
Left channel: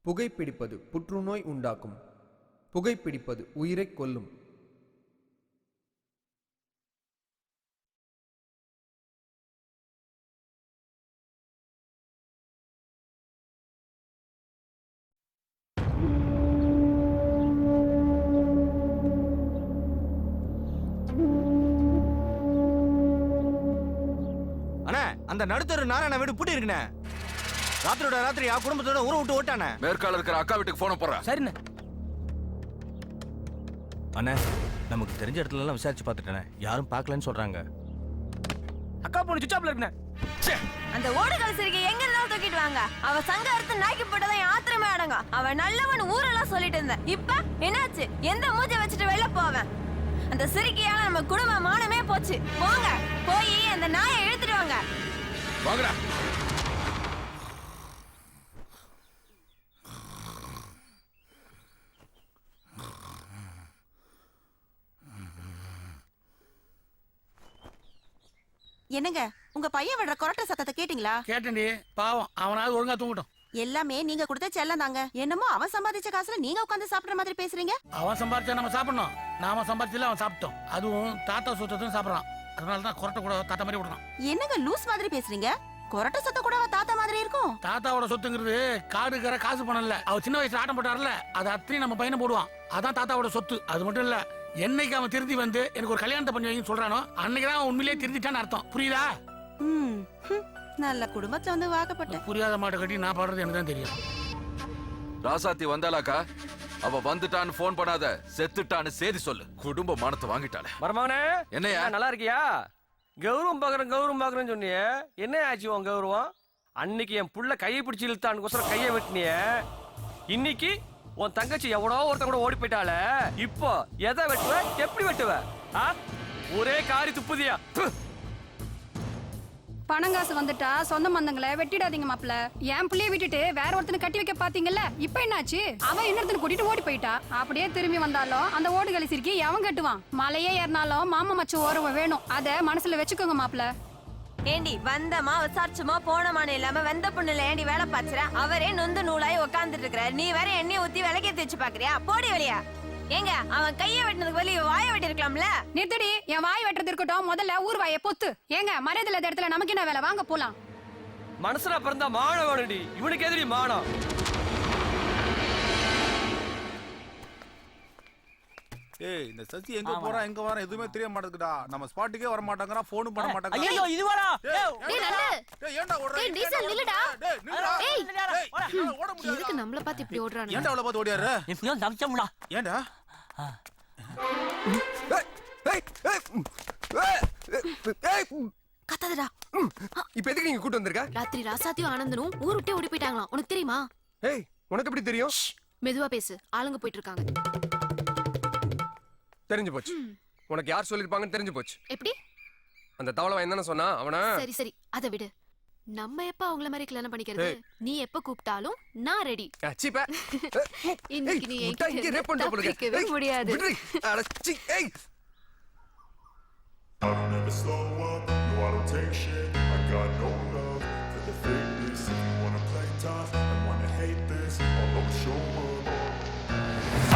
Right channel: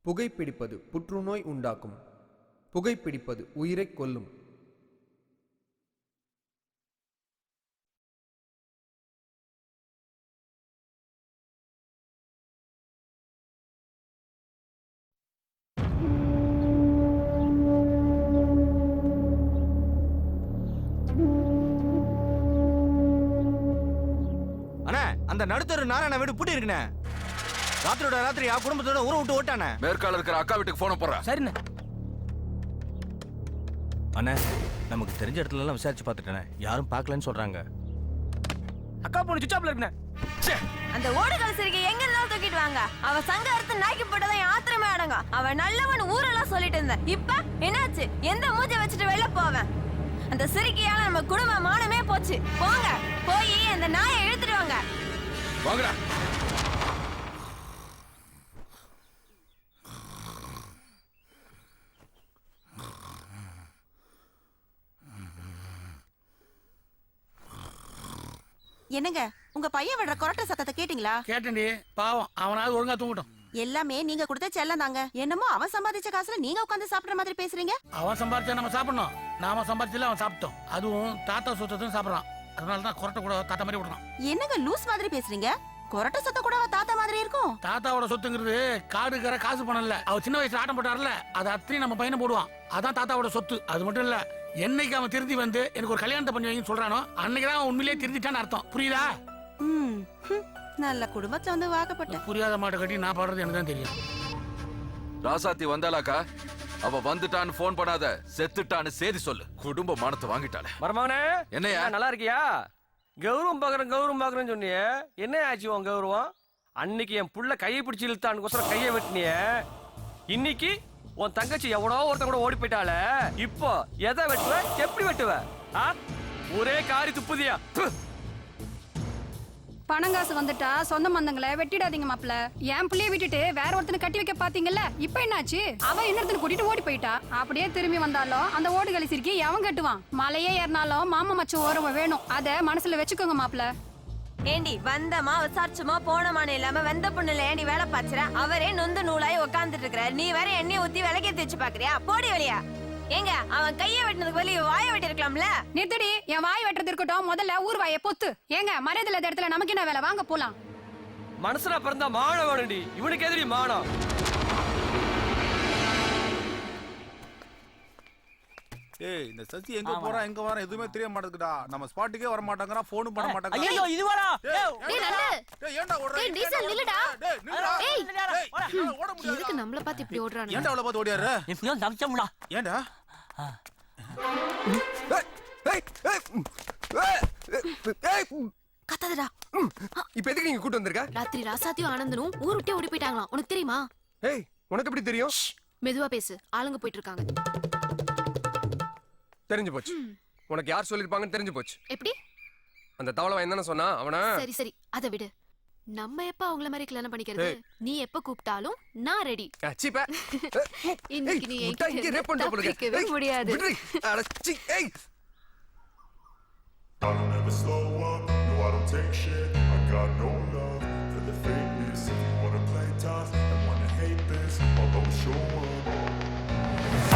புகைப்பிடிப்பது புற்றுநோய் உண்டாக்கும். புகைப்பிடிப்பது உயிரை கொல்லும். அண்ணா அந்த நடுத்தரு நாராயண வீடு பூட்டி இருக்குண்ணே. ராத்திரியோட ராத்திரி குடும்பத்தோட ஊரை விட்டு ஓட்டானே. மேற்கால இருக்கிற அக்கா வீட்டுக்கு போன போறேன். சரிண்ணே. அண்ணா நமக்கு தெரிஞ்ச இடத்துல எல்லாம் விசாரிச்சு பார்த்துட்டேன், யாரும் பார்க்கலன்னு சொல்றாங்க. அக்கா போன் சுவிட்ச் ஆஃப்ல இருக்குண்ணே. அந்த ஓடுகால சிரிக்கை எங்க இருந்தாலும் தூக்கிட்டு வாங்க. அவ சங்க அறுத்து நாக்கி போட்டதான் ஆத்திரமே அடங்க. அவன் நல்லவன் ஊரெல்லாம் சொல்லிட்டு இருந்தேன். இப்ப என்னாச்சு? எந்த மூஞ்ச வச்சுட்டு வெளில போவேன்? அந்த சிரிக்கையால நம்ம குடும்ப மானமே போச்சு. போங்க, போய் அந்த நாயை இழுத்துட்டு வாங்க. வாங்கடா. என்னங்க உங்க பையன் விடுற கொரட்டை சத்தத்தை கேட்டீங்களா? கேட்டேன்டி, பாவம் அவனாவது ஒழுங்கா தூங்கட்டும். எல்லாமே நீங்க கொடுத்த செல்லம் தாங்க. என்னமோ அவன் சம்பாதிச்ச காசுல நீங்க உட்கார்ந்து சாப்பிடுற மாதிரி பேசுறீங்க. அவன் சம்பாரிச்சா நம்ம சாப்பிடணும், நாம சம்பாரிச்சல அவன் சாப்பிட்டோம். அதுவும் தாத்தா சொத்தத்தையும் சாப்பிடறான். அதனாலதான் கொரட்டை கூட தாத்தா மாதிரி விடுறான். என்னங்க லூஸ் மாதிரி பேசுறீங்க? கொரட்டை சத்தம் கூட தாத்தா மாதிரி இருக்கும். தாத்தாவோட சொத்துங்கிறது காடுகிற காசு பணம் இல்ல. அவர் சின்ன வயசுல ஆட்டம் போட்டார்ல, அது அத்தனை நம்ம பையனை போடுவான். அதான் தாத்தாவோட சொத்து. அது மட்டும் இல்ல, என்னைக்கு அவன் திருந்தி வந்து எனக்கு ஒரு கல்யாணத்தை பண்ணி வைங்கன்னு சொல்றானோ அன்னைக்குதான் அவன் உண்மையிலேயே திருந்திட்டான்னு அர்த்தம். புரியுதா? நல்ல குடும்பத்துல வந்து வாக்கப்பட்ட புரியாத மாட்டை கட்டி நான் பாடுறது எனக்கு தான் தெரியும். ராசாத்தி வந்தாலாக்கா? அவ வந்துட்டான்னு போன் பண்ணாத, செத்துட்டான்னு செய்தி சொல்லு. குடும்ப மானத்தை வாங்கிட்டாளே. மருமகனே என்னையா நல்லா இருக்கியா? கௌரவம் பாக்குறேன்னு சொன்னியே, என்ன ஆச்சு உன் கௌரவம்? அன்னைக்கு என் புள்ள கையை பிடிச்சி இழுத்தான்னு கையை வெட்டினிய, இன்னைக்கு உன் தங்கச்சி எவனோ ஒருத்த கூட ஓடி போயிட்டால. இப்போ எதை வெட்டுவ, எப்படி வெட்டுவ? ஒரே காரி துப்புதியா? பணங்காசு வந்துட்டா சொந்த மந்தங்களை வெட்டிடாதீங்க மாப்ள. என் பிள்ளைய விட்டுட்டு வேற ஒருத்தனை கட்டி வைக்க பாத்தீங்கல்ல, இப்ப என்னாச்சு? அவன் இன்னொருத்தனை கூட்டிட்டு ஓடி போயிட்டா. அப்படியே திரும்பி வந்தாலும் அந்த ஓடுகளை சிரிக்கி எவன் கட்டுவான்? மலையே ஏறினாலும் மாமா மச்சம் ஓரவ வேணும். அத மனசுல வச்சுக்கோங்க மாப்ள. ஏண்டி வந்தமா விசாரிச்சுமா போனமான இல்லாம வெந்த பொண்ணுல ஏண்டி வேலை பாச்சுற? அவரே நொந்து நூலாய் உட்காந்துட்டு இருக்கிற, நீ வேற எண்ணெய் ஊத்தி விளக்கேத்தி வச்சு பாக்குறியா? போடி வெளியா. ஏங்க அவன் கைய வெட்டினதுக்கு வெளிய வாய வெட்டி இருக்கலாம்ல. நிறுத்தடி, என் வாய் வெட்டுறது இருக்கட்டும், முதல்ல ஊர் வாயை பொத்து. ஏங்க மரியாதை இடத்துல நமக்கு என்ன வேலை? வாங்க போலாம். மனசுல பிறந்தா மானம் வேணும்டி, இவனுக்கு எதிரி மானம். ஏய் இந்த சசி எங்க போறா எங்க வரா எதுவுமே தெரிய மாட்டேங்குடா. நம்ம ஸ்பாட்டுக்கே வர மாட்டாங்கறா, ஃபோனும் பண்ண மாட்டாங்க. ஐயோ இது வரா. டேய் நல்ல. டேய் ஏன்டா ஓடுற? டேய் டீசல் நில்லுடா. டேய் நில்லுடா. ஏய் ஓட முடியாது. எதுக்கு நம்மள பார்த்து இப்படி ஓடுறானே? ஏன்டா அவளை பார்த்து ஓடியாரு? எப்படியோ தப்பிச்சோம்டா. ஏன்டா? கத்தாதடா. இப்போ எதுக்கு நீங்க கூட்டி வந்திருக்க? ராத்திரி ராசாத்தியும் ஆனந்தனும் ஊர் விட்டே ஓடி போயிட்டாங்களாம். உனக்கு தெரியுமா? ஏய் உனக்கு எப்படி தெரியும்? மெதுவா பேசு. ஆளுங்க போயிட்டு இருக்காங்க. தெரிஞ்சு போச்சு. உனக்கு யார் சொல்லிருப்பாங்கன்னு தெரிஞ்சு போச்சு. எப்படி? அந்த தவளை என்னன்னு சொன்னா அவனா? சரி சரி அத விடு. நம்ம எப்ப அவங்கள மாதிரி கல்யாணம் பண்ணிக்கிறது? நீ எப்ப கூப்பிட்டாலும் நான் ரெடி. சீப்பா. இன்னைக்கு நீ இங்க ரேப் பண்ற போல தப்பிக்கவே முடியாது. அடச்சி ஏய். I don't ever slow up, no I don't take shit. I got no love for the fakeness. If you wanna play tough and wanna hate this, I'll always show up.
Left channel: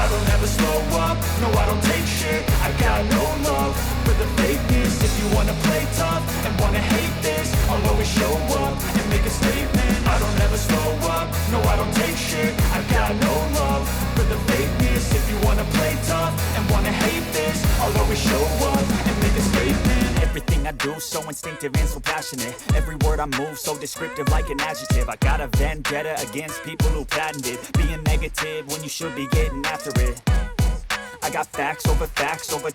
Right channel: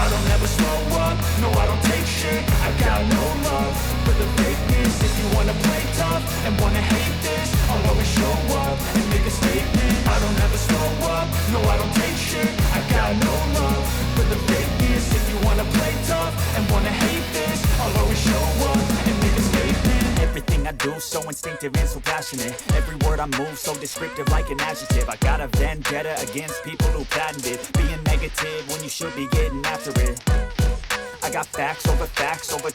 I don't ever slow up, no I don't take shit. I got no love for the fakeness. If you wanna play tough and wanna hate this, I'll always show up and make a statement. I don't ever slow up, no I don't take shit. I got no love for the fakeness. If you wanna play tough and wanna hate this, I'll always show up and make a statement. Everything I do so instinctive and so passionate. Every word I move so descriptive like an adjective. I got a vendetta against people who patented being negative when you should be getting after it. I got facts over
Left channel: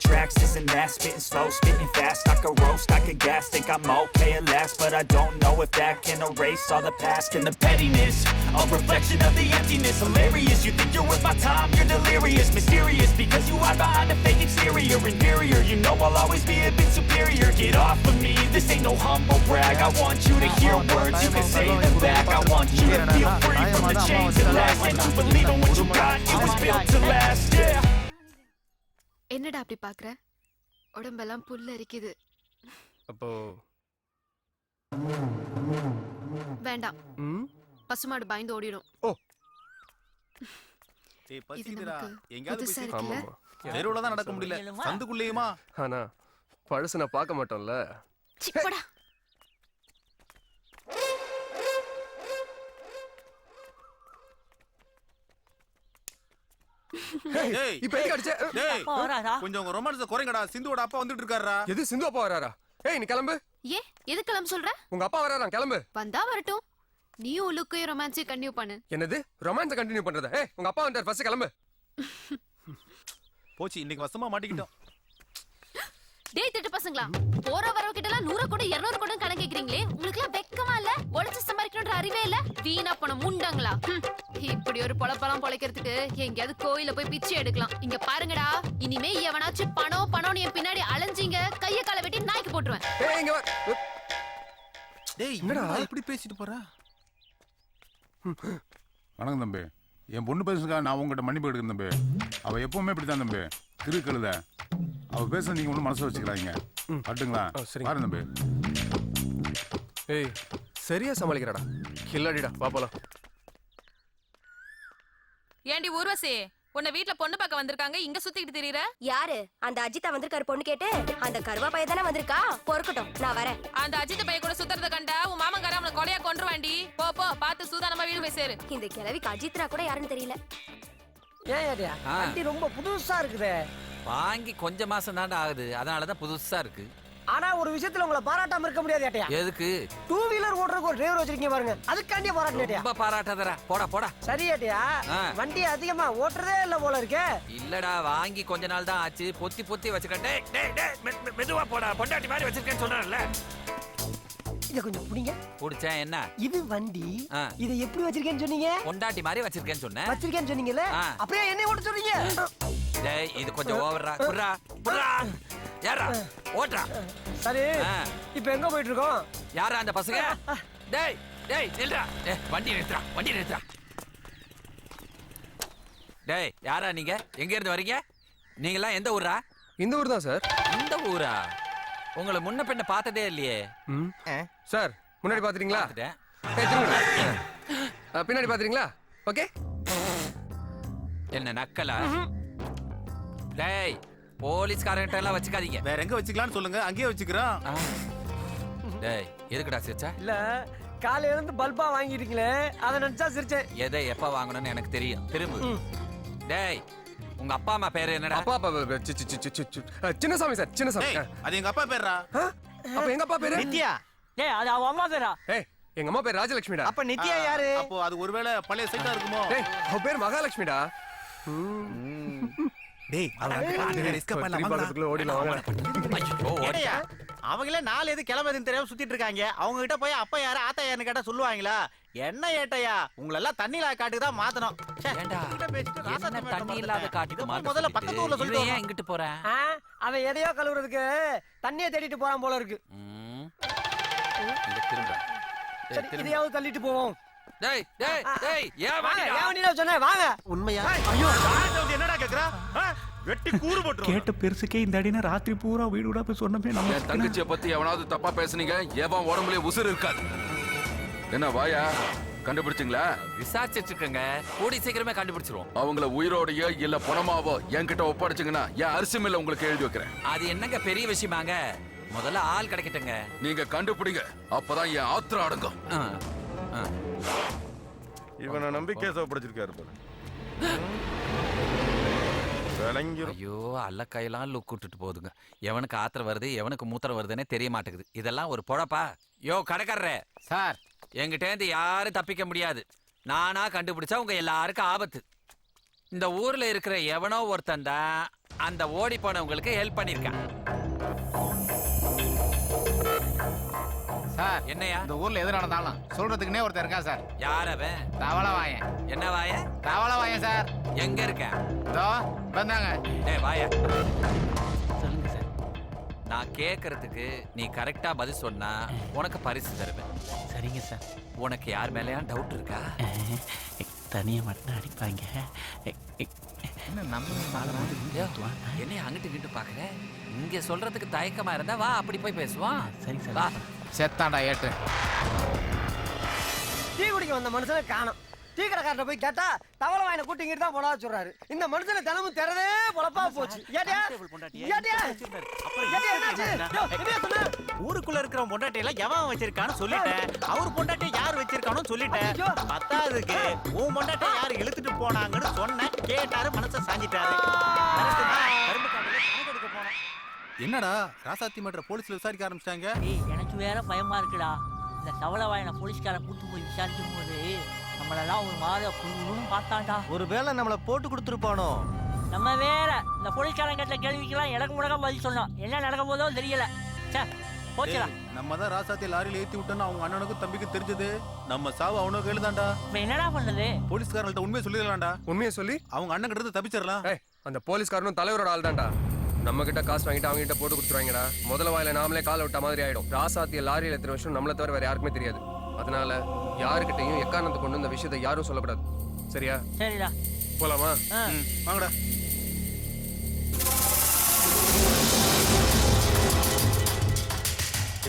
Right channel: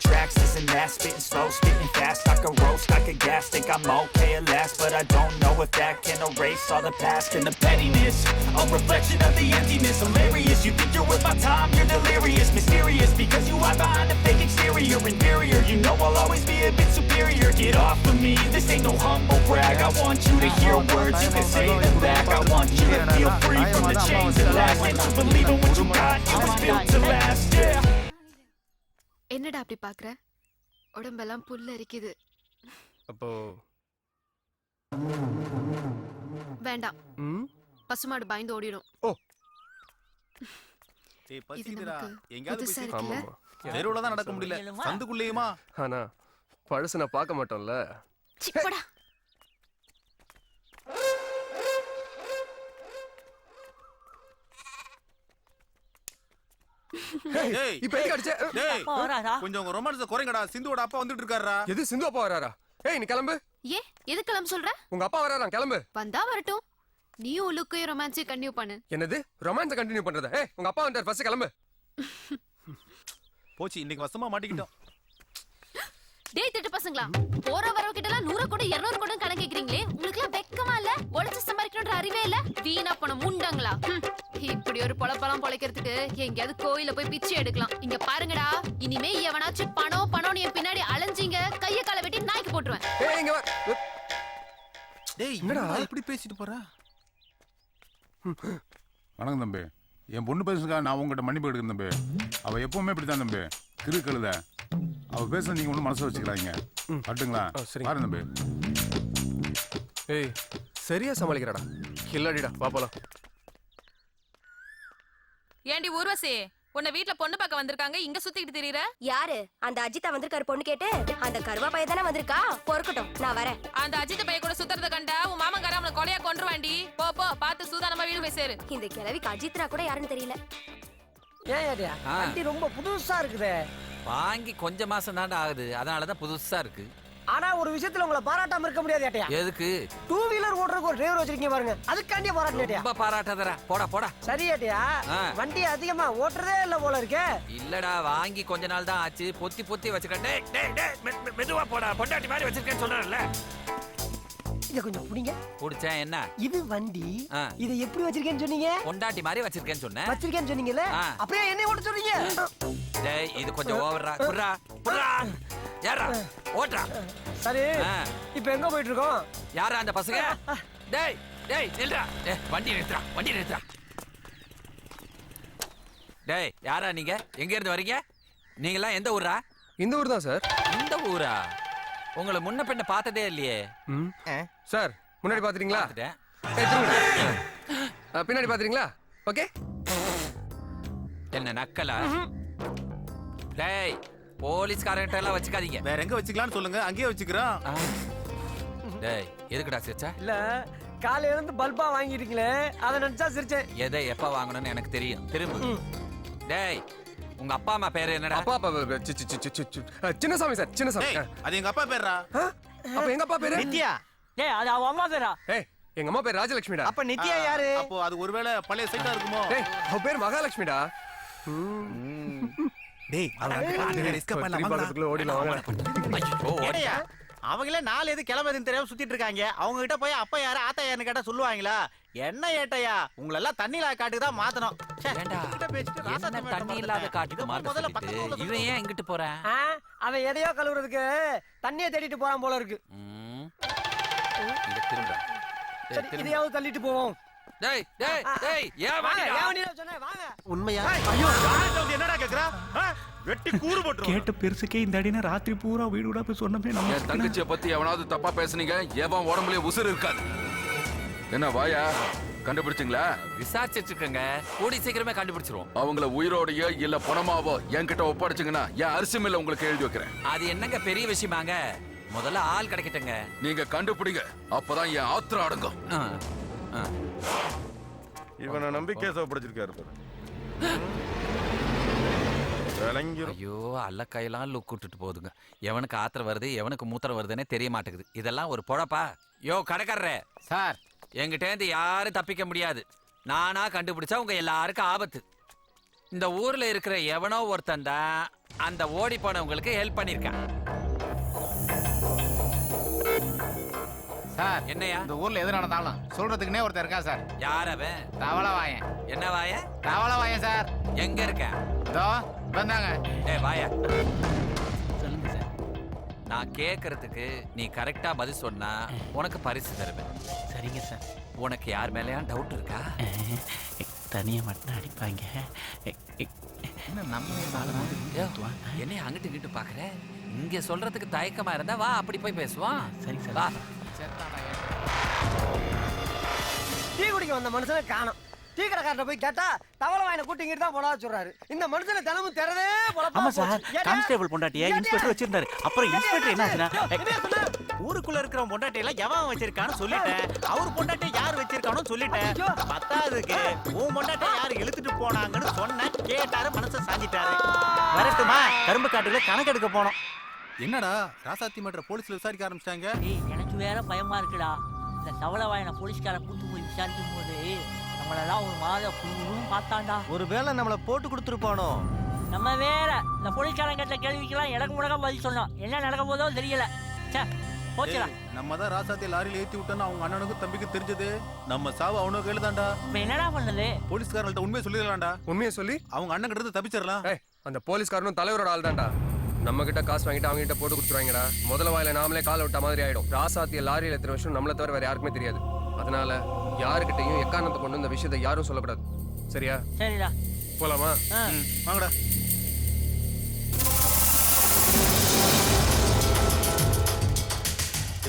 tracks, this and that. Spitting slow, spitting fast. I could roast, I could gas. Think I'm okay at last, but I don't know if that can erase all the past. And the pettiness, a reflection of the emptiness. Hilarious, you think you're worth my time, you're delirious. Mysterious, because you hide behind a fake exterior. Inferior, you know I'll always be a bit superior. Get off of me, this ain't no humble brag. I want you to hear words, you can say them back. I want you to feel free from the chains that last. And to believe in what you got, it was built to last, yeah. என்னடா அப்படி பாக்குற? உடம்பெல்லாம் புல்ல அரிக்குது. அப்போ வேண்டாம். பசுமாடு பயந்து ஓடிடும். ஓ. டேய் பசிக்குதுடா. எங்கயாவது புதுசா போய் இருக்குல்ல? தெருவுல தான் நடக்க முடியல. சந்துக்குள்ளேயுமா? ஆனா பழசு நான் பார்க்க மாட்டோம்ல. சிப்படா. டேய் இப்போ எங்க அடிச்ச? டேய் அப்பா வராரா? கொஞ்சம் உங்க ரொமான்ஸ் குறைங்கடா. சிந்துவோட அப்பா வந்துட்டு இருக்காருடா. எது சிந்து அப்பா வராரா? ஏய் நீ கிளம்பு. ஏன் எதுக்கு கிளம்ப சொல்ற? உங்க அப்பா வராராம், கிளம்பு. வந்தா வரட்டும். நீயும் லுக்கையும் ரொமான்ஸையும் கண்டினியூ பண்ணு. என்னது ரொமான்ஸ் கண்டினியூ பண்றதா? ஏய் உங்க அப்பா வந்தார், ஃபர்ஸ்ட் கிளம்பு. போச்சு, இன்னைக்கு வசமா மாட்டிக்கிட்டோம். டேய் திட்டு பசங்களா, போற வரவ கிட்ட எல்லாம் 100 கூட 200 கூட கணக்கு கேக்குறீங்களே, உங்களுக்கு எல்லாம் வெக்கமா இல்ல? உழைச்சு சம்பாதிக்கணும்ன்ற அறிவே இல்ல? வீணா போன முண்டங்களா. இப்படி ஒரு பொழப்பெல்லாம் பொழைக்கிறதுக்கு எங்கேயாவது கோயில போய் பிச்சை எடுக்கலாம். இங்க பாருங்கடா, இனிமே எவனாச்சும் பணம் பணம்னு என் பின்னாடி அலைஞ்சீங்க, கைய காலை வெட்டி நாய்க்கு போட்டுருவேன். ஏய் இங்க வா. டேய் என்னடா இப்படி பேசிட்டு போற? வணக்கம் தம்பி. என் பொண்ணு பேசுறதுக்காக நான் உங்ககிட்ட மன்னிப்பு எடுக்கிறேன் தம்பி. அவ எப்பவுமே இப்படித்தான் தம்பி, கிரு கழுத. அவ பேச நீங்க ஒன்றும் மனசு வச்சுக்கிறாங்க. கட்டுங்களா? பாருங்க தம்பி. ஏய் சரியா சமாளிக்கிறடா. கில்லாடிடா, வா போலாம். ஏண்டி ஊர்வசி, உன்னை வீட்ல பொண்ணு பார்க்க வந்திருக்காங்க, இங்க சுத்திக்கிட்டு திரியற? யாரு? அந்த அஜித்தா வந்திருக்காரு பொண்ணு கேட்டு? அந்த கருவா பைய தானே வந்திருக்கா? பொறுக்கட்டும், நான் வரேன். அந்த அஜித் பைய கூட சுத்துறத கண்டா உன் மாமங்கார அவனை கொலையா கொன்றுவாண்டி. போ போ, பார்த்து சூதானமா வீடு போய் சேரு. இந்த கிழவிக்கு அஜித்ரா கூட யாருன்னு தெரியல. ஏன் ஏடியா வண்டி ரொம்ப புதுசா இருக்குதே. வாங்கி கொஞ்ச மாசம் தாண்டா ஆகுது, அதனாலதான் புதுசா இருக்கு. ஆனா ஒரு விஷயத்துல உங்களை பாராட்டாம இருக்க முடியாது ஏட்டியா. எதுக்கு? 2 வீலர் ஓட்டுறதுக்கு ஒரு டிரைவர் வச்சிருக்கீங்க பாருங்க, அதுக்காண்டியே பாராட்டேட்டியா. ரொம்ப பாராட்டாதடா, போடா போடா. சரி ஏட்டியா, வண்டி அதிகமா ஓட்டுறதே இல்ல போல இருக்கே. இல்லடா, வாங்கி கொஞ்ச நாள் தான் ஆச்சு, பொத்தி பொத்தி வச்சிருக்கேன். டேய் டேய் டேய் மெதுவா போடா, பொண்டாட்டி மாதிரி வச்சிருக்கேன்னு சொல்றேன்ல. இத கொஞ்சம் புடிங்க. புடிச்சேன் என்ன? இது வண்டி. இத எப்படி வச்சிருக்கேன்னு சொன்னீங்க? பொண்டாட்டி மாதிரி வச்சிருக்கேன்னு சொன்னேன். வச்சிருக்கேன்னு சொன்னீங்கல, அப்படியே என்னைய ஓட்ட சொல்றீங்க? டேய் இது கொஞ்சம் ஓவரா. புறா புறா யாரா ஓட்றா. சரி இப்போ எங்க போயிட்டு இருக்கோம்? யாரா அந்த பசங்க? டேய் டேய் நில்றா. வண்டி நிறுத்துறா, வண்டி நிறுத்துறா. டேய் யாரா நீங்க? எங்க இருந்து வரீங்க? நீங்க எல்லாம் எந்த ஊரா? இந்த ஊர் தான் சார். இந்த ஊரா? உங்களை முன்ன பின்ன பார்த்ததே இல்லையே. சார் முன்னாடி பாத்துறீங்களா? ஏய் திரும்புங்க. பின்னாடி பாத்துறீங்களா? ஓகே. என்ன நக்கலா? டேய் போலீஸ்காரங்கிட்ட எல்லாம் வச்சுக்காதீங்க. வேற எங்க வச்சுக்கலாம்னு சொல்லுங்க, அங்கேயே வச்சுக்கிறோம். டேய் எதுக்குடா சிரிச்சா? இல்ல காலையில இருந்து பல்பா வாங்கிட்டீங்களே, அத நினைச்சா சிரிச்சேன். எதை எப்ப வாங்கணும்னு எனக்கு தெரியும். திரும்ப. டேய் உங்க அப்பா அம்மா பேரு என்னடா? அப்பா சின்னசாமி சார், சின்னசாமி. அது எங்க அப்பா பேர்ரா. அப்ப எங்க அப்பா பேரு நித்யா. டேய் அது அவ அம்மா பேரா? ஏய் எங்க அம்மா பேர் ராஜலட்சுமிடா. அப்ப நித்யா யாரு? அப்போ அது ஒருவேளை பழைய சைட்டா இருக்குமோ? டேய் அவ பேர் மகாலட்சுமிடா. டேய் ரிஸ்க் பண்ணலாம், ஓடிலாம் வாங்க. ஏடையா அவங்களே 4 எது கிளம்புதுன்னு தெரியாம சுத்திட்டு இருக்காங்க. அவங்க கிட்ட போய் அப்பா யாரு ஆத்தா யாருன்னு கேட்டா சொல்லுவாங்களா? என்ன ஏட்டையா உங்களை எல்லாம் தண்ணி இல்லாத காட்டுக்கு தான் மாத்தணும். ஏண்டா என்ன தண்ணி இல்லாத காட்டுக்கு முதல்ல பக்கத்து ஊர்ல இவன் ஏன் இங்கிட்டு போறேன்? அவன் எதையோ கழுவுறதுக்கு தண்ணியை தேடிட்டு போறான் போல இருக்கு. இங்க திரும்ப. சரி இதையாவது தள்ளிட்டு போவோம். டேய் டேய் டேய் ஏன் வாடா? ஏன் நீ சொன்ன வாங்க. உண்மையா? ஐயோ யார்ட்ட வந்து என்னடா கேக்குறா? வெட்டி கூறு போட்டுரும். கேட்ட பெருசுக்கே இந்த அடினா ராத்திரி பூரா வீடு விடா போய் சொன்னமே நம்ம. என் தங்கச்சியை பத்தி எவனாவது தப்பா பேசுனீங்க, எவன் உடம்புலயே உசுறு இருக்காது. என்ன வாயா கண்டுபிடிச்சிங்களா? விசாரிச்சிட்டு இருக்கங்க. கூடி சீக்கிரமே கண்டுபிடிச்சிருவோம். அவங்கள உயிரோடையோ இல்ல பணமாவோ என்கிட்ட ஒப்படைச்சிங்கன்னா என் அரிசி மில்ல உங்களுக்கு எழுதி வைக்கிறேன். அது என்னங்க பெரிய விஷயமாங்க? முதல்ல ஆள் கிடைக்கட்டுங்க. நீங்க கண்டுபிடிங்க, அப்பதான் என் ஆத்திரம் அடங்கும். இவனை நம்பி கேஸ் ஒப்படைச்சிருக்காரு பாரு. ஐயோ அல்ல கையெல்லாம் லுக் விட்டுட்டு போகுதுங்க. எவனுக்கு ஆத்திரம் வருது எவனுக்கு மூத்திரம் வருதுன்னே தெரிய மாட்டேங்குது. இதெல்லாம் ஒரு பொழப்பா? யோ கடைக்காரரே சார், என்கிட்ட இருந்து யாரும் தப்பிக்க முடியாது. நானா கண்டுபிடிச்சா உங்க எல்லாருக்கும் ஆபத்து. இந்த ஊர்ல இருக்கிற எவனோ ஒருத்தன் தான் அந்த ஓடி போனவங்களுக்கு ஹெல்ப் பண்ணிருக்கான். சார் என்னையா இந்த ஊர்ல எது நடந்தாலும் சொல்றதுக்குன்னே ஒருத்தர் இருக்கா சார். யார் அவன்? தவளை வாயன். என்ன வாய? தவளை வாயன் சார். எங்க இருக்க? இதோ வந்தாங்க. டேய் வாயா. சொல்லுங்க சார். நான் கேக்குறதுக்கு நீ கரெக்டா பதில் சொன்னா உனக்கு பரிசு தருவேன். சரிங்க சார். உனக்கு யார் மேலயா டவுட் இருக்கா? தனியா மட்டும் அடிப்பாங்க. என்ன நம்ம என்னை அங்கிட்டு இங்கிட்டு பாக்குற? இங்க சொல்றதுக்கு தயக்கமா இருந்தா வா அப்படி போய் பேசுவான். சரி சார் வா. செத்தாண்டா ஏட்டு. டீ குடிக்க வந்த மனுஷனை காணோம். டீ கடைக்காரட்ட போய் கேட்டா தவளை வாயின கூட்டிங்கிட்டு தான் போனா சொல்றாரு. இந்த மனுஷனை தினமும் திறதே பொழப்பா போச்சு. கான்ஸ்டேபிள் பொண்டாட்டியை இன்ஸ்பெக்டர் வச்சிருந்தாரு. அப்புறம் இன்ஸ்பெக்டர் என்ன ஊருக்குள்ள இருக்கிற பொண்டாட்டி எல்லாம் எவன் வச்சிருக்கான்னு சொல்லிட்டேன். அவர் பொண்டாட்டியை யார் வச்சிருக்கானு சொல்லிட்டேன். பத்தாவதுக்கு உன் பொண்டாட்டியை யார் இழுத்துட்டு போனாங்கன்னு சொன்னேன். கேட்டாரு மனசை சாஞ்சிட்டாரு. வரட்டுமா கரும்பு காட்டுல கணக்கு எடுக்க போனோம். என்னடா ராசாத்தி மன்ற போலீஸ்ல விசாரிக்க ஆரம்பிச்சிட்டாங்க. எனக்கு வேற பயமா இருக்குடா. இந்த தவளை வாயின போலீஸ்காரன் கூட்டு போய் விசாரிக்கும் போது நம்மளெல்லாம் ஒரு மாதிரி குழுவும் பார்த்தாண்டா. ஒருவேளை நம்மள போட்டு கொடுத்துருப்பானோ. நம்ம வேற இந்த போலீஸ்காரன் கேட்ட கேள்விக்கெல்லாம் எனக்கு முடக்க பதில் சொன்னோம். என்ன நடக்க போதோ தெரியல. போச்சுடா. நம்ம தான் ராசாத்தி லாரியில ஏத்தி விட்டோன்னு அவங்க அண்ணனுக்கும் தம்பிக்கு தெரிஞ்சது. நம்ம சாவு அவனுக்கு கையில தான்டா. இப்ப என்னடா பண்றது? போலீஸ்காரங்கள்ட்ட உண்மையை சொல்லிடலாம்டா. உண்மையை சொல்லி அவங்க அண்ணன் கிட்ட இருந்து தப்பிச்சிடலாம். அந்த போலீஸ்காரனும் தலைவரோட ஆள் தான்டா. நம்ம கிட்ட காசு வாங்கிட்டு அவங்க கிட்ட போட்டு கொடுத்துருவாங்கடா. முதல்ல வாயில நாமளே கால விட்ட மாதிரி ஆயிடும். ராசாத்திய லாரியில எத்தனை விஷயம் நம்மளை தவிர வேற யாருக்குமே தெரியாது. அதனால யாருக்கிட்டையும் எக்காரணத்தை கொண்டு இந்த விஷயத்தை யாரும் சொல்லக்கூடாது. சரியா? சரிடா. போலாமா? வாங்கடா.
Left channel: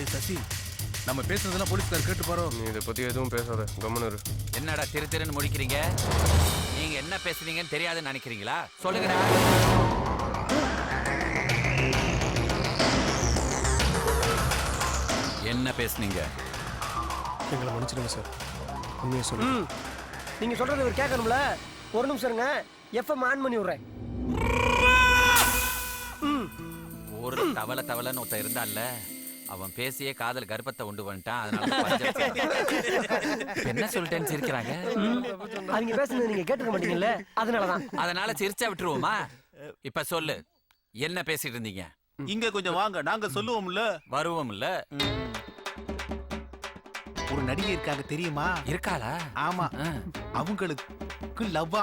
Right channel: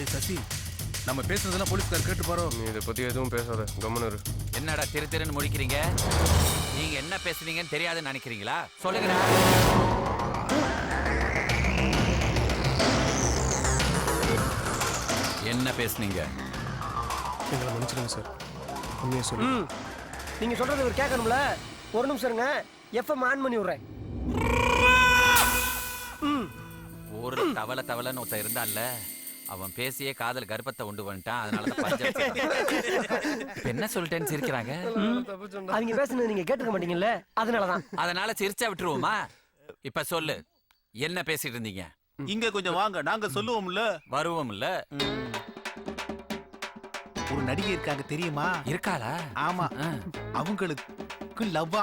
ஏய் சசி, நம்ம பேசுறதெல்லாம் போலீஸ்கார் கேட்டு பாரோ. நீ இதை பத்தி எதுவும் பேசாத, கம்முனு இரு. என்னடா திரு திருன்னு முடிக்கிறீங்க? நீங்க என்ன பேசுறீங்கன்னு தெரியாதுன்னு நினைக்கிறீங்களா? சொல்லுங்கடா. என்ன பேசுனீங்க? எங்களை மன்னிச்சிடுங்க சார். உண்மையை சொல்லு. நீங்க சொல்றது இவர் கேட்கணும்ல. ஒரு நிமிஷம் இருங்க. எஃப்எம் ஆன் பண்ணி விடுறேன். ஒரு தவளைன்னு ஒருத்தன் இருந்தான்ல, அவன் பேசியே காதல் கர்ப்பத்தை உண்டு பண்ணிட்டான். அதனால என்ன சொல்லிட்டேன்னு சிரிக்கிறாங்க. அவங்க பேசுனது நீங்க கேட்டுக்க மாட்டீங்கல்ல, அதனாலதான். அதனால சிரிச்சா விட்டுருவோமா? இப்ப சொல்லு, என்ன பேசிட்டு இருந்தீங்க? இங்க கொஞ்சம் வாங்க, நாங்க சொல்லுவோம்ல. வருவோம்ல. ஒரு நடிகை இருக்காங்க தெரியுமா? இருக்காளா? ஆமா. அவங்களுக்கு லவ்வா.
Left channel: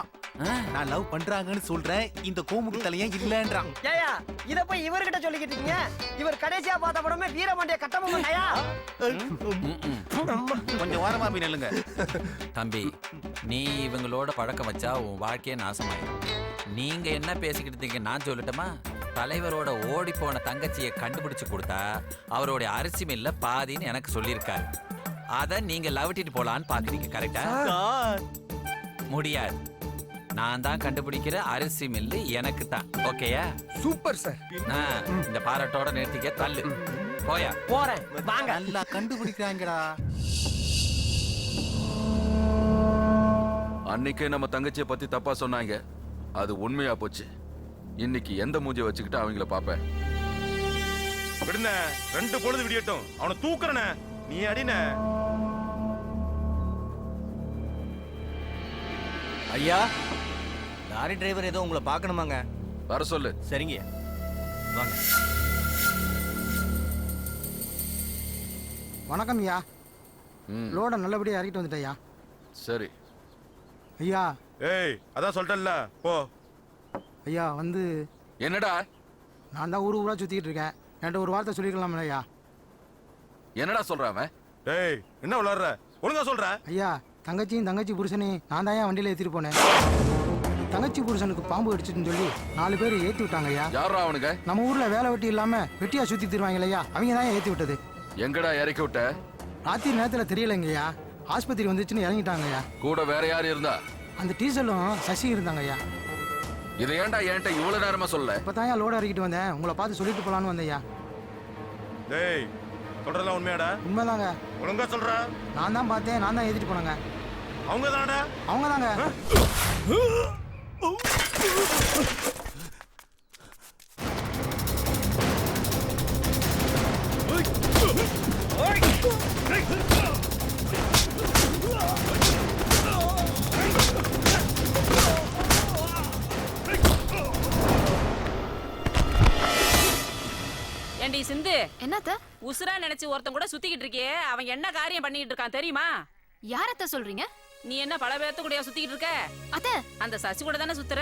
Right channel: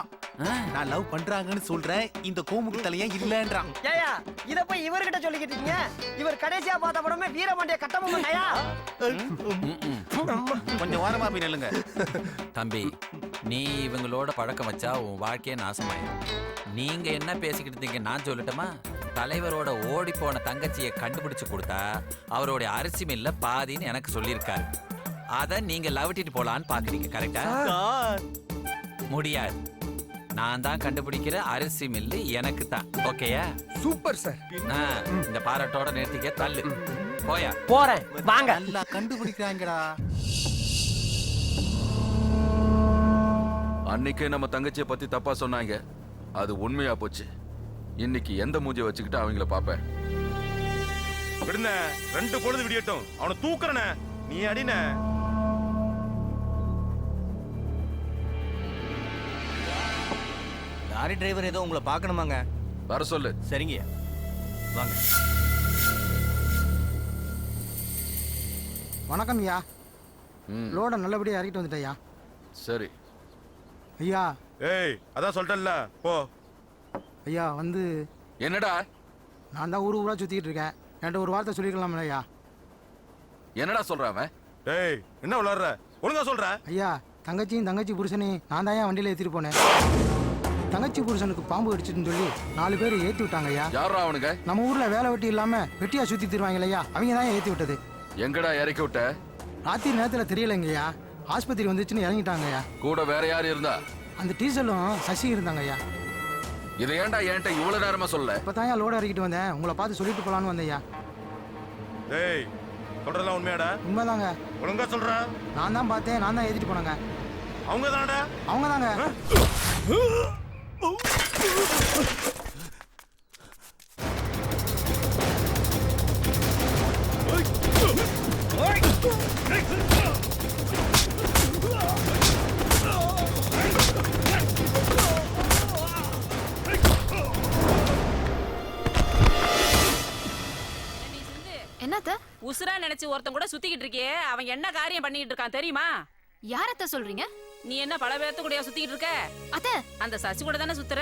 நான் லவ் பண்றாங்கன்னு சொல்றேன். இந்த கோமுக்கு தலையா இல்லன்றான். ஏயா இத போய் இவர்கிட்ட சொல்லிக்கிட்டு இருக்கீங்க? இவர் கடைசியா பார்த்த படமே வீரபாண்டிய கட்டபொம்மன்யா. கொஞ்சம் வாரமா போய் நில்லுங்க. தம்பி, நீ இவங்களோட பழக்கம் வச்சா உன் வாழ்க்கையே நாசமாயிடும். நீங்க என்ன பேசிக்கிட்டு இருக்கீங்க நான் சொல்லட்டுமா? தலைவரோட ஓடி போன தங்கச்சியை கண்டுபிடிச்சு கொடுத்தா அவரோட அரிசி மில்ல பாதின்னு எனக்கு சொல்லியிருக்காரு. அத நீங்க லவட்டிட்டு போலான்னு பாக்குறீங்க. கரெக்டா? முடியாது. நான் தான் கண்டுபிடிக்கிற அரிசி மில்லு எனக்கு தான். ஓகேயா? Super sir. இந்த பாராட்டோட நிறுத்திக்க. தள்ளு போயா. போறேன் வாங்க. நல்லா கண்டுபிடிக்கிறாங்கடா. அன்னைக்கே நம்ம தங்கச்சியை பத்தி தப்பா சொன்னாங்க. அது உண்மையா போச்சு. இன்னைக்கு எந்த மூஞ்சிய வச்சுக்கிட்டு அவங்கள பாப்பேன். விடுன 2 பொழுது விடியட்டும். அவனை தூக்குறன. நீ அடின. ஐயா, லாரி டிரைவர் ஏதோ உங்களை பார்க்கணுமாங்க. வர சொல்லு. சரிங்க, வாங்க. வணக்கம் ஐயா. லோட நல்லபடியா இறக்கிட்டு வந்துட்டேயா. சரி ஐயா. ஏய், அதான் சொல்லிட்டல்ல, போ. ஐயா வந்து என்னடா? நான் தான் ஊரா சுத்திட்டு இருக்கேன். என்கிட்ட ஒரு வார்த்தை சொல்லிக்கலாம்ல ஐயா? என்னடா சொல்றான் அவன்? டேய், என்ன விளையாடுற? ஒழுங்கா சொல்ற. ஐயா, தங்கச்சி புருஷனையும் நான் தான் வண்டியில ஏத்திட்டு போனேன். தங்கச்சி புருஷனுக்கு பாம்பு அடிச்சுட்டுன்னு சொல்லி 4 பேர் ஏத்தி விட்டாங்க ஐயா. யாரா அவனுங்க? நம்ம ஊர்ல வேலை வெட்டி இல்லாம வெட்டியா சுத்தி தருவாங்க ஐயா. அவங்க தான் ஏத்தி விட்டது. எங்கடா இறக்கி விட்ட? ராத்திரி நேரத்துல தெரியலங்க ஐயா. ஆஸ்பத்திரி வந்துச்சுன்னு இறங்கிட்டாங்க ஐயா. கூட வேற யார் இருந்தா? அந்த டீசலும் சசி இருந்தாங்க ஐயா. இதை ஏன்டா என்கிட்ட இவ்வளவு நேரமா சொல்ல? இப்பதான் லோட இறக்கிட்டு வந்தேன். உங்களை பார்த்து சொல்லிட்டு போலான்னு வந்தேன் ஐயா. டேய், சொல்றதெல்லாம் உண்மையாடா? உண்மைதாங்க. ஒழுங்கா சொல்ற. நான் தான் பார்த்தேன். நான் தான் ஏத்திட்டு போனேங்க. அவங்க தானடா? அவங்க தாங்க. ஏண்டி சிந்து, என்னத்த உசுரா நினைச்சு ஒருத்தன் கூட சுத்திக்கிட்டு இருக்கியே, அவன் என்ன காரியம் பண்ணிட்டு இருக்கான் தெரியுமா? யாரத்த சொல்றீங்க? நீ என்ன பல பேர்த்து கூடயா சுத்திக்கிட்டு இருக்க? அத்த, அந்த சசி கூட தானே சுத்துற?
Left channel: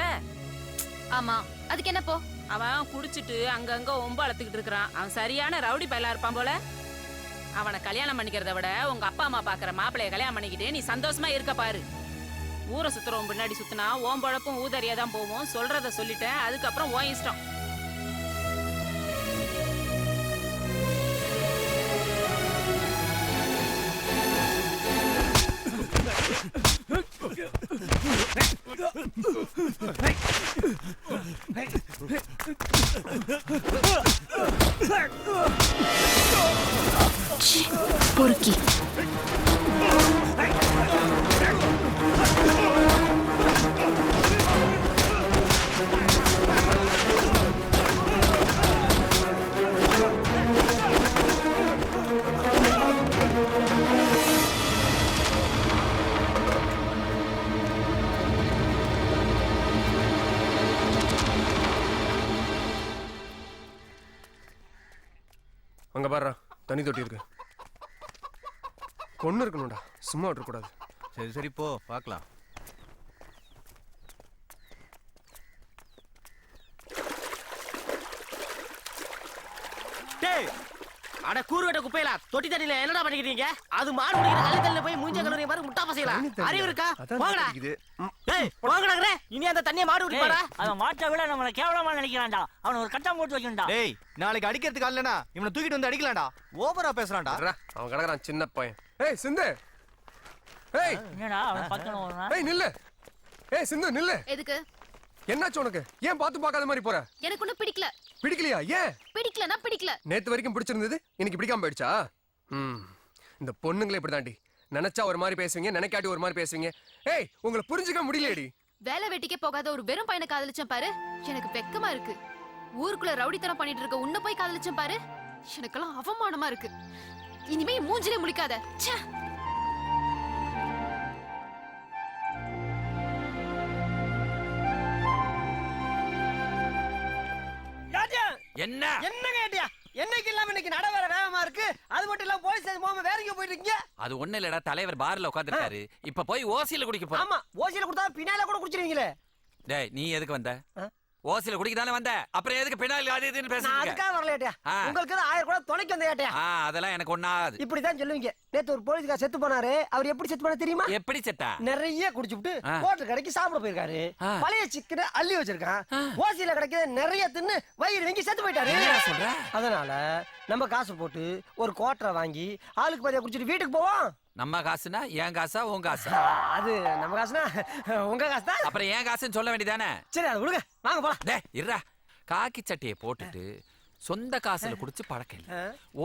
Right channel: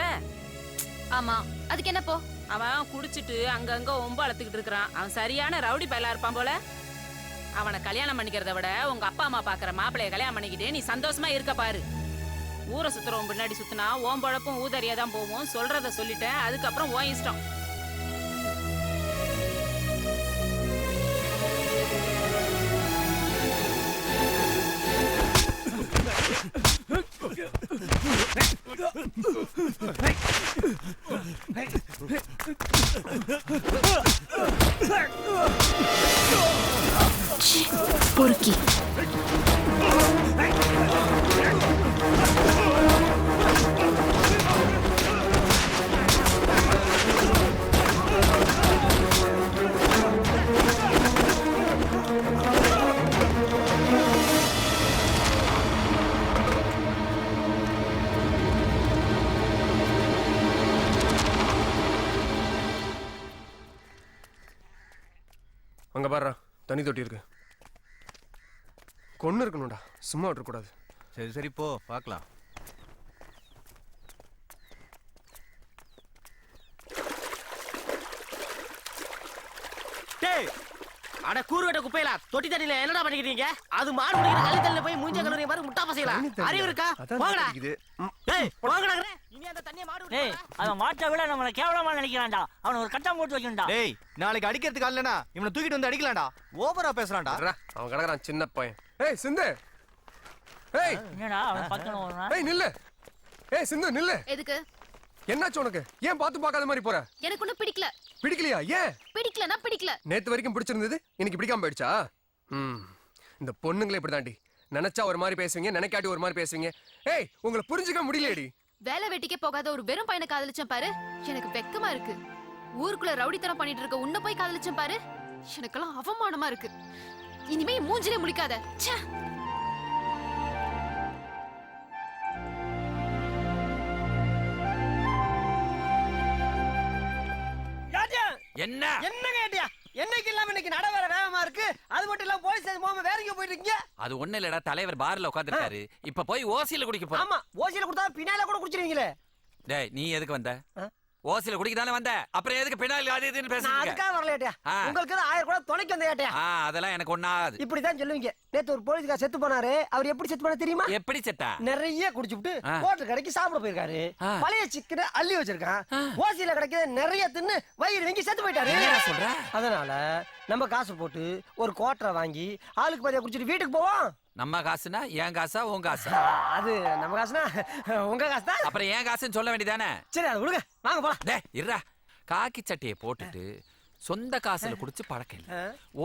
ஆமா, அதுக்கு என்ன போ? அவன் குடிச்சிட்டு அங்கங்க ஒம்பு அழுத்துக்கிட்டு இருக்கான். அவன் சரியான ரவுடி பயலா இருப்பான் போல. அவனை கல்யாணம் பண்ணிக்கிறத விட உங்க அப்பா அம்மா பாக்குற மாப்பிள்ளைய கல்யாணம் பண்ணிக்கிட்டு நீ சந்தோஷமா இருக்க பாரு. ஊரை சுத்துறவன் பின்னாடி சுத்தினா ஓம் பழப்பும் ஊதறியா தான் போவோம். சொல்றத சொல்லிட்டேன், அதுக்கப்புறம் ஓ இஷ்டம். பொறுக்கி. அங்க பாரு, தண்ணி தொட்டி இருக்கு. கொன்னு இருக்கணும்டா, சும்மா விட்டுறக்கூடாது. சரி சரி, போ பார்க்கலாம். டேய், அட கூறுகட்ட குப்பையில தொட்டி தண்ணில என்னடா பண்ணிக்கிறீங்க? அது மாடு குடிக்கிற கள்ளி தண்ணில போய் மூஞ்ச கழுவுறீங்க பாரு, முட்டா பசங்களா. அறிவு இருக்கா? போங்கடா. டேய், போங்கடா. இனி அந்த தண்ணிய மாடு குடிப்பாரா? அவன் மாட்டை விட நம்மள கேவலமா நினைக்கிறான்டா. அவன் ஒரு கட்டம் போட்டு வச்சிருந்தா. டேய், நாளைக்கு அடிக்கிறதுக்கு அல்லனா இவனை தூக்கிட்டு வந்து அடிக்கலாம்டா. ஓவரா பேசுறான்டா. அவன் கிடக்குறான் சின்ன பையன். ஏய் சிந்து, ஏய் என்னடா அவன் பக்கன ஓடுறான்? ஏய் நில்லு. ஏய் சிந்து நில்லு. எதுக்கு? என்னாச்சு உனக்கு? ஏன் பாத்து பார்க்காத மாதிரி போற? எனக்கு ஒன்னும் பிடிக்கல. பிடிக்கலையா? ஏன்? பிடிக்கலனா பிடிக்கல. நேத்து வரைக்கும் பிடிச்சிருந்தது, இன்னைக்கு பிடிக்காம போயிடுச்சா? இந்த பொண்ணுங்களே இப்படிதாண்டி. நினைச்சா ஒரு மாதிரி பேசுவீங்க, நினைக்காட்டி ஒரு மாதிரி பேசுவீங்க. ஏய், உங்களை புரிஞ்சுக்க முடியலடி. வேலை வெட்டிக்கே போகாத ஒரு வெறும் பையனை காதலிச்சேன் பாரு, எனக்கு வெக்கமா இருக்கு. ஊருக்குள்ள ரவுடித்தனம் பண்ணிட்டு இருக்க உன்னை போய் காதலிச்சேன் பாரு, எனக்கெல்லாம் அவமானமா இருக்கு. இனிமே மூஞ்சிலே முழிக்காத. ச்சே. என்ன என்ன கேட்டியா? என்னைக்கு இல்லாம இன்னைக்கு நட வேற வேகமா இருக்கு. அது மட்டும் இல்லாம போலீஸ் ஸ்டேஷன் போகாம வேற எங்க போயிட்டு இருக்கீங்க? அது ஒண்ணு இல்லடா, தலைவர் பார்ல உட்கார்ந்திருக்காரு. இப்ப போய் ஓசில குடிக்க போ. ஆமா, ஓசில குடுத்தா பின்னால கூட குடிச்சிருவீங்களே. டேய், நீ எதுக்கு வந்த? ஓசில குடிக்க தானே வந்த. அப்புறம் எதுக்கு பின்னால அது இதுன்னு நான் பேசுறீங்க? அதுக்காக வரலையா? உங்களுக்கு 1000 கூட துணைக்கு வந்த ஏட்டியா? அதெல்லாம் எனக்கு ஒண்ணாது. இப்படிதான் சொல்லுவீங்க. நேத்து ஒரு போலீஸ்கார செத்து போனாரு. அவர் எப்படி செத்து போனா தெரியுமா? எப்படி செத்தா? நிறைய குடிச்சுட்டு ஹோட்டல் கடைக்கு சாப்பிட போயிருக்காரு. பழைய சிக்கனை அள்ளி வச்சிருக்கான். ஓசியில கிடைக்கிற நிறைய தின்னு வயிறு வெங்கி செத்து போயிட்டாரு. என்ன சொல்ற? அதனால நம்ம காசு போட்டு ஒரு கோட்டரை வாங்கி ஆளுக்கு பாதியா குடிச்சிட்டு வீட்டுக்கு போவோம். நம்ம காசுனா என் காசா உன் காசா? அது நம்ம காசுனா உங்க காசு தான். அப்புறம் என் காசுன்னு சொல்ல வேண்டியதானே? சரி, அதை விடுங்க, வாங்க போலாம். டேய் இருடா, காக்கி சட்டையை போட்டுட்டு சொந்த காசுல குடிச்சு பழக்கம் இல்ல,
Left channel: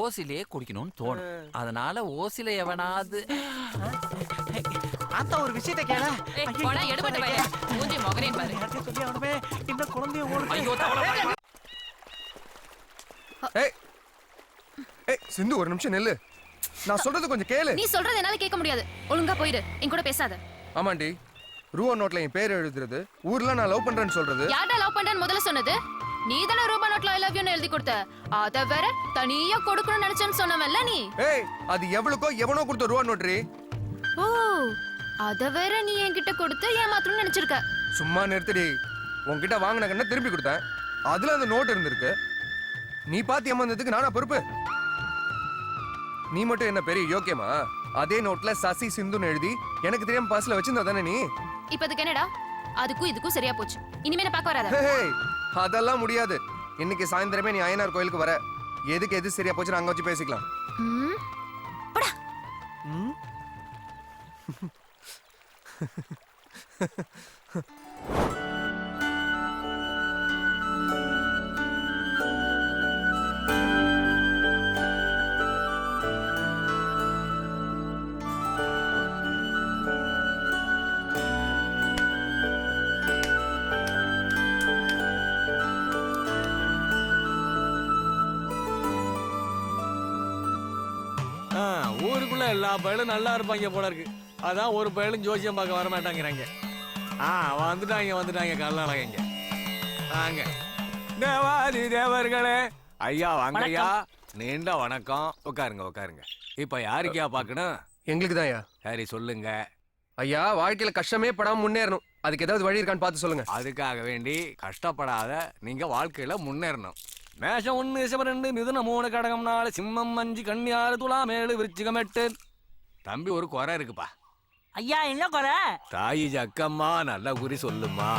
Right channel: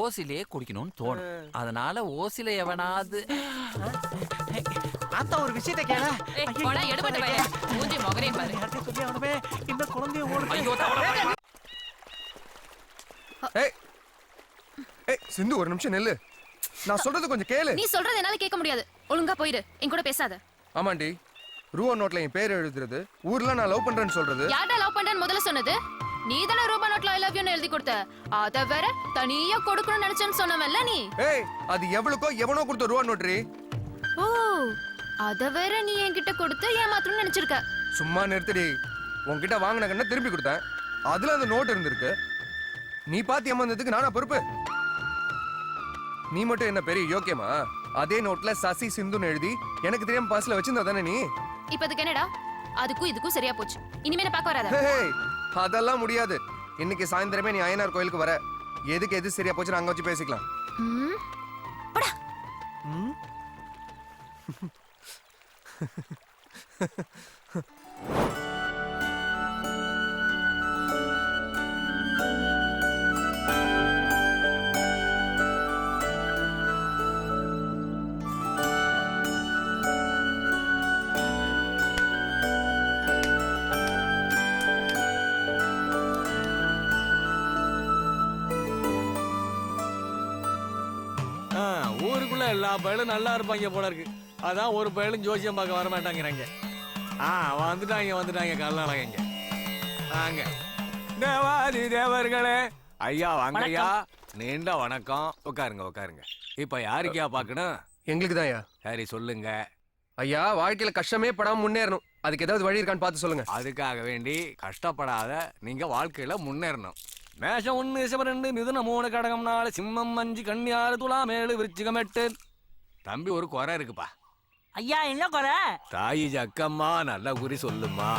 ஓசிலேயே குடிக்கணும்னு தோணும். அதனால ஓசில எவனாவது ஆத்தா ஒரு விஷயத்தை கேள. போடா எடுபட்ட பையன் மூஞ்சி மொகரையும் பாரு. சொல்லி அவனே இந்த குழந்தைய ஓடு. ஐயோ தவளை. ஏய் ஏய் சிந்து ஒரு நிமிஷம் நில்லு. நான் சொல்றது கொஞ்சம் கேளு. நீ சொல்றது என்னால கேட்க முடியாது. ஒழுங்கா போயிடு. என் கூட பேசாத. ஆமாண்டி, ரூபா நோட்ல என் பேர் எழுதுறது, ஊர்ல நான் லவ் பண்றேன்னு சொல்றது. யார்டா லவ் பண்றேன்னு முதல்ல சொன்னது? நீ தானே ரூபா நோட்ல ஐ லவ் யூன்னு எழுதி கொடுத்த. அத வேற தனியா கொடுக்கணும்னு நினைச்சேன்னு சொன்னவல்ல நீ. ஏய் அது எவ்வளவுக்கோ எவனோ கொடுத்த ரூபா நோட்ரி. ஓ அத வேற நீ என்கிட்ட கொடுத்து ஏமாத்தணும்னு நினைச்சிருக்க. சும்மா நிறுத்தடி. உன்கிட்ட வாங்கின கண்ண திருப்பி கொடுத்தேன், அதுல அந்த நோட் இருந்திருக்கு. நீ பாத்து ஏமாந்ததுக்கு நானா பொறுப்பு? நீ மட்டும் என்ன பெரிய யோக்கியமா? அதே நோட்ல சசி சிந்துன்னு எழுதி எனக்கு தெரியாம பாஸ்ல வச்சிருந்தா தானே நீ. இப்ப அதுக்கு என்னடா? அதுக்கும் இதுக்கும் சரியா போச்சு. இனிமே என்ன பார்க்க வராத. அதெல்லாம் முடியாது. இன்னைக்கு சாயந்தரமே நீ அய்யனார் கோயிலுக்கு வர. எதுக்கு எது சரியா போச்சு அங்க வச்சு பேசிக்கலாம். போடா. ஊருக்குள்ள எல்லா பயலும் நல்லா இருப்பாங்க போல இருக்கு. அதான் ஒரு பயலும் ஜோசியம் பார்க்க வர மாட்டாங்கிறாங்க. வந்துட்டாங்க கல்லாளங்க. வாங்க தேவாதி தேவர்களே, ஐயா வாங்க ஐயா. நீண்ட வணக்கம். உட்காருங்க. இப்ப யாருக்கையா பாக்கணும்? எங்களுக்கு தான் ஐயா. சரி சொல்லுங்க ஐயா. வாழ்க்கையில கஷ்டமே படாம முன்னேறணும், அதுக்கு ஏதாவது வழி இருக்கான்னு பார்த்து சொல்லுங்க. அதுக்காக வேண்டி கஷ்டப்படாத நீங்க வாழ்க்கையில முன்னேறணும். மேஷம் 1 ரிஷபம் 2 மிதுனம் 3 கடகம் 4 சிம்மம் 5 கன்னி 6 துலாம் 7 விருச்சிகம் 8. தம்பி ஒரு குறை இருக்குப்பா. ஐயா என்ன குறை? தாயி ஜக்கம்மா நல்ல குறி சொல்லுமா.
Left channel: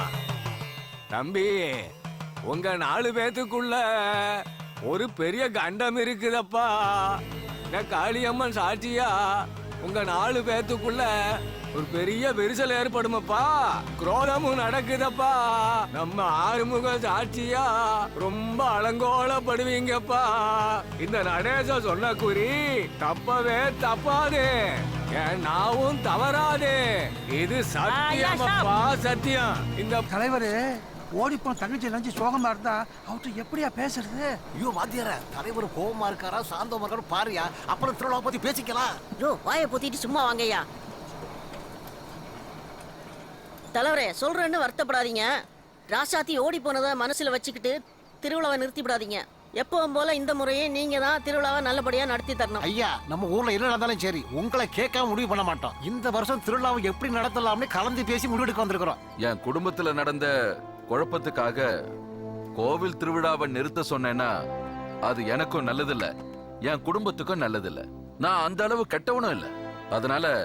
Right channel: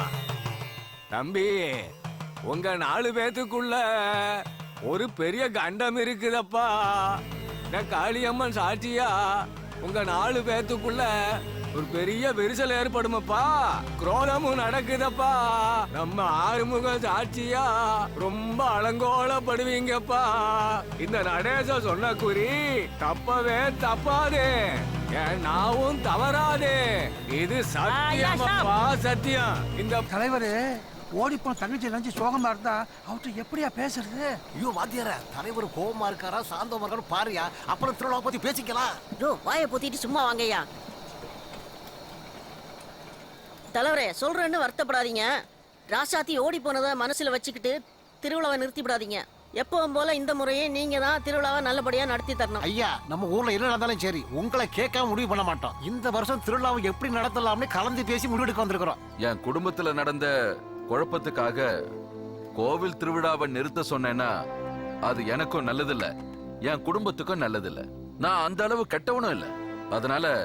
தம்பி உங்க 4 பேத்துக்குள்ள ஒரு பெரிய கண்டம் இருக்குதப்பா. இந்த காளியம்மன் சாட்சியா உங்க 4 பேத்துக்குள்ள ஒரு பெரிய விரிசல் ஏற்படுமப்பா. குரோதமும் நடக்குதப்பா. நம்ம ஆறுமுக சாட்சியா ரொம்ப அலங்கோலப்படுவீங்கப்பா. இந்த நடேச சொன்ன குறி தப்பவே தப்பாது, நாவும் தவறாது. இது சத்தியமப்பா சத்தியம். இந்த தலைவர் ஓடிப்போன தங்கச்சி நினைச்சு சோகமா இருந்தா அவர்கிட்ட எப்படியா பேசுறது? ஐயோ வாத்தியார, தலைவர் கோவமா இருக்காரா சாந்தமா இருக்காரு பாருயா, அப்புறம் திருவிழா பத்தி பேசிக்கலாம். ஐயோ வாயை பொத்திட்டு சும்மா வாங்கய்யா. தலைவரே சொல்றேன்னு வருத்தப்படாதீங்க. ராசாத்தி ஓடி போனதை மனசுல வச்சுக்கிட்டு திருவிழாவை நிறுத்திவிடாதீங்க. எப்பவும் போல இந்த முறையே நீங்க தான் திருவிழாவை நல்லபடியா நடத்தி தரணும். ஐயா நம்ம ஊர்ல என்ன நடந்தாலும் சரி உங்களை கேட்காம முடிவு பண்ண மாட்டோம். இந்த வருஷம் திருவிழாவை எப்படி நடத்தலாம்னு கலந்து பேசி முடிவெடுக்க வந்திருக்கிறோம். என் குடும்பத்துல நடந்த குழப்பத்துக்காக கோவில் திருவிழாவை நிறுத்த சொன்னேன்னா அது எனக்கும் நல்லதில்ல, என் குடும்பத்துக்கும் நல்லதில்ல. நான் அந்த அளவு கெட்டவனும் இல்ல. அதனால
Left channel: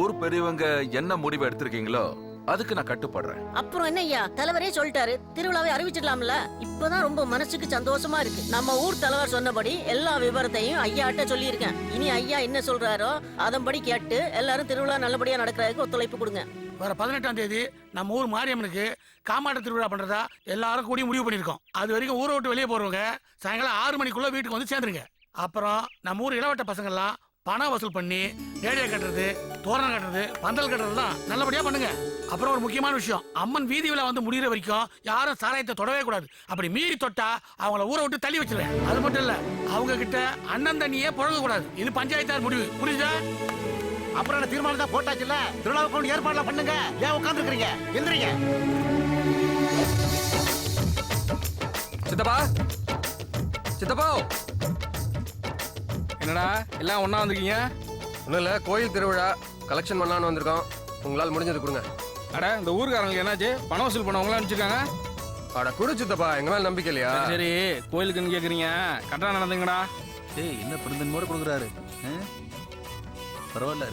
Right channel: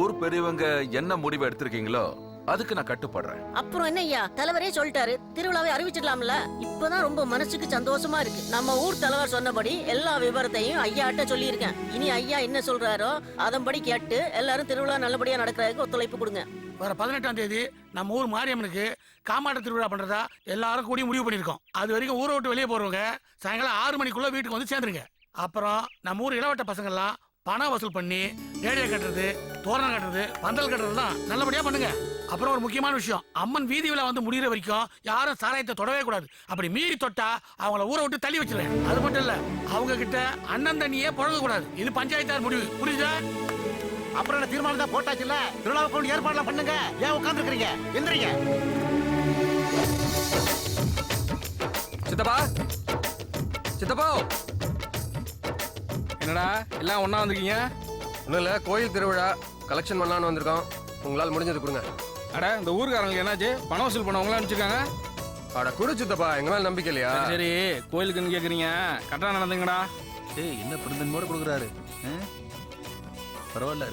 ஊர் பெரியவங்க என்ன முடிவு எடுத்திருக்கீங்களோ அதுக்கு நான் கட்டுப்படுறேன். அப்புறம் என்ன ஐயா, தலைவரே சொல்லிட்டாரு, திருவிழாவை அறிவிச்சிடலாம்ல. இப்பதான் ரொம்ப மனசுக்கு சந்தோஷமா இருக்கு. நம்ம ஊர் தலைவர் சொன்னபடி எல்லா விவரத்தையும் ஐயாட்ட சொல்லியிருக்கேன். இனி ஐயா என்ன சொல்றாரோ அதன்படி கேட்டு எல்லாரும் திருவிழா நல்லபடியா நடக்கிறதுக்கு ஒத்துழைப்பு கொடுங்க. வர 18ஆம் தேதி நம்ம ஊர் மாரியம்மனுக்கு காமாட்ட திருவிழா பண்றதா எல்லாரும் கூடி முடிவு பண்ணிருக்கோம். அது வரைக்கும் ஊரை விட்டு வெளியே போறவங்க சாயங்காலம் 6 மணிக்குள்ள வீட்டுக்கு வந்து சேர்ந்துருங்க. அப்புறம் நம்ம ஊர் இளவட்ட பசங்க எல்லாம் பணம் வசூல் பண்ணி ரேடியோ கட்டுறது, தோரணம் கட்டுறது, பந்தல் கட்டுறதுலாம் நல்லபடியா பண்ணுங்க. அப்புறம் ஒரு முக்கியமான விஷயம், அம்மன் வீதி விழா வந்து முடிகிற வரைக்கும் யாரும் சாராயத்தை தொடவே கூடாது. அப்படி மீறி தொட்டா அவங்கள ஊரை விட்டு தள்ளி வச்சிருவேன். அது மட்டும் இல்ல, அவங்க கிட்ட அண்ணன் தண்ணியே புழங்க கூடாது. இது பஞ்சாயத்தார் முடிவு, புரியுதா? அப்புறம் என்ன தீர்மானம் தான் போட்டாச்சுல்ல, திருவிழாவுக்கு ஏற்பாடுலாம் பண்ணுங்க. ஏன் உட்கார்ந்து இருக்கீங்க? எந்திரிங்க. சித்தப்பா சித்தப்பா. என்னடா எல்லாம் ஒண்ணா வந்திருக்கீங்க? ஒன்றும் இல்லை, கோயில் திருவிழா கலெக்ஷன் பண்ணலான்னு வந்திருக்கோம். உங்களால் முடிஞ்சது கொடுங்க. அட இந்த ஊருக்காரங்களுக்கு என்னாச்சு? பணம் வசூல் பண்ணவங்களா அனுப்பிச்சிருக்காங்க. அட குடு சித்தப்பா, எங்க மேல நம்பிக்கை இல்லையா? சரி கோயிலுக்குன்னு கேக்குறீங்க, கரெக்டா நடந்துங்கடா. ஏய் என்ன பெருந்தன்மையோட கொடுக்குறாரு. பரவாயில்ல,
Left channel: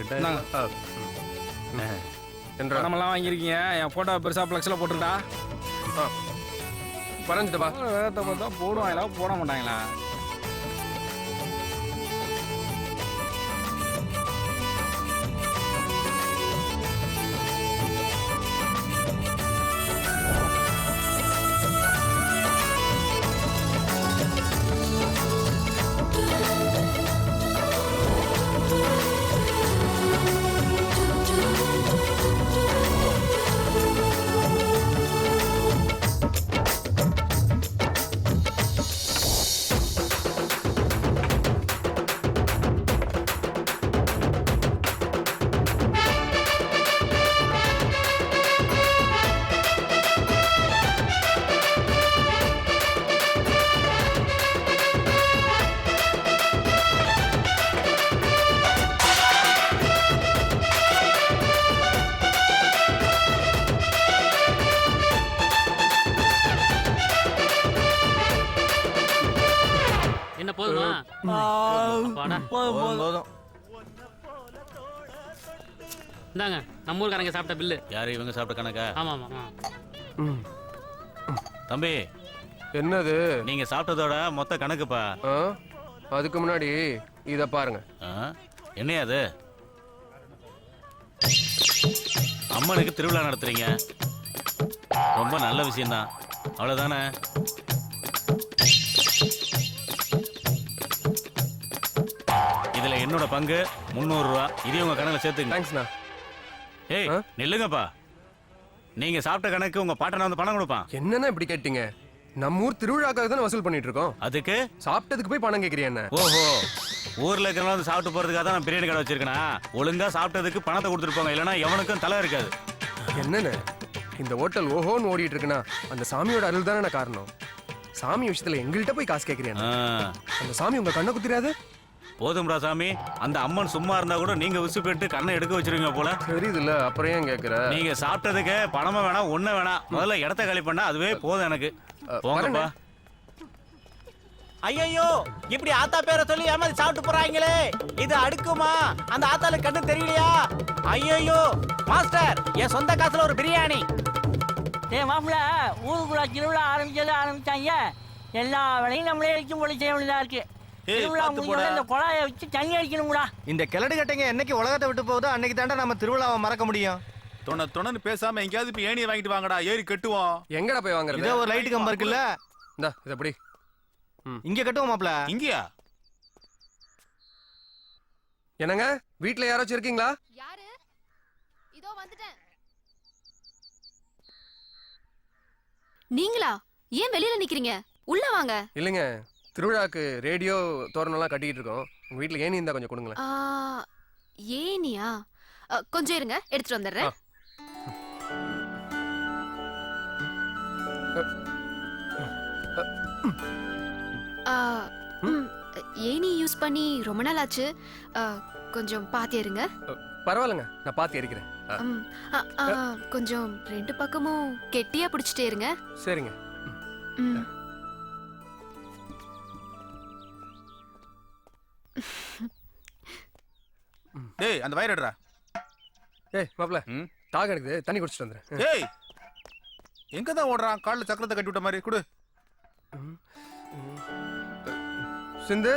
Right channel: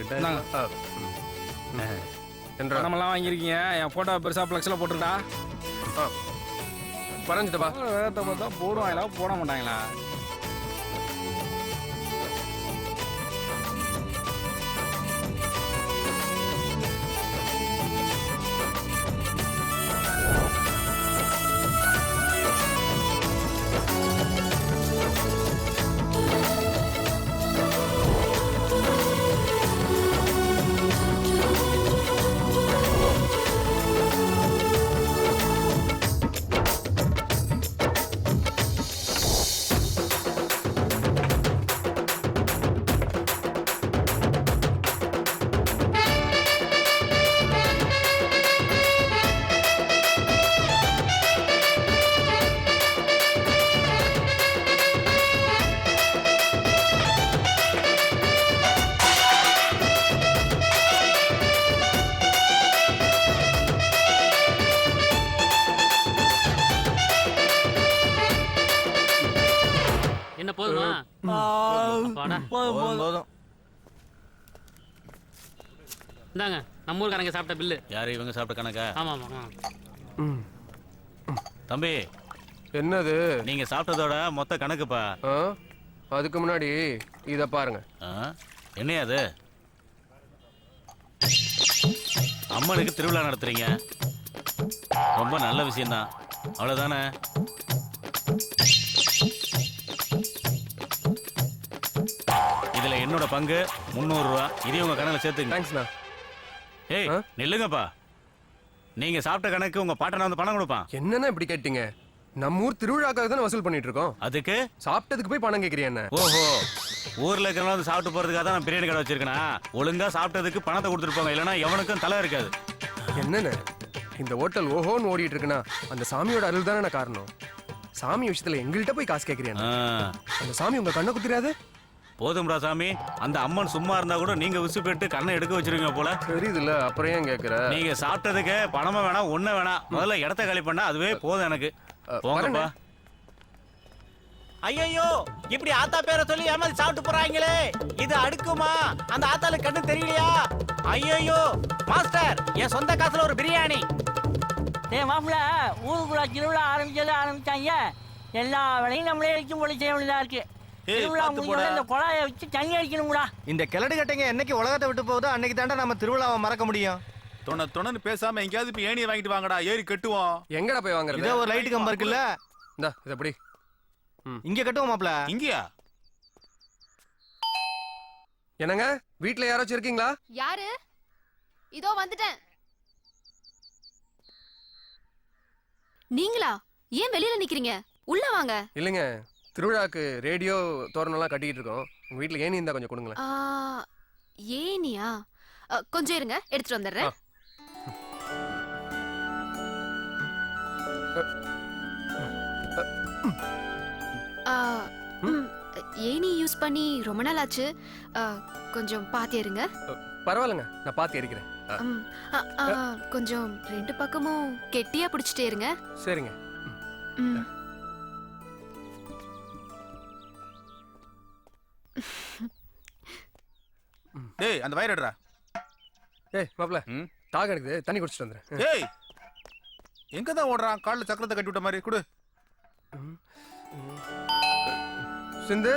பணமெல்லாம் வாங்கியிருக்கீங்க. என் போட்டோ பெருசா பிளக்ஸ்ல போட்டுருடா. பரவாயில்ல சித்தப்பா. வேதத்தை பார்த்தா போடுவாங்களா போட மாட்டாங்களா? என்ன போதுமா அப்பாடா. போதும். இந்தாங்க நம்ம ஊருக்காரங்க சாப்பிட்ட பில்லு. யாரு இவங்க சாப்பிட்ட கணக்கா? ஆமா ஆமா. தம்பி என்னது? நீங்க சாப்பிட்டதோட மொத்த கணக்குப்பா. அதுக்கு முன்னாடி இத பாருங்க. என்னையா அது? அம்மனுக்கு திருவிழா நடத்துறீங்க, ரொம்ப நல்ல விஷயம்தான். அவ்வளவுதானே? இதுல என்னோட பங்கு 300 ரூபா. இதையும் உங்க கணக்குல சேர்த்துங்க. தேங்க்ஸ்ண்ணா. ஏய் நில்லுங்கப்பா. நீங்க சாப்பிட்ட கணக்கு உங்க பாட்டனை வந்து பணம் கொடுப்பான். என்னன்னா இப்படி கேட்டீங்க? நம்ம ஊர் திருவிழாக்காக தானே வசூல் பண்ணிட்டு இருக்கோம். அதுக்கு சாப்பிட்டதுக்கு போய் பணம் கேக்குறியா என்ன? ஓஹோ, ஊர்ல இருக்கிறவங்க வந்து சாப்பிட்டு போறதுக்காக தான் நான் பிரியாணி கடை வச்சிருக்கேனா? ஒழுங்கா சாப்பிட்டதுக்கு பணத்தை கொடுத்துட்டு போங்க, இல்லைன்னா எவனுக்கும் தலை இருக்காது. என்னன்னு இந்த ஹோட்டல் ஓஹோன்னு ஓடிட்டு இருக்குன்னா அந்த சாமியோட அருள் தானே காரணம். சாமி விஷயத்துல எங்கள்கிட்ட போய் காசு கேக்குறியா? அந்த சாமி உங்க கண்ணை குத்திராது? போதும்டா சாமி, அந்த அம்மன் சும்மா இருந்தா கூட நீங்க விசு போயிட்டு கண்ணை எடுக்க வச்சிருவீங்க போல. தெரியுதுல்ல, அப்புறம் ஏன் கேக்குற? நீங்க சாப்பிட்டதுக்கு பணமா வேணாம், ஒண்ணு வேணாம், முதல்ல இடத்த காலி பண்ணா அதுவே போதும் எனக்கு. போங்கப்பா. ஐயோ, இப்படி ஆத்தா பேரை சொல்லி ஏமாத்தி சாப்பிட்டு போறாங்களே, இது அடுக்குமா? அந்த ஆத்தாளுக்கு கண்ணு தெரியலையா? ஐயோ மாஸ்டர், என் சொந்த காசுல ஒரு பிரியாணி. டேய் மாப்பிள்ள, ஊருக்குள்ள திருவிழா ஆரம்பிச்சாங்க. எல்லா வேலையும் நம்மளே எடுத்து போல செய்ய வேண்டியதா இருக்கு. திருவிழா முடிஞ்சோட இந்த குழாயை வச்சு தண்ணி அடிக்கணும்டா. இந்த கிளடு கட்டைங்க என்னைக்கு உலகத்தை விட்டு போகுதோ அன்னைக்கு தாண்டா நம்ம திருவிழாவை மறக்க முடியும். தொணன்னு பேசாம எங்கேயாவது இப்ப ஏணியை வாங்கிட்டு வாங்கடா, ஏறி கட்டுவோம். எங்கடா போய் வாங்குறது? இதோ ஒரு லைட் கம்பம் இருக்குல்ல, இந்தா இத எப்படி இங்க கட்டுவோம் மாப்ள. இங்கயா? என்னங்க வீட்ல யாராச்சும் இருக்கீங்களா? யாரு? இதோ வந்துட்டேன். நீங்களா? ஏன் வெளியில நிக்கிறீங்க? உள்ள வாங்க. இல்லைங்க, திருவிழாக்கு ரேடியோ தோரணம்லாம் கட்டிக்கிட்டு இருக்கோம். உங்க வீட்ல ஏணி இருந்தா கொஞ்சம் கொடுங்களேன். ஏனியா? கொஞ்சம் இருங்க, எடுத்துட்டு வந்துடுறேன். ஏனி யூஸ் பண்ணி ரொம்ப நாள் ஆச்சு. கொஞ்சம் பாத்து இருங்க. பரவாயில்லைங்க, நான் பாத்து எரிக்கிறேன். கொஞ்சம் ரெண்டு பக்கமும் கெட்டியா பிடிச்சிட்டே இருங்க. சரிங்க. டேய் அந்த வயர் எடுடா. ஏய் மாப்ள, தாக எடுக்குது, தண்ணி குடிச்சிட்டு வந்துறேன். ஏய் எங்க தான் ஓடுறான்? கால்ல சக்கரத்தை கட்டி விட்ட மாதிரி. குடு. சிந்து,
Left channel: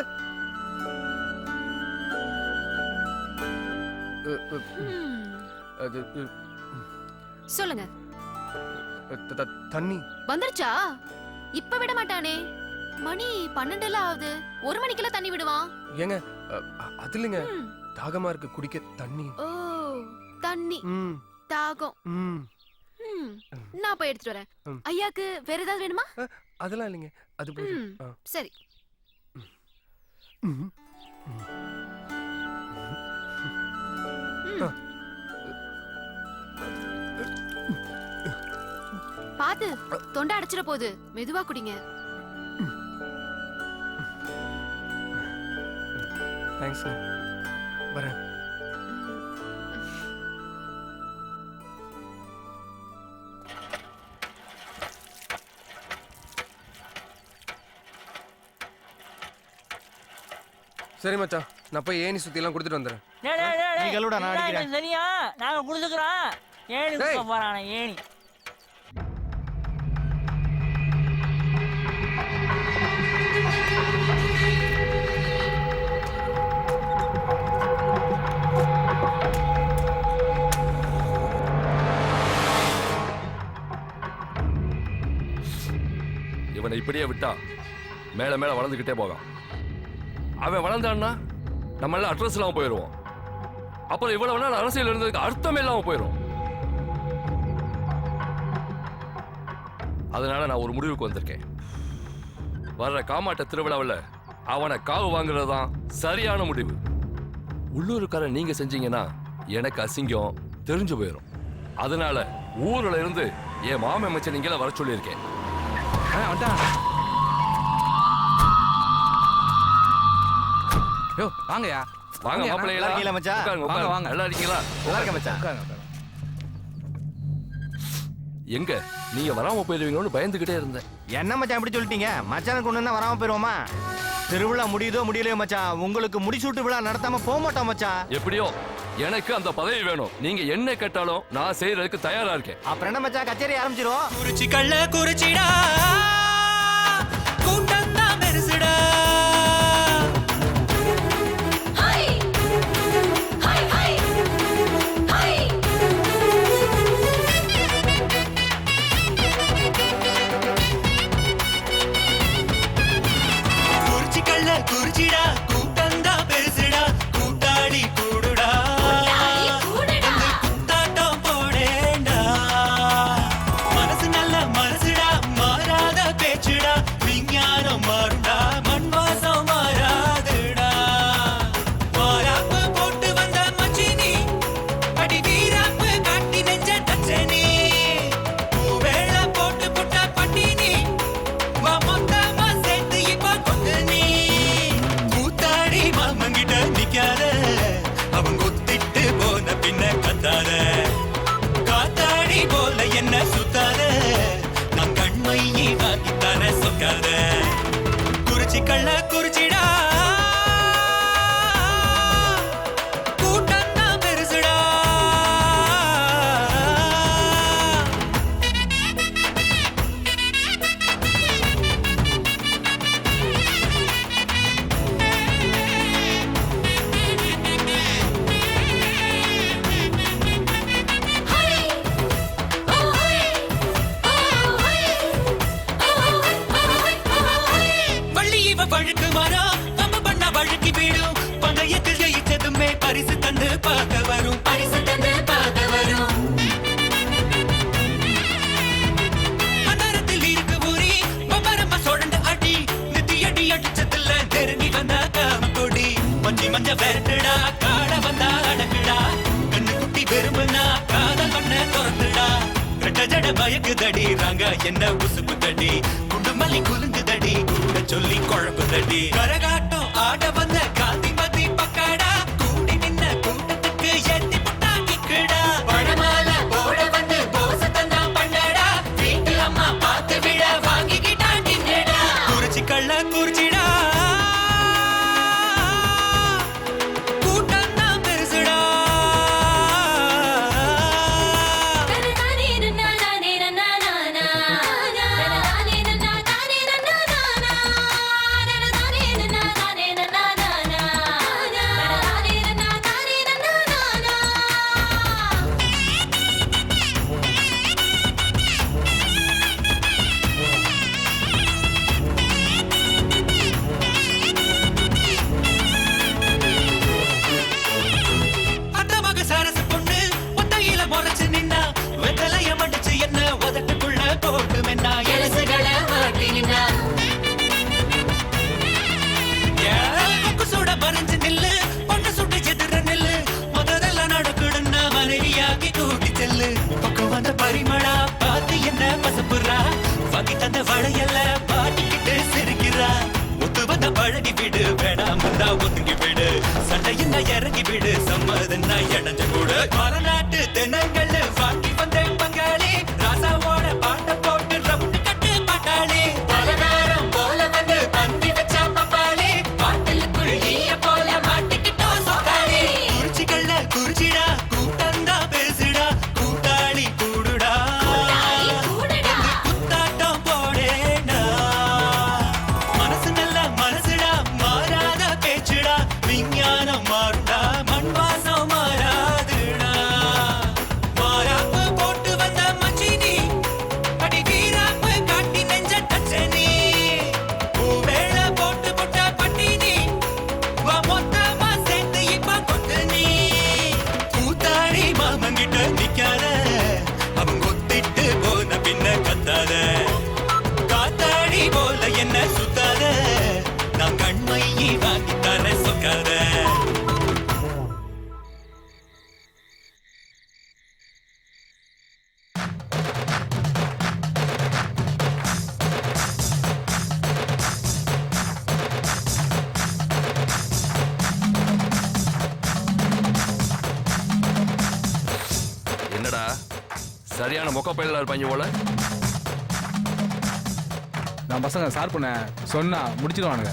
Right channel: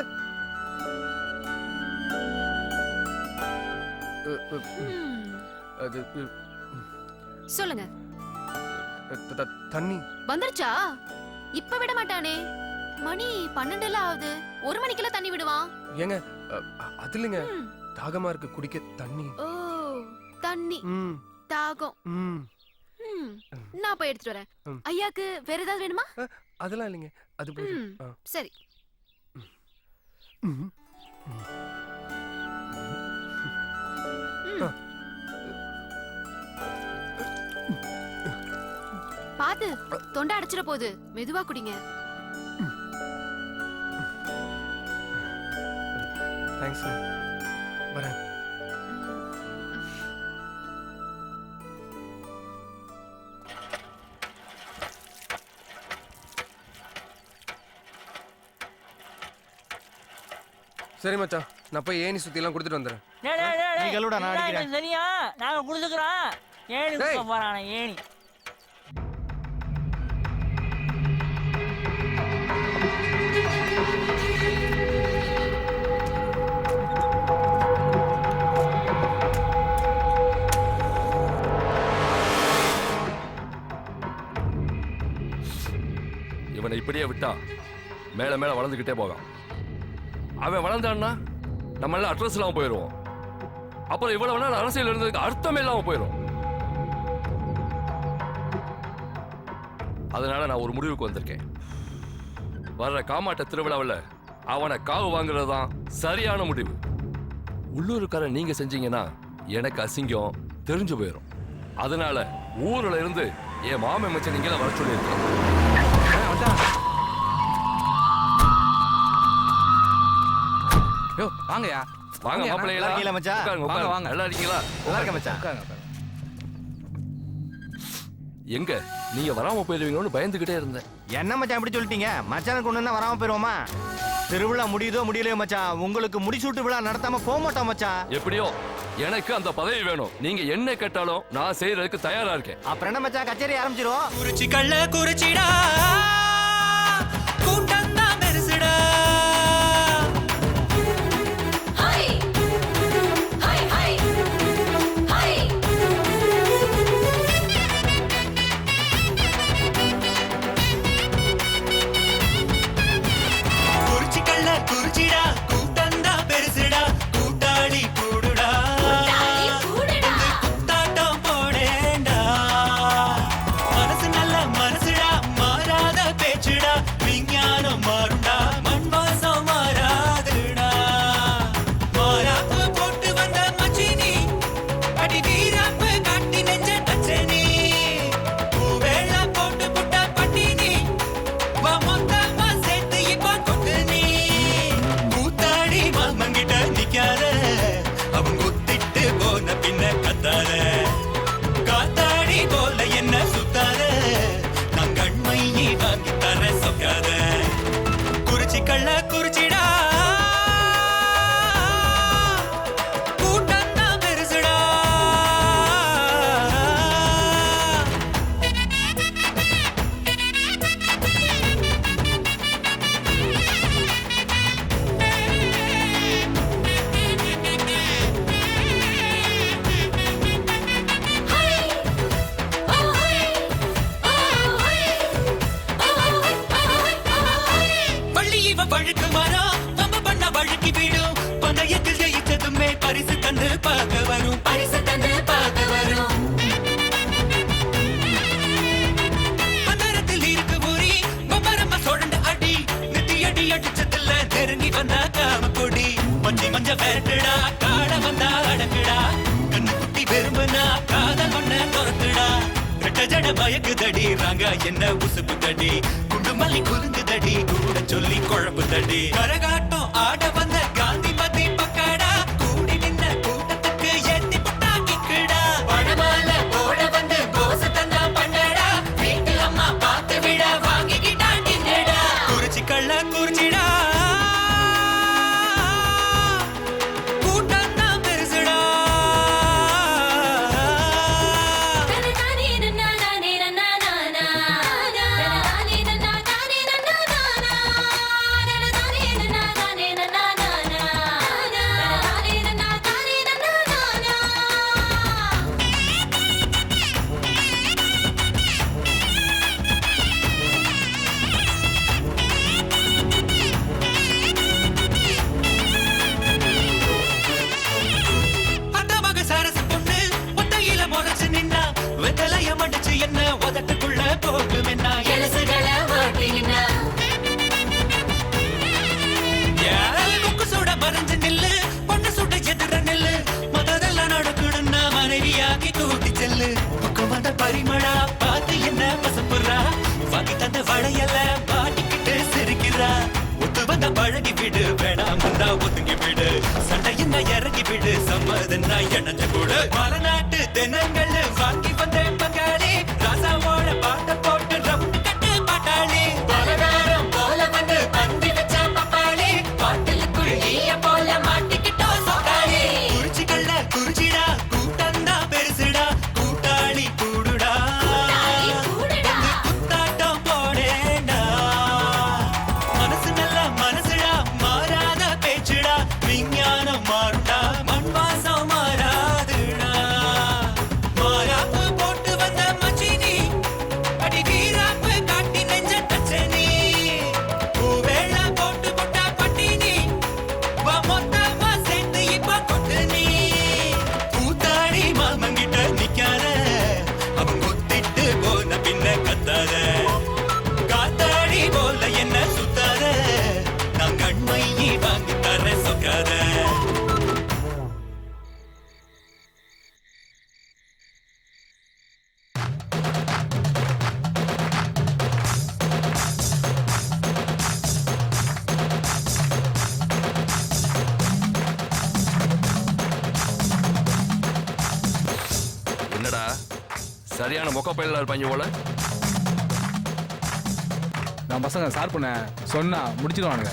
சொல்லுங்க. தண்ணி வந்துருச்சா? இப்ப விட மாட்டானே, மணி 12 ஆகுது. 1 மணிக்கெல்லாம் தண்ணி விடுவான். ஏங்க அது இல்லைங்க, தாகமா இருக்கு, குடிக்க தண்ணி. ஓ தண்ணி, தாகம். நான் போய் எடுத்துட்டு வரேன். ஐயாக்கு வேற ஏதாவது வேணுமா? அதெல்லாம் இல்லைங்க, அது போதும். சரி. பாத்து, தொண்டை அடைச்சிட போகுது. மெதுவா குடிங்க. தேங்க்ஸ். வரேன். சரி மச்சான், நான் போய் ஏணி சுத்தி எல்லாம் கொடுத்துட்டு வந்துடுறேன். நீ கழுவுடா, நான் அடிக்கிறேன். சரியா, நாங்க கொடுத்துக்கிறோம். ஏணி கொடுக்க போறானே, ஏணி. இவனை இப்படியே விட்டா மேல மேல வளர்ந்துகிட்டே போகான். அவன் வளர்ந்தான்னா நம்ம எல்லாம் அட்ரஸ் இல்லாம போயிடுவோம். அப்புறம் இவ்வளவு நாள் அரசியல் இருந்ததுக்கு அர்த்தமே இல்லாம போயிடும். அதனால நான் ஒரு முடிவுக்கு வந்திருக்கேன். வர்ற காமாட்ட திருவிழாவில் அவனை காவு வாங்குறது தான் சரியான முடிவு. உள்ளூருக்காரன் நீங்க செஞ்சீங்கன்னா எனக்கு அசிங்கம் தெரிஞ்சு போயிடும். அதனால ஊர்ல இருந்து என் மாமன் மச்சன் நீங்கள வர சொல்லியிருக்கேன். வாங்கயா, வாங்க மாப்பிள்ளைகளா. இருக்கீங்களா மச்சான்? உட்காருங்க, வாங்க. நல்லா இருக்கீங்களா? நல்லா இருக்க மச்சான். எங்க நீங்க வராம போயிருவீங்கன்னு பயந்துகிட்டே இருந்தேன். என்ன மச்சான் இப்படி சொல்லிட்டீங்க? மச்சானுக்கு ஒண்ணுன்னா வராம போயிருவோமா? திருவிழா முடியுதோ முடியலையோ மச்சான், உங்களுக்கு முடிசூட்டு விழா நடத்தாம போக மாட்டோம் மச்சான். எப்படியோ எனக்கு அந்த பதவி வேணும். நீங்க என்ன கேட்டாலும் நான் செய்யறதுக்கு தயாரா இருக்கேன். அப்புறம் என்ன மச்சான், கச்சேரி ஆரம்பிச்சிரும். குறிச்சி கள்ள குறிச்சிடா கூட்டம் தான் பெருசுடா. குறிச்சி கள்ள குறிச்சிடா கூட்டம் தான் பெருசுடா. கூட்டாளி கூடுடா வந்து குத்தாட்டம் போடேண்டா. மனசு நல்ல மனசுடா மாறாத பேச்சுடா. விஞ்ஞானம் மாறுடா மண் வாசம் மாறாதுடா. மாறாப்பு போட்டு வந்த மச்சினி அடி வீராப்பு காட்டி நெஞ்ச தச்சனி. பூவேள போட்டு புட்டா பட்டினி வா மொத்தமா சேர்த்து இப்ப கொத்து நீ. கூத்தாடி மாமங்கிட்ட நிக்காத அவங்க ஒத்திட்டு போன பின்ன கத்தாத. காத்தாடி போல என்ன சுத்தாத நான் கண்மையை வாங்கி தர சொக்காத. குறிச்சி கள்ள குறிச்சிடா கூட்டம் தான் பெருசுடா. வள்ளி இவ வழுக்கு மரம் நம்ம பண்ண வழுக்கி வீடும். பந்தயத்தில் ஜெயிச்சதுமே பரிசு தந்து பார்க்க வரும். பரிசு தந்து பார்க்க வரும். அந்தரத்தில் இருக்கு ஊரி பம்பரமா சோழண்டு அடி. நித்தி அடி அடிச்சதில்ல நெருங்கி வந்தா காம கொடி. மஞ்சி மஞ்ச வேட்டுடா காட வந்தா அடக்குடா. கண்ணு குட்டி விரும்புனா காதல் பண்ண துரத்துடா. ரெட்ட ஜட பயக்குதடி ராங்க என்ன உசுப்பு தடி. குண்டுமல்லி குலுங்குதடி கூட சொல்லி குழப்புதடி. கரகாட்டம் ஆட வந்த காந்திமதி பக்காடா. கூடி நின்ன கூட்டத்துக்கு ஏத்தி புட்டா கிக்குடா. படமால போட வந்து போச தந்தா பண்ணடா. வீட்டு அம்மா பார்த்து விழ வாங்கிக்கிட்டா கிங்கடா. குறிச்சி கள்ள குறிச்சிடா கூட்டம் தான் பெருசுடா. சரசு பொண்ணு ஒத்தையில முறைச்சு நின்னா. வெத்தலைய மடிச்சு என்ன உதட்டுக்குள்ள போட்டு மென்னா. எலசுகளை வாட்டி நின்னா. கொக்கு சூட பறிஞ்சு நில்லு பொண்ணு சுட்டு எதிர நெல்லு. முதல்ல நடக்குடுன்னா மனைவியாக்கி கூட்டி செல்லு. பக்கம் வந்த பரிமளா பார்த்து என்ன பசப்புறா. வாங்கி தந்த வளையல்ல மாட்டிக்கிட்டு சிரிக்கிறா. ஒத்து வந்த பழகி விடு வேணாம் வந்தா ஒதுங்கி விடு. சண்டை என்ன இறங்கி விடு சம்மதுன்னா இணைஞ்ச கூடு. மரநாட்டு தினங்கள் வாங்கி வந்த பங்காளி. ராசாவோட பாட்ட போட்டு ரவுண்டு கட்டு பாட்டாளி. பலகாரம் போல வந்து பந்தி வச்சா பப்பாளி. பாட்டிலுக்குள் ஈய போல மாட்டிக்கிட்டோம் சொக்காளி. குறிச்சிக்கல்ல குறிச்சிடா கூட்டம் தான் பெருசுடா. கூட்டாளி கூடுடா வந்து குத்தாட்டம் போடேடா. மனசு நல்ல மனசுடா மாறாத பேச்சுடா. விஞ்ஞானம் மாறுடா மண் வாசம் மாறாதுடா. மாறாப்பு போட்டு வந்த மச்சினி அடி வீராப்பு காட்டி நெஞ்ச தச்சனி. பூவேள போட்டு புட்டா பட்டினி வா மொத்தமா சேர்த்து இப்ப கொத்து நீ. கூத்தாடி மாமங்கிட்ட நிக்காத அவங்க ஒத்திட்டு போன பின்ன கத்தாத. காத்தாடி போல என்ன சுத்தாத நான் கண்மையை வாங்கி தர சொக்காத. என்னடா சரியான மொக்க பயிலா இருப்பாங்க போல. நான் பசங்க சார் பண்ண சொன்னா முடிச்சிடுவானுங்க.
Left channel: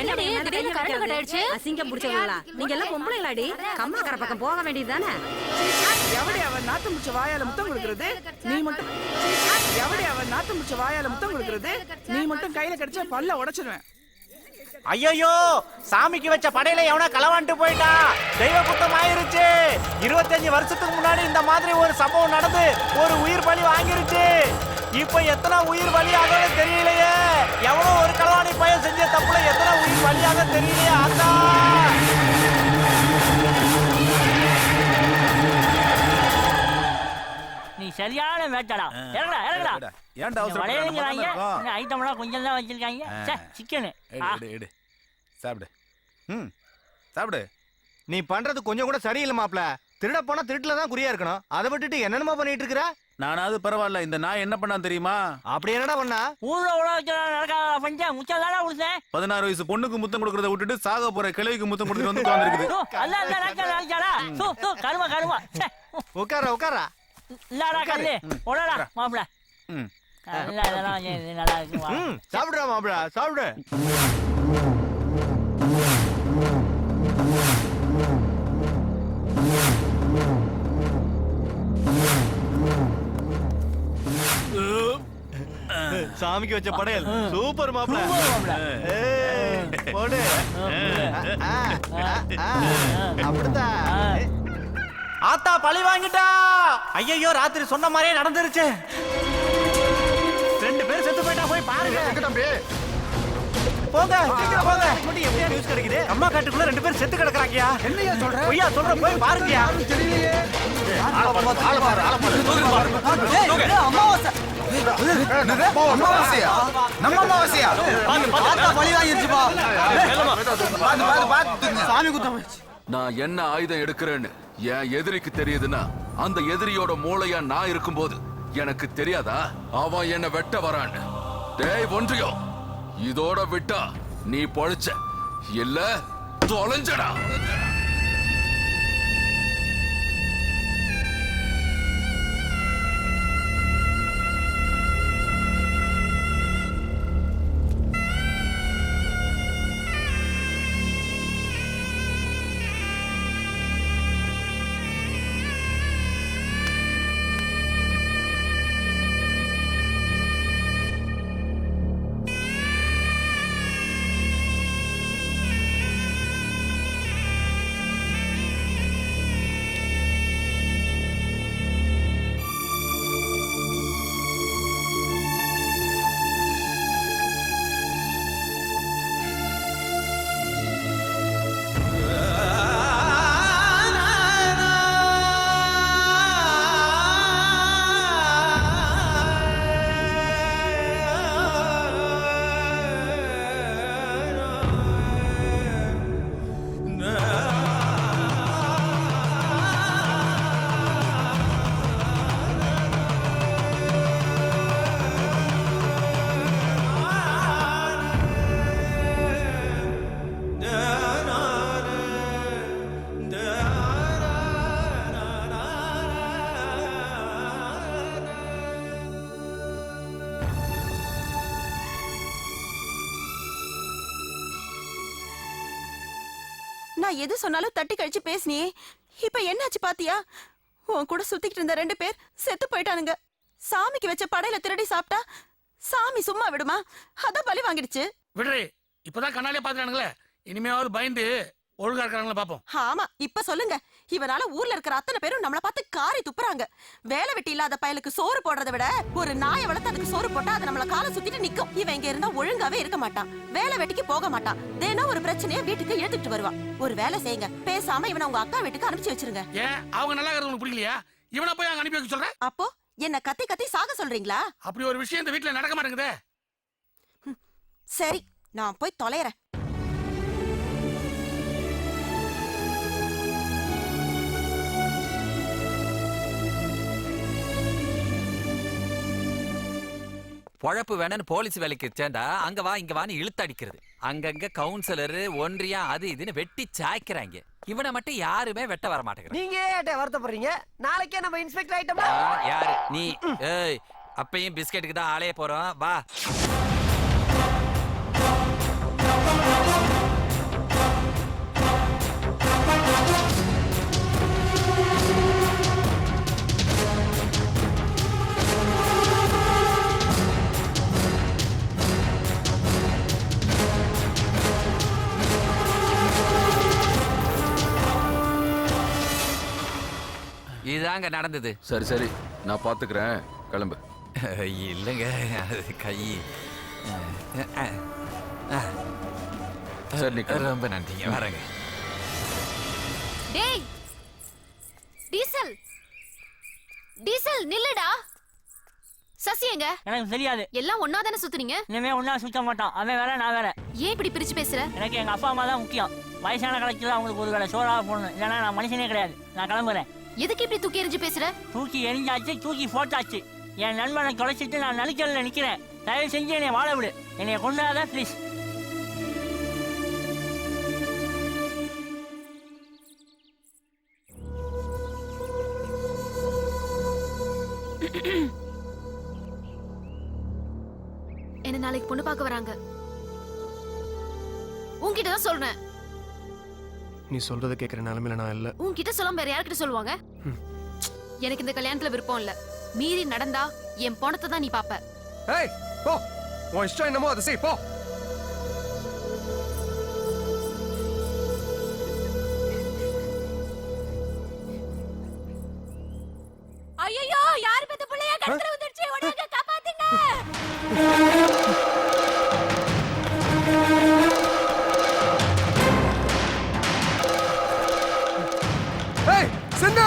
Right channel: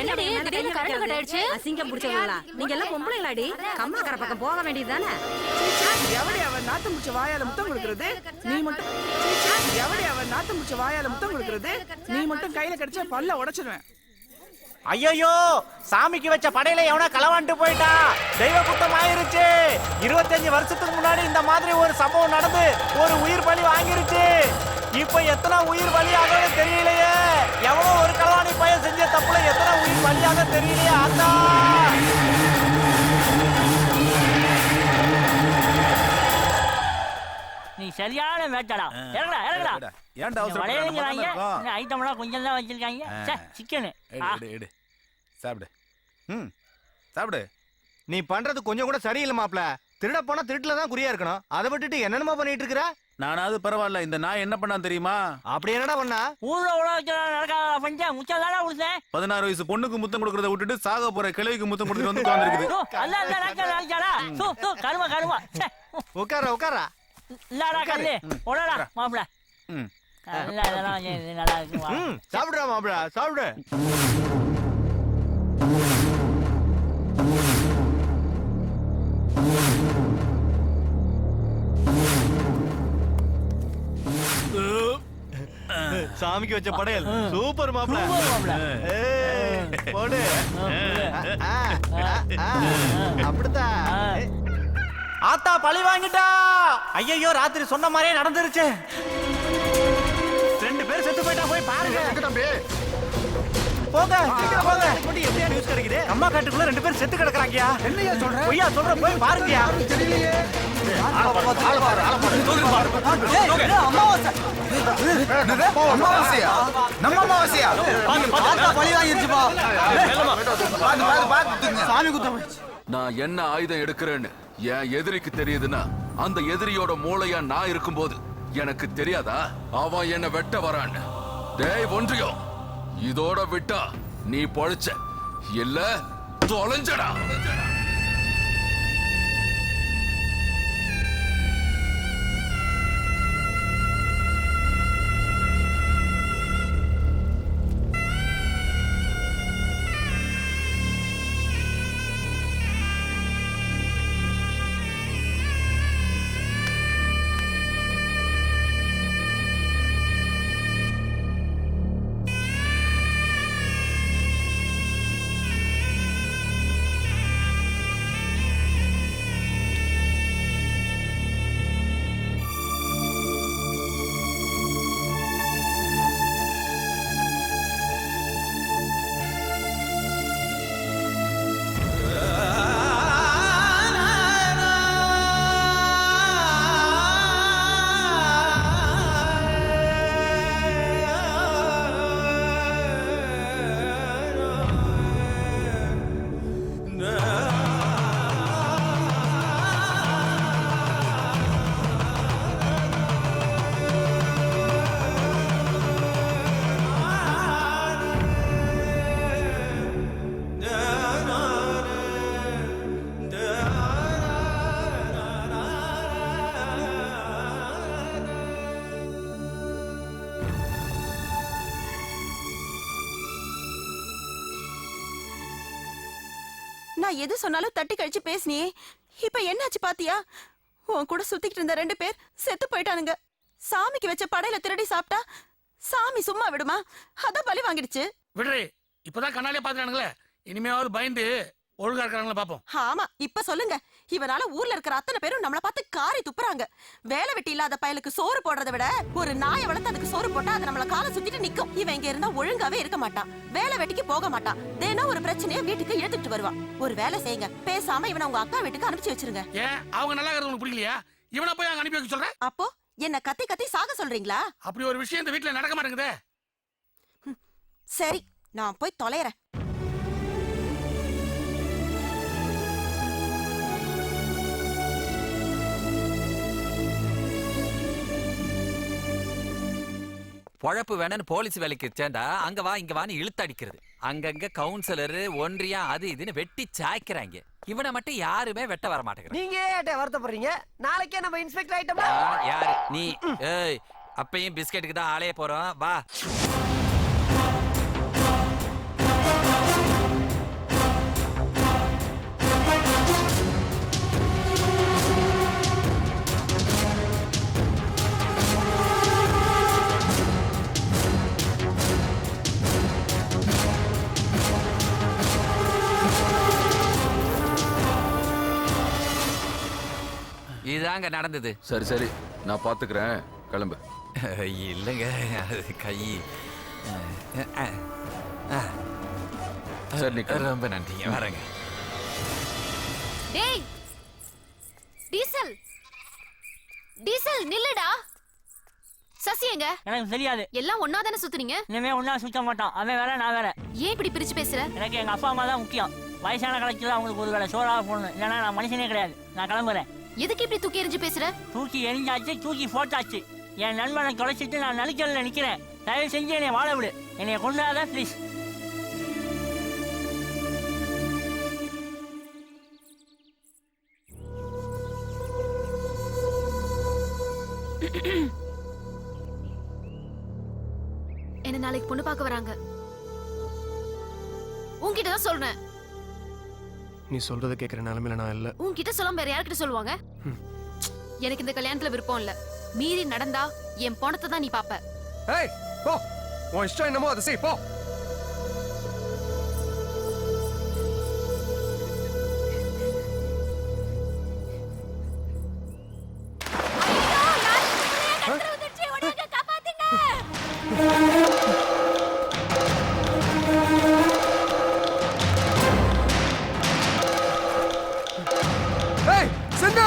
என்னடி திடீர்னு கரண்ட் கட் ஆயிடுச்சு? அசிங்கம் பிடிச்சவங்களா நீங்க எல்லாம் பொம்பளைங்களாடி கம்மாக்கரை பக்கம் போக வேண்டியதுதானே எவடி அவன் நாத்தம் முடிச்ச வாயால முத்தம் கொடுக்கறது நீ மட்டும் எவடி அவன் நாத்தம் முடிச்ச வாயால முத்தம் கொடுக்கறது நீ மட்டும் கையில கடிச்சா பல்ல உடைச்சிருவேன். ஐயோ சாமிக்கு வச்ச படையில எவனா களவாண்டு போயிட்டா, தெய்வ குத்தம் ஆயிருச்சு. 25 வருஷத்துக்கு முன்னாடி இந்த மாதிரி ஒரு சம்பவம் நடந்து ஒரு உயிர் பலி வாங்கிருச்சு. இப்ப எத்தனை உயிர் பலியாக தெரியலையே. எவ்வளவு ஒரு களவாணி பையன் செஞ்ச தப்புல எத்தனை உயிர் பலியாக தெரியலையே. அத்தா நீ சரியான வேட்டடா. இறங்கடா இறங்கடா. ஏன்டா அவசரப்படுற? ஐட்டம்லாம் கொஞ்சம் தான் வச்சிருக்காங்க. சிக்கன் எடு சாப்பிடு. சாப்பிடு. நீ பண்றது கொஞ்சம் கூட சரியில்லை மாப்ள. திருட போனா திருட்டுல தான் குறியா இருக்கணும். அதை விட்டுட்டு என்னென்னமா பண்ணிட்டு இருக்கற? நானாவது பரவாயில்ல, இந்த நாய் என்ன பண்ணான் தெரியுமா? அப்படி என்னடா பண்ணா? ஊர்ல உலக நடக்காத பஞ்ச முச்சதாடா உடுசே. 16 வயசு பொண்ணுக்கு முத்தம் கொடுக்கறத விட்டுட்டு சாக போற கிழவிக்கு முத்தம் கொடுத்துட்டு வந்து உட்கார்ந்திருக்குது. அல்ல அல்ல நாக்கடா. கருமா. உட்காரா. இல்லடா கல்லு. ஓடடா மாப்ள. இல்ல இதெல்லாம் நல்லா இருக்கு. சாப்பிடுடா மாப்ள சாப்பிடு. சாமிக்கு வச்ச படையல் சூப்பர் மாப்ள. போடு. அப்படிதான். ஆத்தா பழி வாங்கிட்டா. ஐயோ ராத்திரி சொன்ன மாதிரியே நடந்துருச்சு. 2 பேர் செத்து போயிட்டா. போய் பாருங்க. போங்க சீக்கிரம் போங்க. மட்டும் எப்படியா நியூஸ் கிடைக்குது? அம்மா காட்டுக்குள்ள 2 பேர் செத்து கிடக்குறாங்கயா. என்னையா சொல்ற? பொய்யா சொல்ற? போய் பாருங்கயா. தெரியலையே. அமாவாசை. நம்ம அமாவாசையா? ஆத்தா பழி வாங்கிருச்சுப்பா. சாமி குத்தம். நான் என்ன ஆயுதம் எடுக்கிறேன்னு என் எதிரிக்கு தெரியுதுன்னா அந்த எதிரியோட மூளையா நான் இருக்கும்போது எனக்கு தெரியாதா அவன் என்ன வெட்ட வரான்னு? டேய் ஒன்றியம், இதோட விட்டா நீ பொழைச்ச, இல்ல தொலைஞ்சடா. நான் எது சொன்னாலும் தட்டி கழிச்சு பேசினியே, இப்ப என்னாச்சு பாத்தியா? உன் கூட சுத்திக்கிட்டு இருந்த 2 பேர் செத்து போயிட்டானுங்க. சாமிக்கு வச்ச படையில திருடி சாப்பிட்டா சாமி சும்மா விடுமா? அதான் பலி வாங்கிடுச்சு. விடுறே, இப்பதான் கண்ணாலே பாத்துறானுங்களே, இனிமேவாவது பயந்து ஒழுங்கா இருக்கிறாங்களா பாப்போம். ஆமா, இப்ப சொல்லுங்க. இவனால ஊர்ல இருக்கிற அத்தனை பேரும் நம்மள பார்த்து காரி துப்புறாங்க. வேலை வெட்டி இல்லாத பயலுக்கு சோறு போடுறதை விட ஒரு நாயை வளர்த்து அதுக்கு சோறு போட்டா அது நம்மள காலை சுத்திட்டு நிக்கும். இவன் இங்க இருந்தா ஒழுங்காவே இருக்க மாட்டான், வேலை வெட்டிக்கு போக மாட்டான், தினம் ஒரு பிரச்சனையை வீட்டுக்கு எடுத்துட்டு வருவான். ஒரு வேலை செய்யுங்க, பேசாம இவனை உங்க அக்கா வீட்டுக்கு அனுப்பிச்சு வச்சிருங்க. ஏன் அவங்க நல்லா இருக்கிறது உங்களுக்கு பிடிக்கலையா? இவனை போய் அங்க அனுப்பி வைக்க சொல்றேன். அப்போ என்ன கத்தி கத்தி சாக சொல்றீங்களா? அப்படி ஒரு விஷயம் இந்த வீட்டுல நடக்க மாட்டேங்குதே. சரி, நான் போய் தொலைறேன். பொழப்பு வேணும்னு போலீஸ் வேலைக்கு சேர்ந்தா அங்க வா இங்க வான்னு இழுத்து அடிக்கிறது. அங்கங்க கவுன்சிலர் ஒன்றியம் அது இதுன்னு வெட்டி சாய்க்கிறாங்க. இவனை மட்டும் யாருமே வெட்ட வர மாட்டேங்கிறாங்க. நீங்க ஏன் வருத்தப்படுறீங்க? நாளைக்கே நம்ம இன்ஸ்பெக்டர் ஆயிட்டோம்னா யாரு நீ? ஏய், அப்பயும் பிஸ்கெட்டுக்கு தான் ஆளைய போறோம், வா. இதாங்க நடந்தது. சரி சரி, நான் பாத்துக்கிறேன், கிளம்பு. இல்லைங்க, அது கை. சரி, ரொம்ப நன்றிங்க, வரேங்க. டேய் டீசல் டீசல் நில்லுடா. சசி எங்க? எனக்கு தெரியாது. எல்லாம் ஒன்னா தானே சுத்துனீங்க? இனிமே ஒன்னா சுத்த மாட்டோம். அவன் வேற நான் வேற. ஏன் இப்படி பிரிச்சு பேசுற? எனக்கு எங்க அப்பா அம்மா தான் முக்கியம். வயசான காலத்துல அவங்களுக்கு ஒரு வேளை சோறாக போடணும், இல்லைன்னா நான் மனுஷனே கிடையாது. நான் கிளம்புறேன். எதுக்கு இப்படி தூக்கி எறிஞ்சு பேசுற? தூக்கி எரிஞ்சாச்சு, தூக்கி போட்டாச்சு. என் நண்பனை தொலைச்சிட்டு நான் நடுக்கல்ல நிக்கிறேன். தயவு செஞ்சு என்னை வாழ விடு. என்னைய கொண்டாத ப்ளீஸ். என்ன நாளைக்கு பொண்ணு பார்க்க வராங்க. உன்கிட்ட தான் சொல்றேன். நீ சொல்றத கேக்குற நிலைமையில நான் இல்ல. உன்கிட்ட சொல்லாம வேற யார்கிட்ட சொல்லுவாங்க? எனக்கு இந்த கல்யாணத்துல விருப்பம் இல்ல. மீறி நடந்தா என் பணத்தை தான் நீ பாப்ப. ஏய் போ, உன் இஷ்டம் என்னமோ அதை செய், போ. ஏய் சிந்து!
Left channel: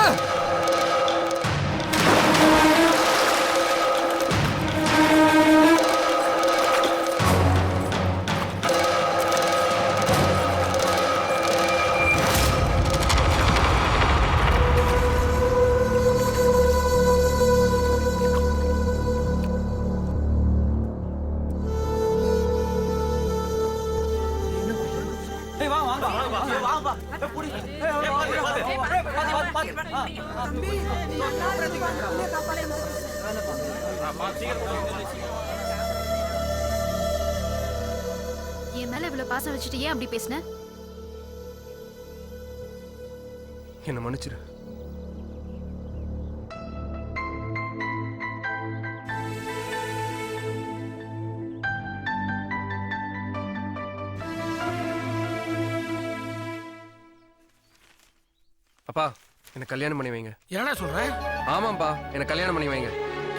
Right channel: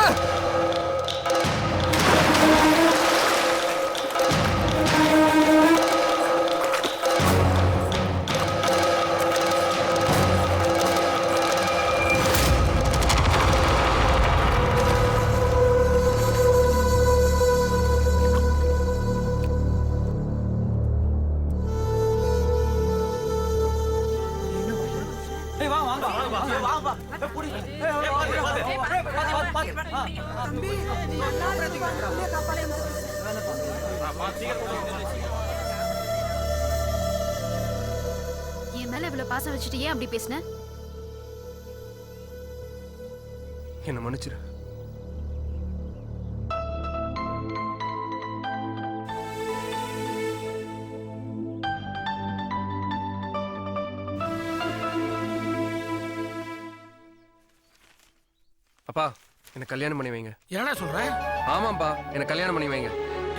என் மேல இவ்வளவு பாசம் வச்சுட்டு ஏன் அப்படி பேசுன? என்ன மன்னிச்சிரு. அப்பா, என்ன கல்யாணம் பண்ணி வைங்க. என்னடா சொல்ற? ஆமாப்பா, என்ன கல்யாணம் பண்ணி வைங்க.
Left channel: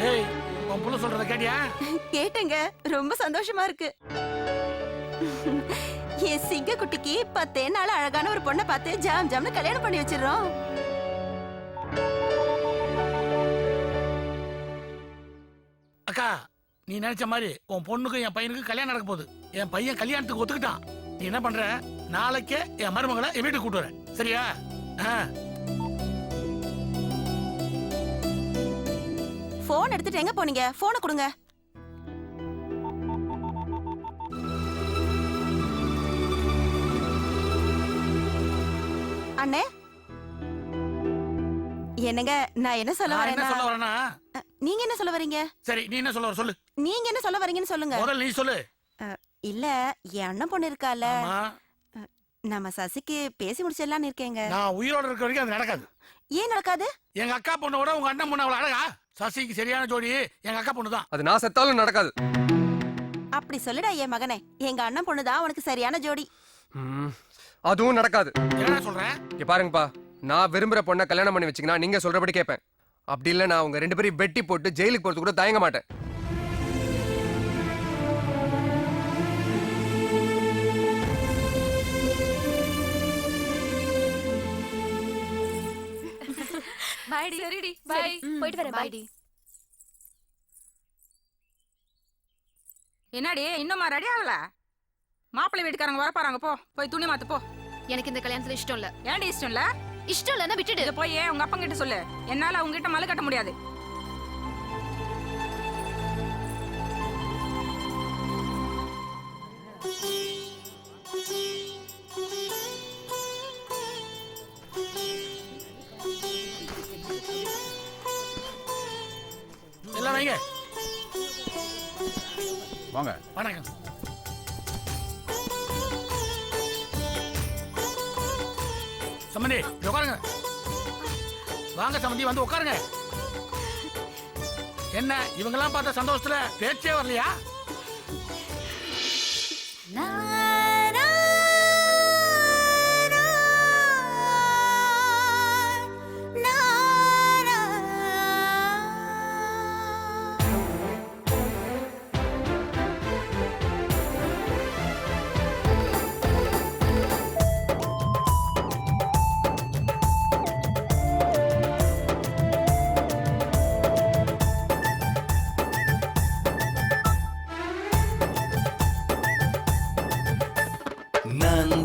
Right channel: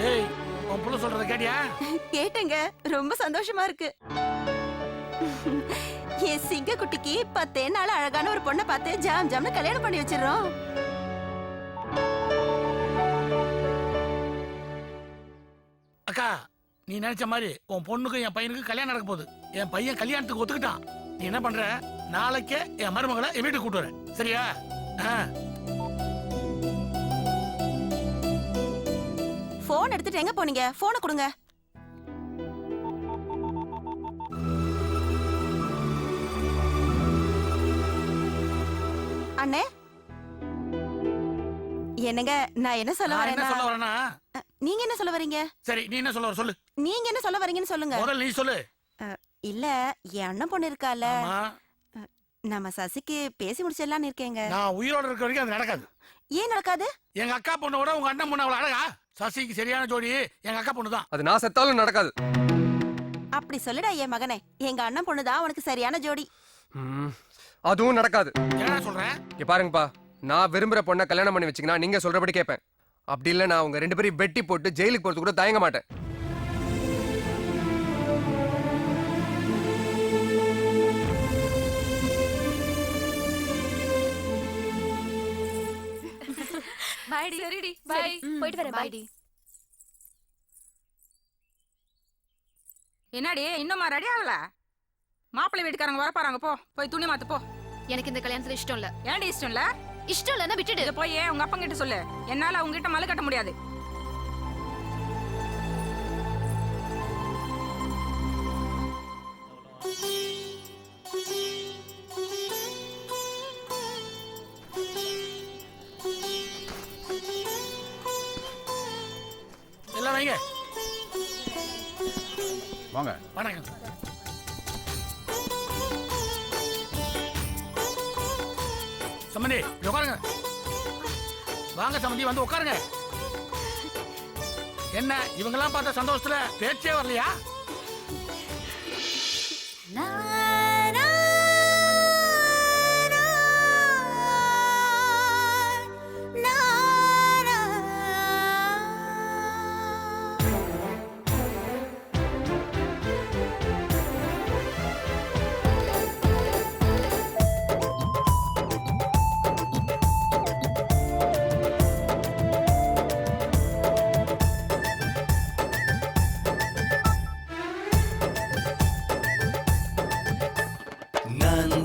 ஏய், உன் புள்ள சொல்றத கேட்டியா? கேட்டேங்க, ரொம்ப சந்தோஷமா இருக்கு. என் சிங்க குட்டிக்கு 10 நாள் அழகான ஒரு பொண்ணை பார்த்து ஜாம் ஜாம்னு கல்யாணம் பண்ணி வச்சிடறோம். அக்கா, நீ நினைச்ச மாதிரி உன் பொண்ணுக்கும் என் பையனுக்கும் கல்யாணம் நடக்க போகுது. என் பையன் கல்யாணத்துக்கு ஒத்துக்கிட்டான். நீ என்ன பண்ற? நாளைக்கே என் மருமகளை என் வீட்டுக்கு கூட்டு வரேன், சரியா? போன் எடுத்துட்டு எங்க போனீங்க? போனை கொடுங்க. அண்ணே, என்னங்க, நான் என்ன சொல்ல வரேன்னா, நீங்க என்ன சொல்ல வரீங்க? சரி, நீ என்ன சொல்ல வர சொல்லு. நீங்க என்ன சொல்ல வரீங்கன்னு சொல்லுங்க. முதல்ல நீ சொல்லு. இல்ல, என் அண்ணன் பொண்ணு இருக்கால, நம்ம சசிக்கு பேசி முடிச்சிடலான்னு இருக்கேங்க. நான் உயிரோட இருக்க வரைக்கும் அது நடக்காது. ஏன் நடக்காது? எங்க அக்கா பொண்ணோட உங்க அண்ணன் பொண்ணு அவ்வளவு அழகா? சசிக்கு சரியான ஜோடி எங்க அக்கா பொண்ணு தான். அது நான் செத்தாலும் நடக்காது. அப்படி சொல்லுடா என் மகனே, எங்க அண்ணன் பொண்ணு தான் உனக்கு சரியான ஜோடி. அதுவும் நடக்காது. என்ன சொல்றேன்? இங்க பாருங்கப்பா, நான் விரும்புற பொண்ணை கல்யாணம் பண்ணி வச்சீங்கன்னா நீங்க சொல்றபடி கேட்பேன். அப்படி இல்ல, நான் உங்க 2 பேரையும் வெட்டி போட்டு ஜெயிலுக்கு போறது கூட தயங்க மாட்டேன். பாய்டி. சரிடி, பை. போயிட்டு வரேன். பாய்டி. என்னடி இன்னுமா ரெடி ஆகல? மாப்பிள்ளை வீட்டுக்காரங்க வர பாருங்க, போ போய் துணி மாத்து போ. எனக்கு இந்த கல்யாணத்துல இஷ்டம் இல்ல. ஏன்டி இஷ்டம் இல்ல? இஷ்டம் இல்லன்னா விட்டுடு. போய் உங்க அப்பா கிட்ட சொல்லு. என்னால அவங்க கிட்ட மலை கட்ட முடியாது. எல்லாம் வைங்க. வாங்க. வணக்கம். சம்பந்தி, உட்காருங்க. வாங்க சம்பந்தி, வந்து உட்காருங்க. என்ன இவங்கெல்லாம் பார்த்த சந்தோஷத்துல பேச்சே வரலையா?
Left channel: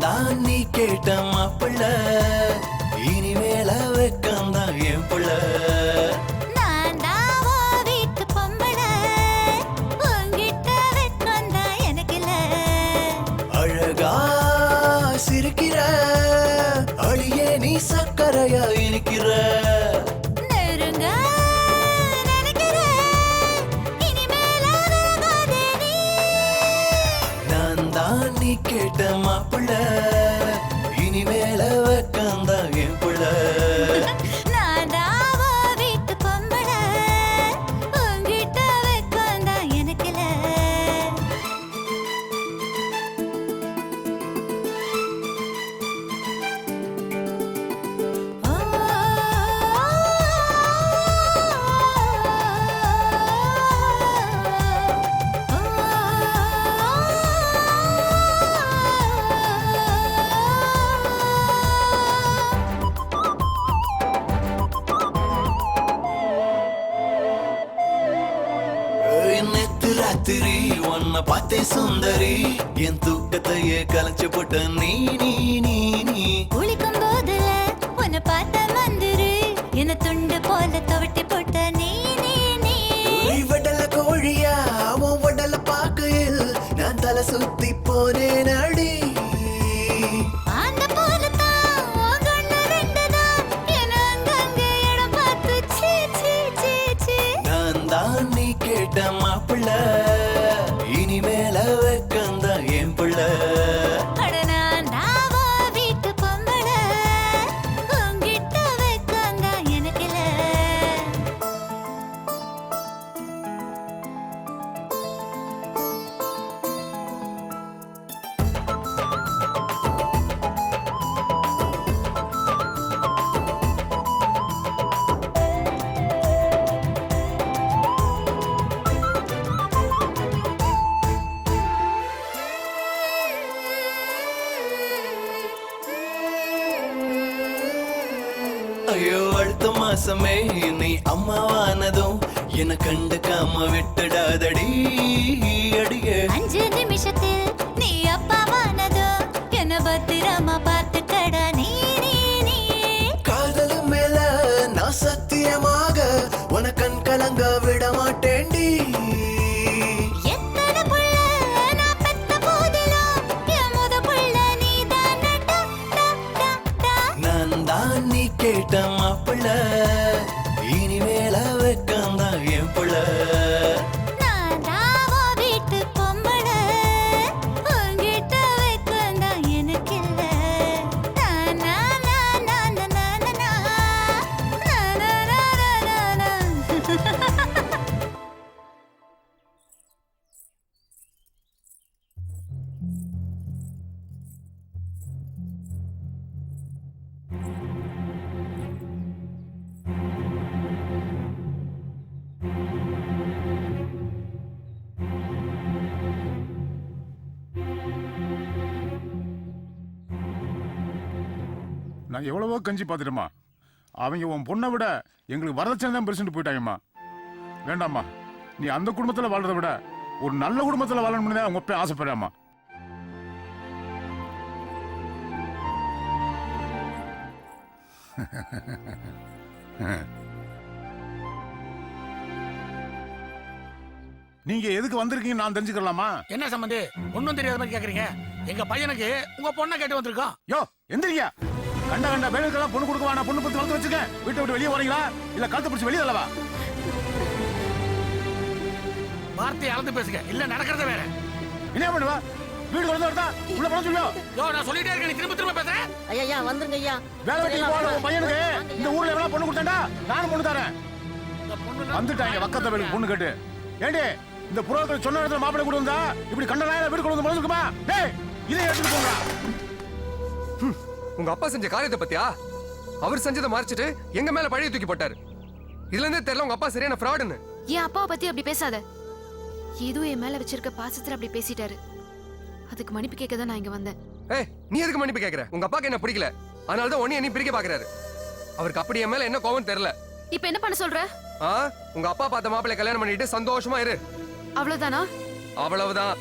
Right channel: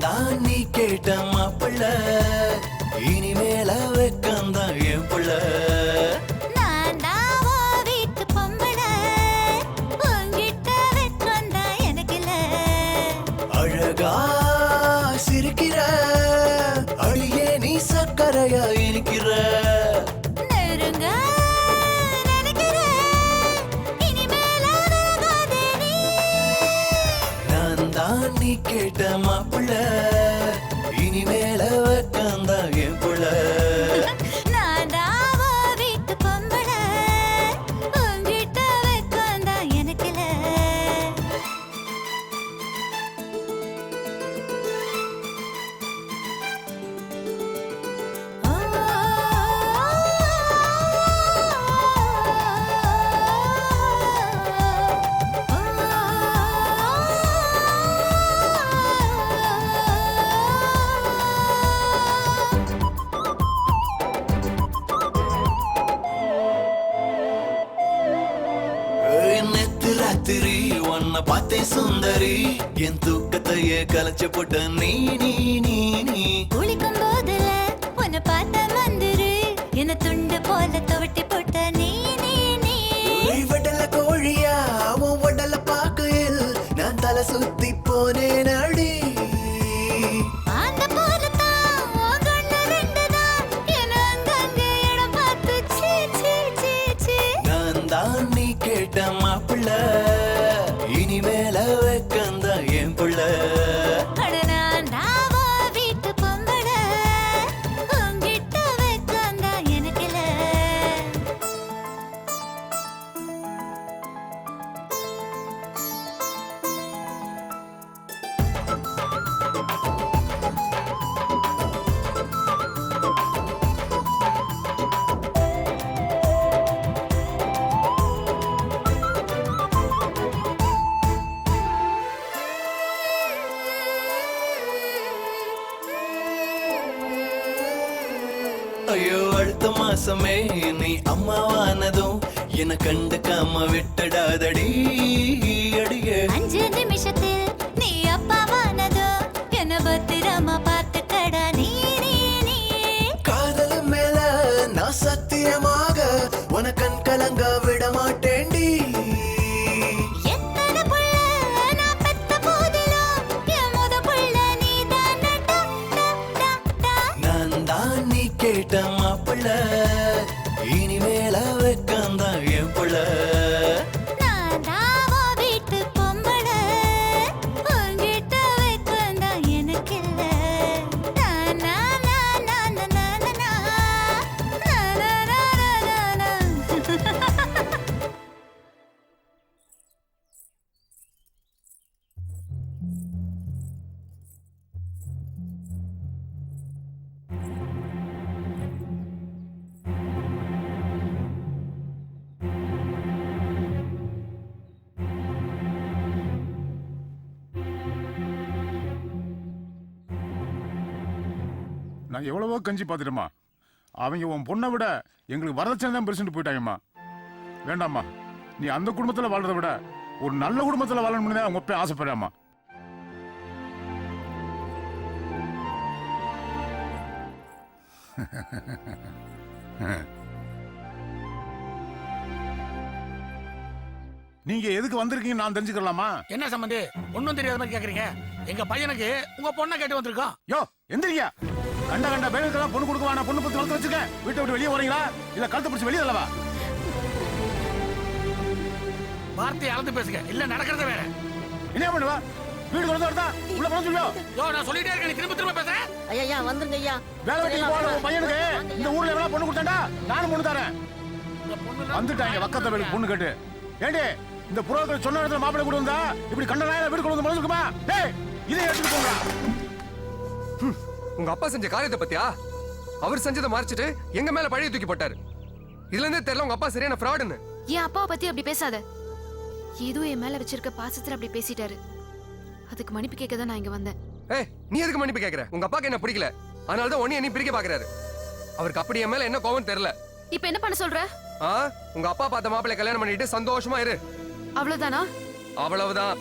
தான் நீ கேட்ட மாப்பிள்ள இனிமேல வெக்கம்தான் என் புள்ள நான் தான் வீட்டு பொம்பளை உங்கிட்ட வெக்கம்தான் எனக்கு இல்ல அழகா சிரிக்கிற அழியே நீ சக்கரையா இருக்கிற நெருங்க நினைக்கிற இனிமேல விலகாதே நீ நான் தான் நீ கேட்ட மாப்பிள்ள இனிமேல வெக்கம்தான் என் புள்ள நான் தான் வீட்டு பொம்பளை உங்கிட்ட வெக்கம்தான் எனக்கு இல்ல நேத்து ராத்திரி உன்னை பார்த்தேன் சுந்தரி என் தூக்கத்தையே கலைச்சு போட்ட நீ நீ நீ நீ குளிக்கும் போதுல உன்னை பார்த்த மந்திரு என்ன துண்டு போல துவட்டி போட்ட நீ நீ நீ வடல கோழியா அவன் வடல பாக்கையில் நான் தலை சுத்தி போனேன் அடி அந்த போலத்தான் உன் கண்ணு ரெண்டுதான் என்ன அங்கங்க இடம் பார்த்து சீ சீ சீ சீ நான் தான் நீ கேட்ட மாப்பிள்ள இனிமேல வெக்கம்தான் என் புள்ள அட நான் தாவா வீட்டு பொம்பளை உங்கிட்ட வெக்கம்தான் எனக்கு இல்ல ஐயோ அடுத்த மாசமே நீ அம்மாவானதும் என கண்டுக்காம விட்டுடாதடி அடியே 5 நிமிஷத்தில் நீ அப்பாவானதோ என்ன பத்திரமா பார்த்துக்கடா நீ நீ நீ காதல் மேல நான் சத்தியமாக உன கண் கலங்க விட மாட்டேன்டி எத்தனை புள்ள நான் பெத்த போதிலும் என் முத புள்ள நீதான் டா டா டா டா நான் தான் நீ கேட்ட மாப்பிள்ள இனிமேல வெக்கம்தான் என் புள்ள நான் தாவா வீட்டு பொம்பளை உங்கிட்ட வெக்கம்தான் எனக்கு இல்ல நா நா நா நா நா நா நா நா நா நா நா நா நான் எவ்வளவோ கஞ்சி பார்த்துட்டேம்மா. அவங்க உன் பொண்ணை விட எங்களுக்கு வரதட்சணை தான் பெருசுன்னு போயிட்டாங்கம்மா. வேண்டாம்மா, நீ அந்த குடும்பத்தில் வாழ்றதை விட ஒரு நல்ல குடும்பத்தில் வாழணும்னு தான் உங்க அப்பா ஆசைப்படுறாம்மா. நீங்க எதுக்கு வந்திருக்கீங்க நான் தெரிஞ்சுக்கலாமா? என்ன சம்பந்தி ஒண்ணும் தெரியாத மாதிரி கேக்குறீங்க? எங்க பையனுக்கு உங்க பொண்ணை கேட்டு வந்திருக்கோம். யோ எந்திரிங்க. கண்ட கண்ட பேருக்கெல்லாம் பொண்ணு கொடுக்க வேணா, பொண்ணு பத்தி வளர்த்து வச்சுக்க. வீட்டை விட்டு வெளியே வரீங்களா இல்ல கழுத்தை பிடிச்சி வெளியே தள்ளவா? வார்த்தையை அளந்து பேசுங்க, இல்ல நடக்கிறத வேற. என்ன பண்ணுவா? வீடு கொண்டு வரதா உள்ள போன சொல்லியோ. யோ நான் சொல்லிட்டே இருக்கேன், நீ திரும்ப திரும்ப பேசுற. ஐயா வந்துருங்க ஐயா. வேலை வெட்டி போற உன் பையனுக்கு இந்த ஊர்ல எவ்வளவு பொண்ணு கொடுத்தாண்டா? நானும் பொண்ணு தரேன். வந்துட்டாங்க வக்கத்த வேலுக்கு பொண்ணு கேட்டு. ஏண்டி இந்த புரோக்கர் சொன்ன இடத்துல மாப்பிள்ளை கொண்டு வந்தா இப்படி கண்ட நாயில வீடு கொண்டு வந்து மனசுக்குமா? டேய் இதை எடுத்துட்டு போங்க. உங்க அப்பா செஞ்ச காரியத்தை பத்தியா? அவர் செஞ்சதை மறைச்சிட்டு எங்க மேல பழைய தூக்கி போட்டாரு. இதுல இருந்தே தெரியல உங்க அப்பா சரியான ஃப்ராடுன்னு. என் அப்பாவை பத்தி அப்படி பேசாத. ஏதோ என் மேல வச்சிருக்க பாசத்துல அப்படி பேசிட்டாரு. அதுக்கு மன்னிப்பு கேட்க தான் நான் இங்க வந்தேன். ஏய் நீ எதுக்கு மன்னிப்பு கேக்குற? உங்க அப்பாக்கு என்ன பிடிக்கல, அதனால தான் ஒண்ணு என்ன பிரிக்க பாக்குறாரு. அவருக்கு அப்படி என் மேல என்ன கோவம் தெரியல. இப்போ என்ன பண்ண சொல்ற? உங்க அப்பா பார்த்த மாப்பிள்ளை கல்யாணம் பண்ணிட்டு சந்தோஷமா இரு. அவ்வளவுதானா? அவ்வளவுதான்.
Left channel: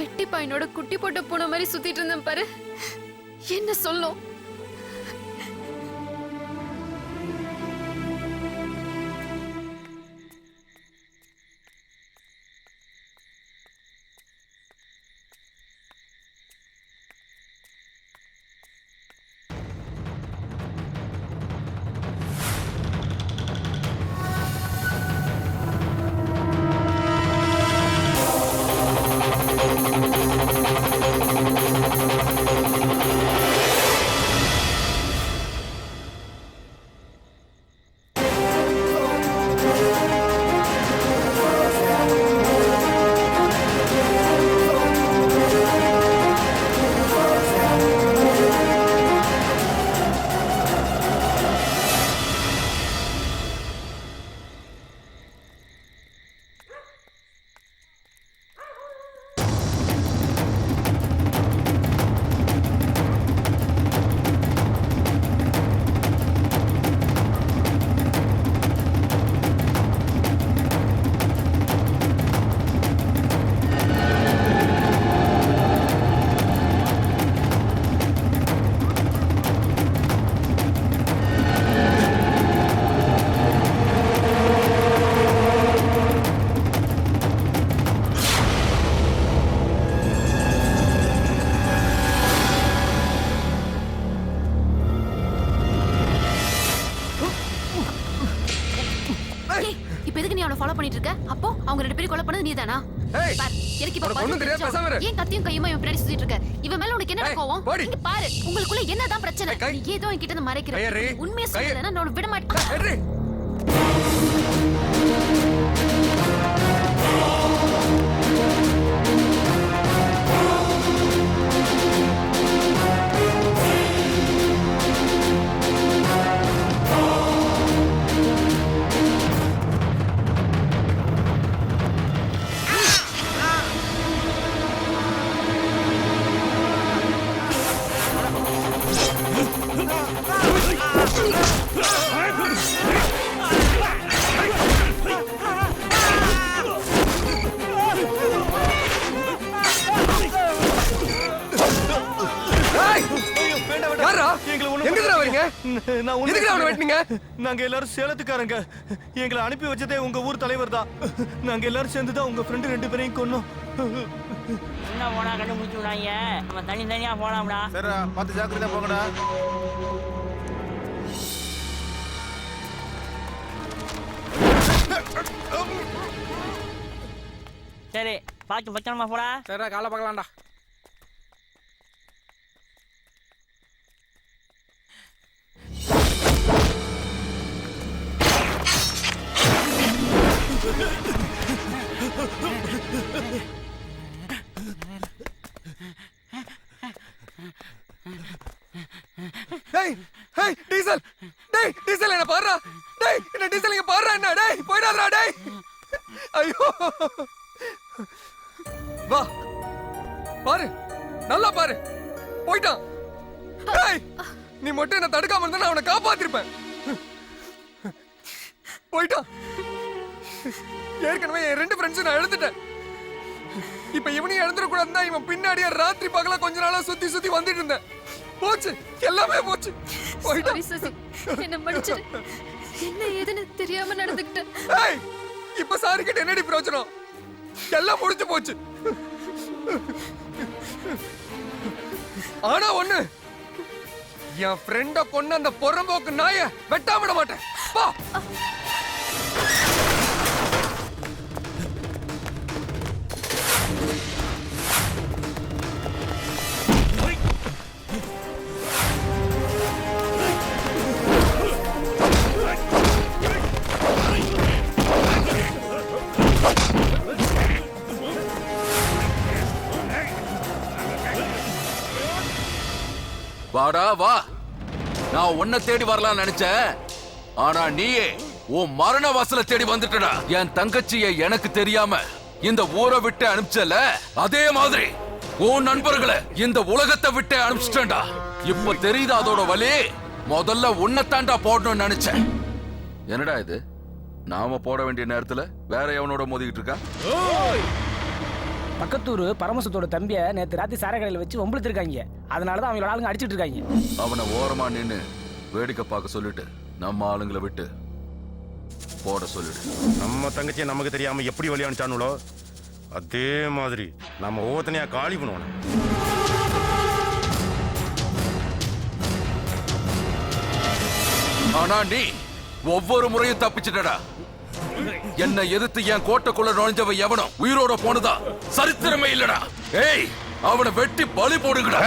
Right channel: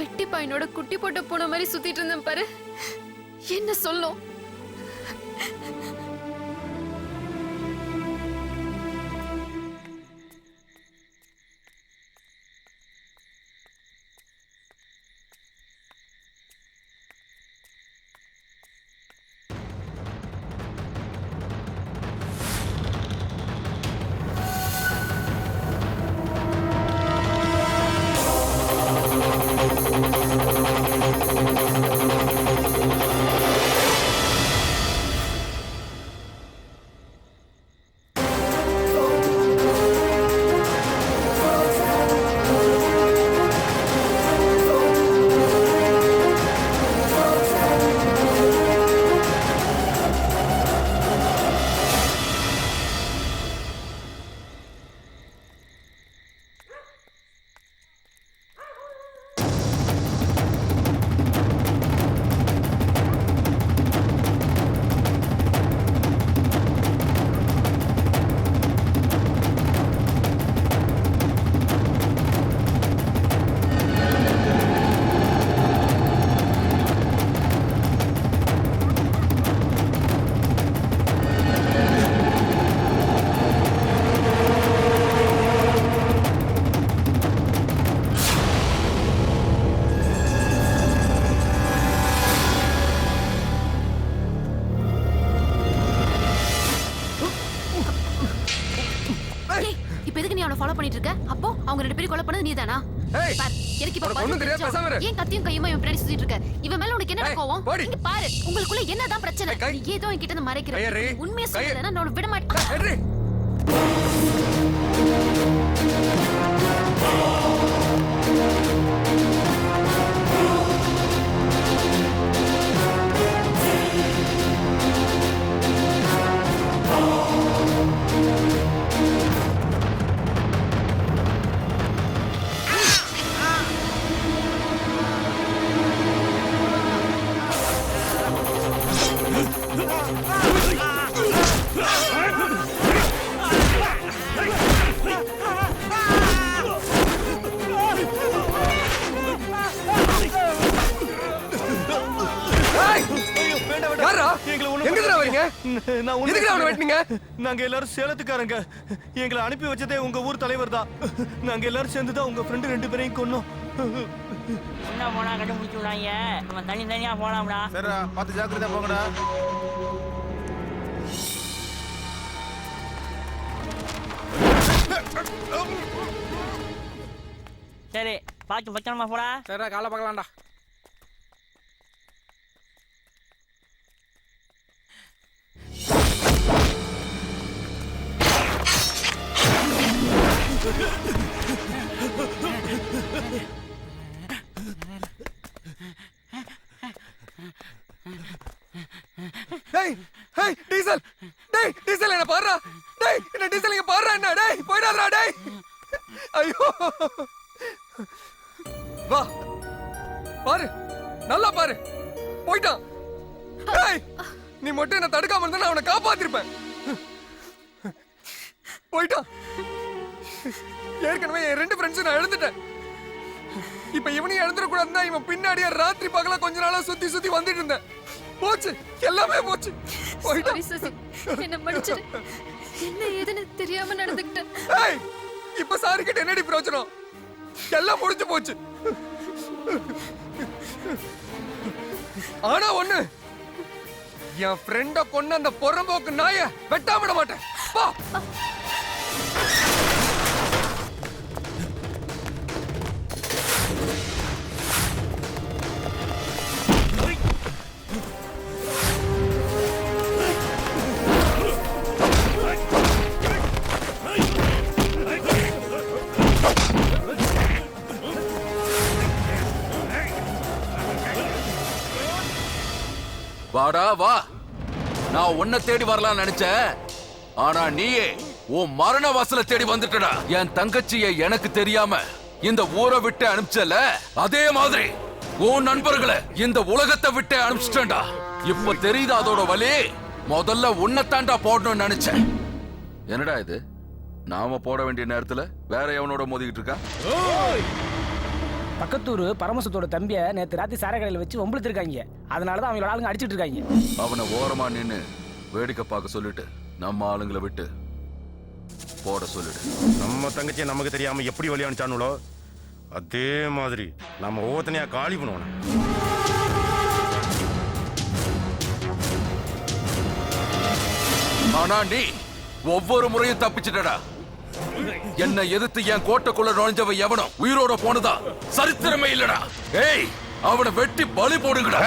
பெட்டி பையனோட குட்டி போட்ட பூனை மாதிரி சுத்திட்டு இருந்தேன் பாரு. என்ன சொல்லும்? ஃபாலோ பண்ணிட்டு இருக்க? அப்போ அவங்க ரெண்டு பேரும் கொலை பண்ணது நீதானா? பார், எனக்கு இப்ப பாரு. ஏன் கத்தியும் கையுமா இவன் பின்னாடி சுத்திட்டு இருக்க? இவன் மேல உனக்கு என்ன கோவம்? இங்க பாரு, உங்களுக்குள்ள என்னதான் பிரச்சனை? நீ ஏதோ என்கிட்ட இருந்து மறைக்கிற. உண்மையை சொல்லலன்னா நான் விட மாட்டேன். நாங்க எல்லாரும் சேலத்துக்காரங்க. எங்களை அனுப்பி வச்சதே உங்க ஊர் தலைவர் தான். நாங்க எல்லாரும் சேர்ந்துதான் உங்க ஃப்ரெண்டு 2 பேரையும் கொன்னோம். என்ன போனா கண்டுபிடிச்சு விடாங்க. நம்ம தனியா போலாம்டா. சரிடா, பார்த்து ஜாக்கிரதையா போங்கடா. சரி, பார்த்து பத்திரமா போடா. சரிடா, காலை பார்க்கலாம்டா. டேய் ஹேய் டீசல், டேய் டீசல் என்ன பாறா, டேய் என்ன டீசல் இங்க பாறா, என்ன டேய் போய்டாதடா டேய். ஐயோ வா பாரு, நல்லா பாரு, போய்ட்டான். டேய் நீ மட்டும் என்ன தடுக்காம இருந்தா நான் அவனை காப்பாத்திருப்பேன். போய்ட்டான். ஏற்கனவே என் 2 ஃப்ரெண்ட்ஸ் நான் எழுந்துட்டேன். இப்ப இவனையும் எழுந்துடக்கூடாதுன்னு தான் இவன் பின்னாடியே ராத்திரி பகலா கொஞ்ச நாளா சுத்தி சுத்தி வந்துட்டு இருந்தேன். போச்சு, எல்லாமே போச்சு. என்ன மன்னிச்சிடு. என்ன ஏதுன்னு தெரியாம நடந்துக்கிட்டேன். ஏய் இப்ப சாரி கிட்ட என்னடி பிரயோஜனம்? எல்லாம் முடிஞ்சு போச்சு. ஆனா ஒண்ணு, என் ஃப்ரெண்ட கொன்ன அந்த பொறம்போக்கு நாய வெட்டாம விட மாட்டேன். பா. வாடா வா. நான் உன்னை தேடி வரலாம்னு நினைச்சேன். ஆனா நீயே உன் மரண வாசல தேடி வந்துட்டடா. என் தங்கச்சியை எனக்கு தெரியாம இந்த ஊரை விட்டு அனுப்பிச்சல, அதே மாதிரி உன் நண்பர்களை இந்த உலகத்தை விட்டு அனுப்பிச்சிட்டா. இப்ப தெரியுது அதோட வலி. முதல்ல உன்னை தாண்டா போடணும்னு நினைச்சேன். என்னடா இது, நாம போட வேண்டிய நேரத்துல வேற எவனோட மோதிக்கிட்டு இருக்கா? பக்கத்தூர் பரமசத்தோட தம்பியை நேற்று ராத்திரி சார கடையில் வச்சு வம்பிழுத்திருக்காங்க. அதனாலதான் அவங்களோட ஆளுங்க அடிச்சிட்டு இருக்காங்க. அவனை ஓரமா நின்னு வேடிக்கை பார்க்க சொல்லிட்டு நம்ம ஆளுங்களை விட்டு போட சொல்லிடு. நம்ம தங்கச்சியை நமக்கு தெரியாம எப்படி வழி அனுப்பிச்சானுங்களோ அதே மாதிரி நம்ம ஒவ்வொருத்தனையா காலி பண்ணுவோம். ஆனா நீ ஒவ்வொரு முறையும் தப்பிச்சிட்டடா. என்ன எதிர்த்து என் கோட்டைக்குள்ள நுழைஞ்சவ எவனும் உயிரோட போனதா சரித்திரமே இல்லடா. ஏய், அவனை வெட்டி பலி போடுங்கடா.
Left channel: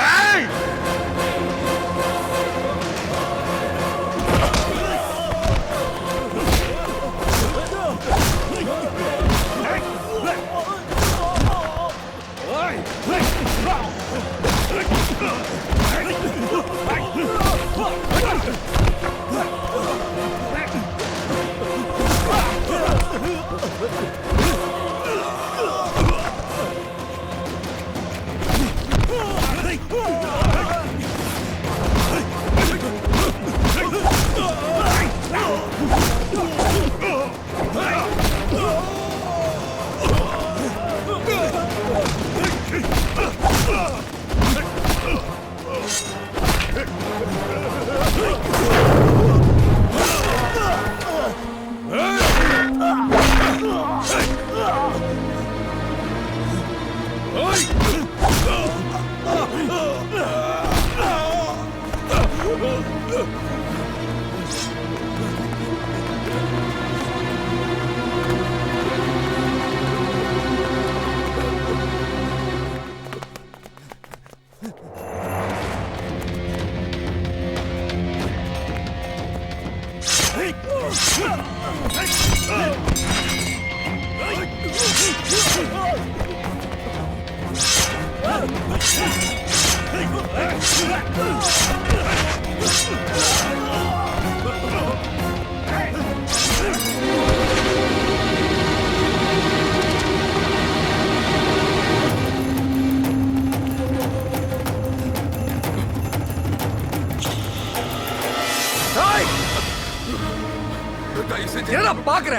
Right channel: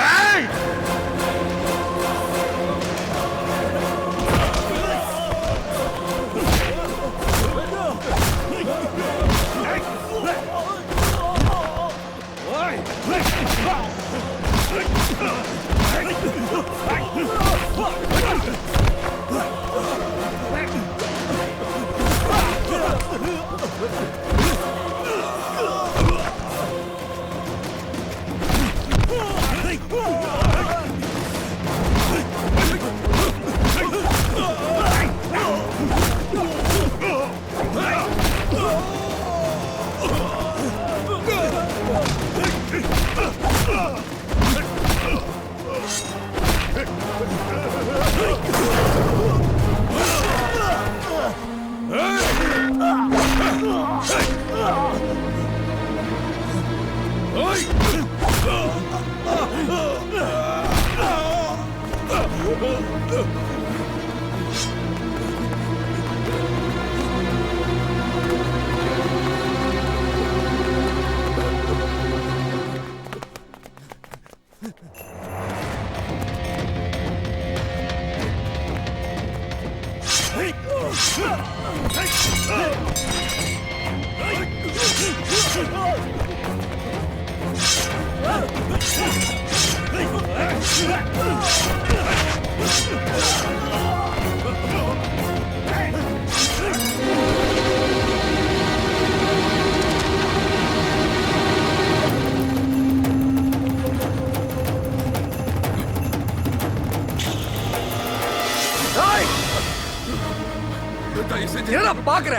என்ன பாக்குற?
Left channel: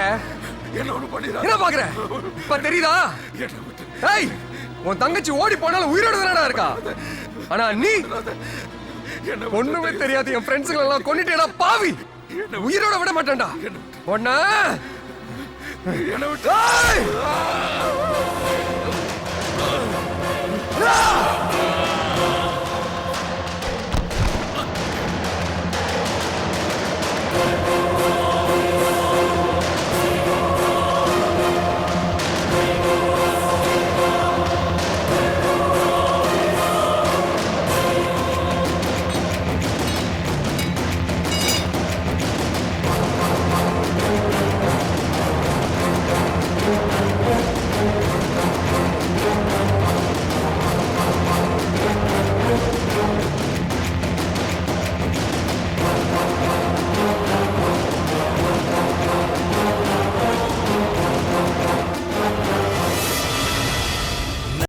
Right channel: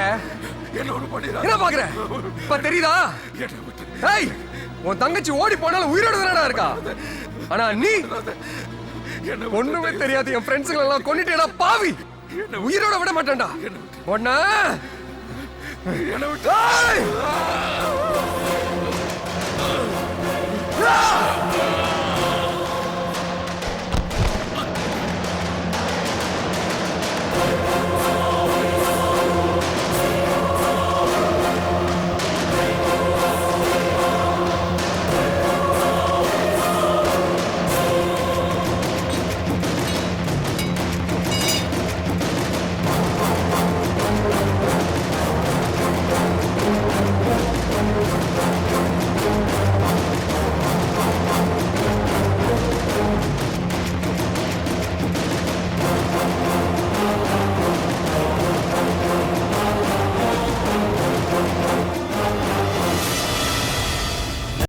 என்ன பாக்குற? இப்ப தெரியுதா? ஏய், உன் தங்கச்சி ஓடி போனாலும் உயிரோட தானடா இருக்கா. ஆனா நீ ஒண்ணுமே தெரியாது என் ஃப்ரெண்ட்ஸுங்களை எல்லாம் கொன்னுட்டேடா பாவி. உயிரோட விட மாட்டேன்டா ஒண்ணா. என்ன விட்டு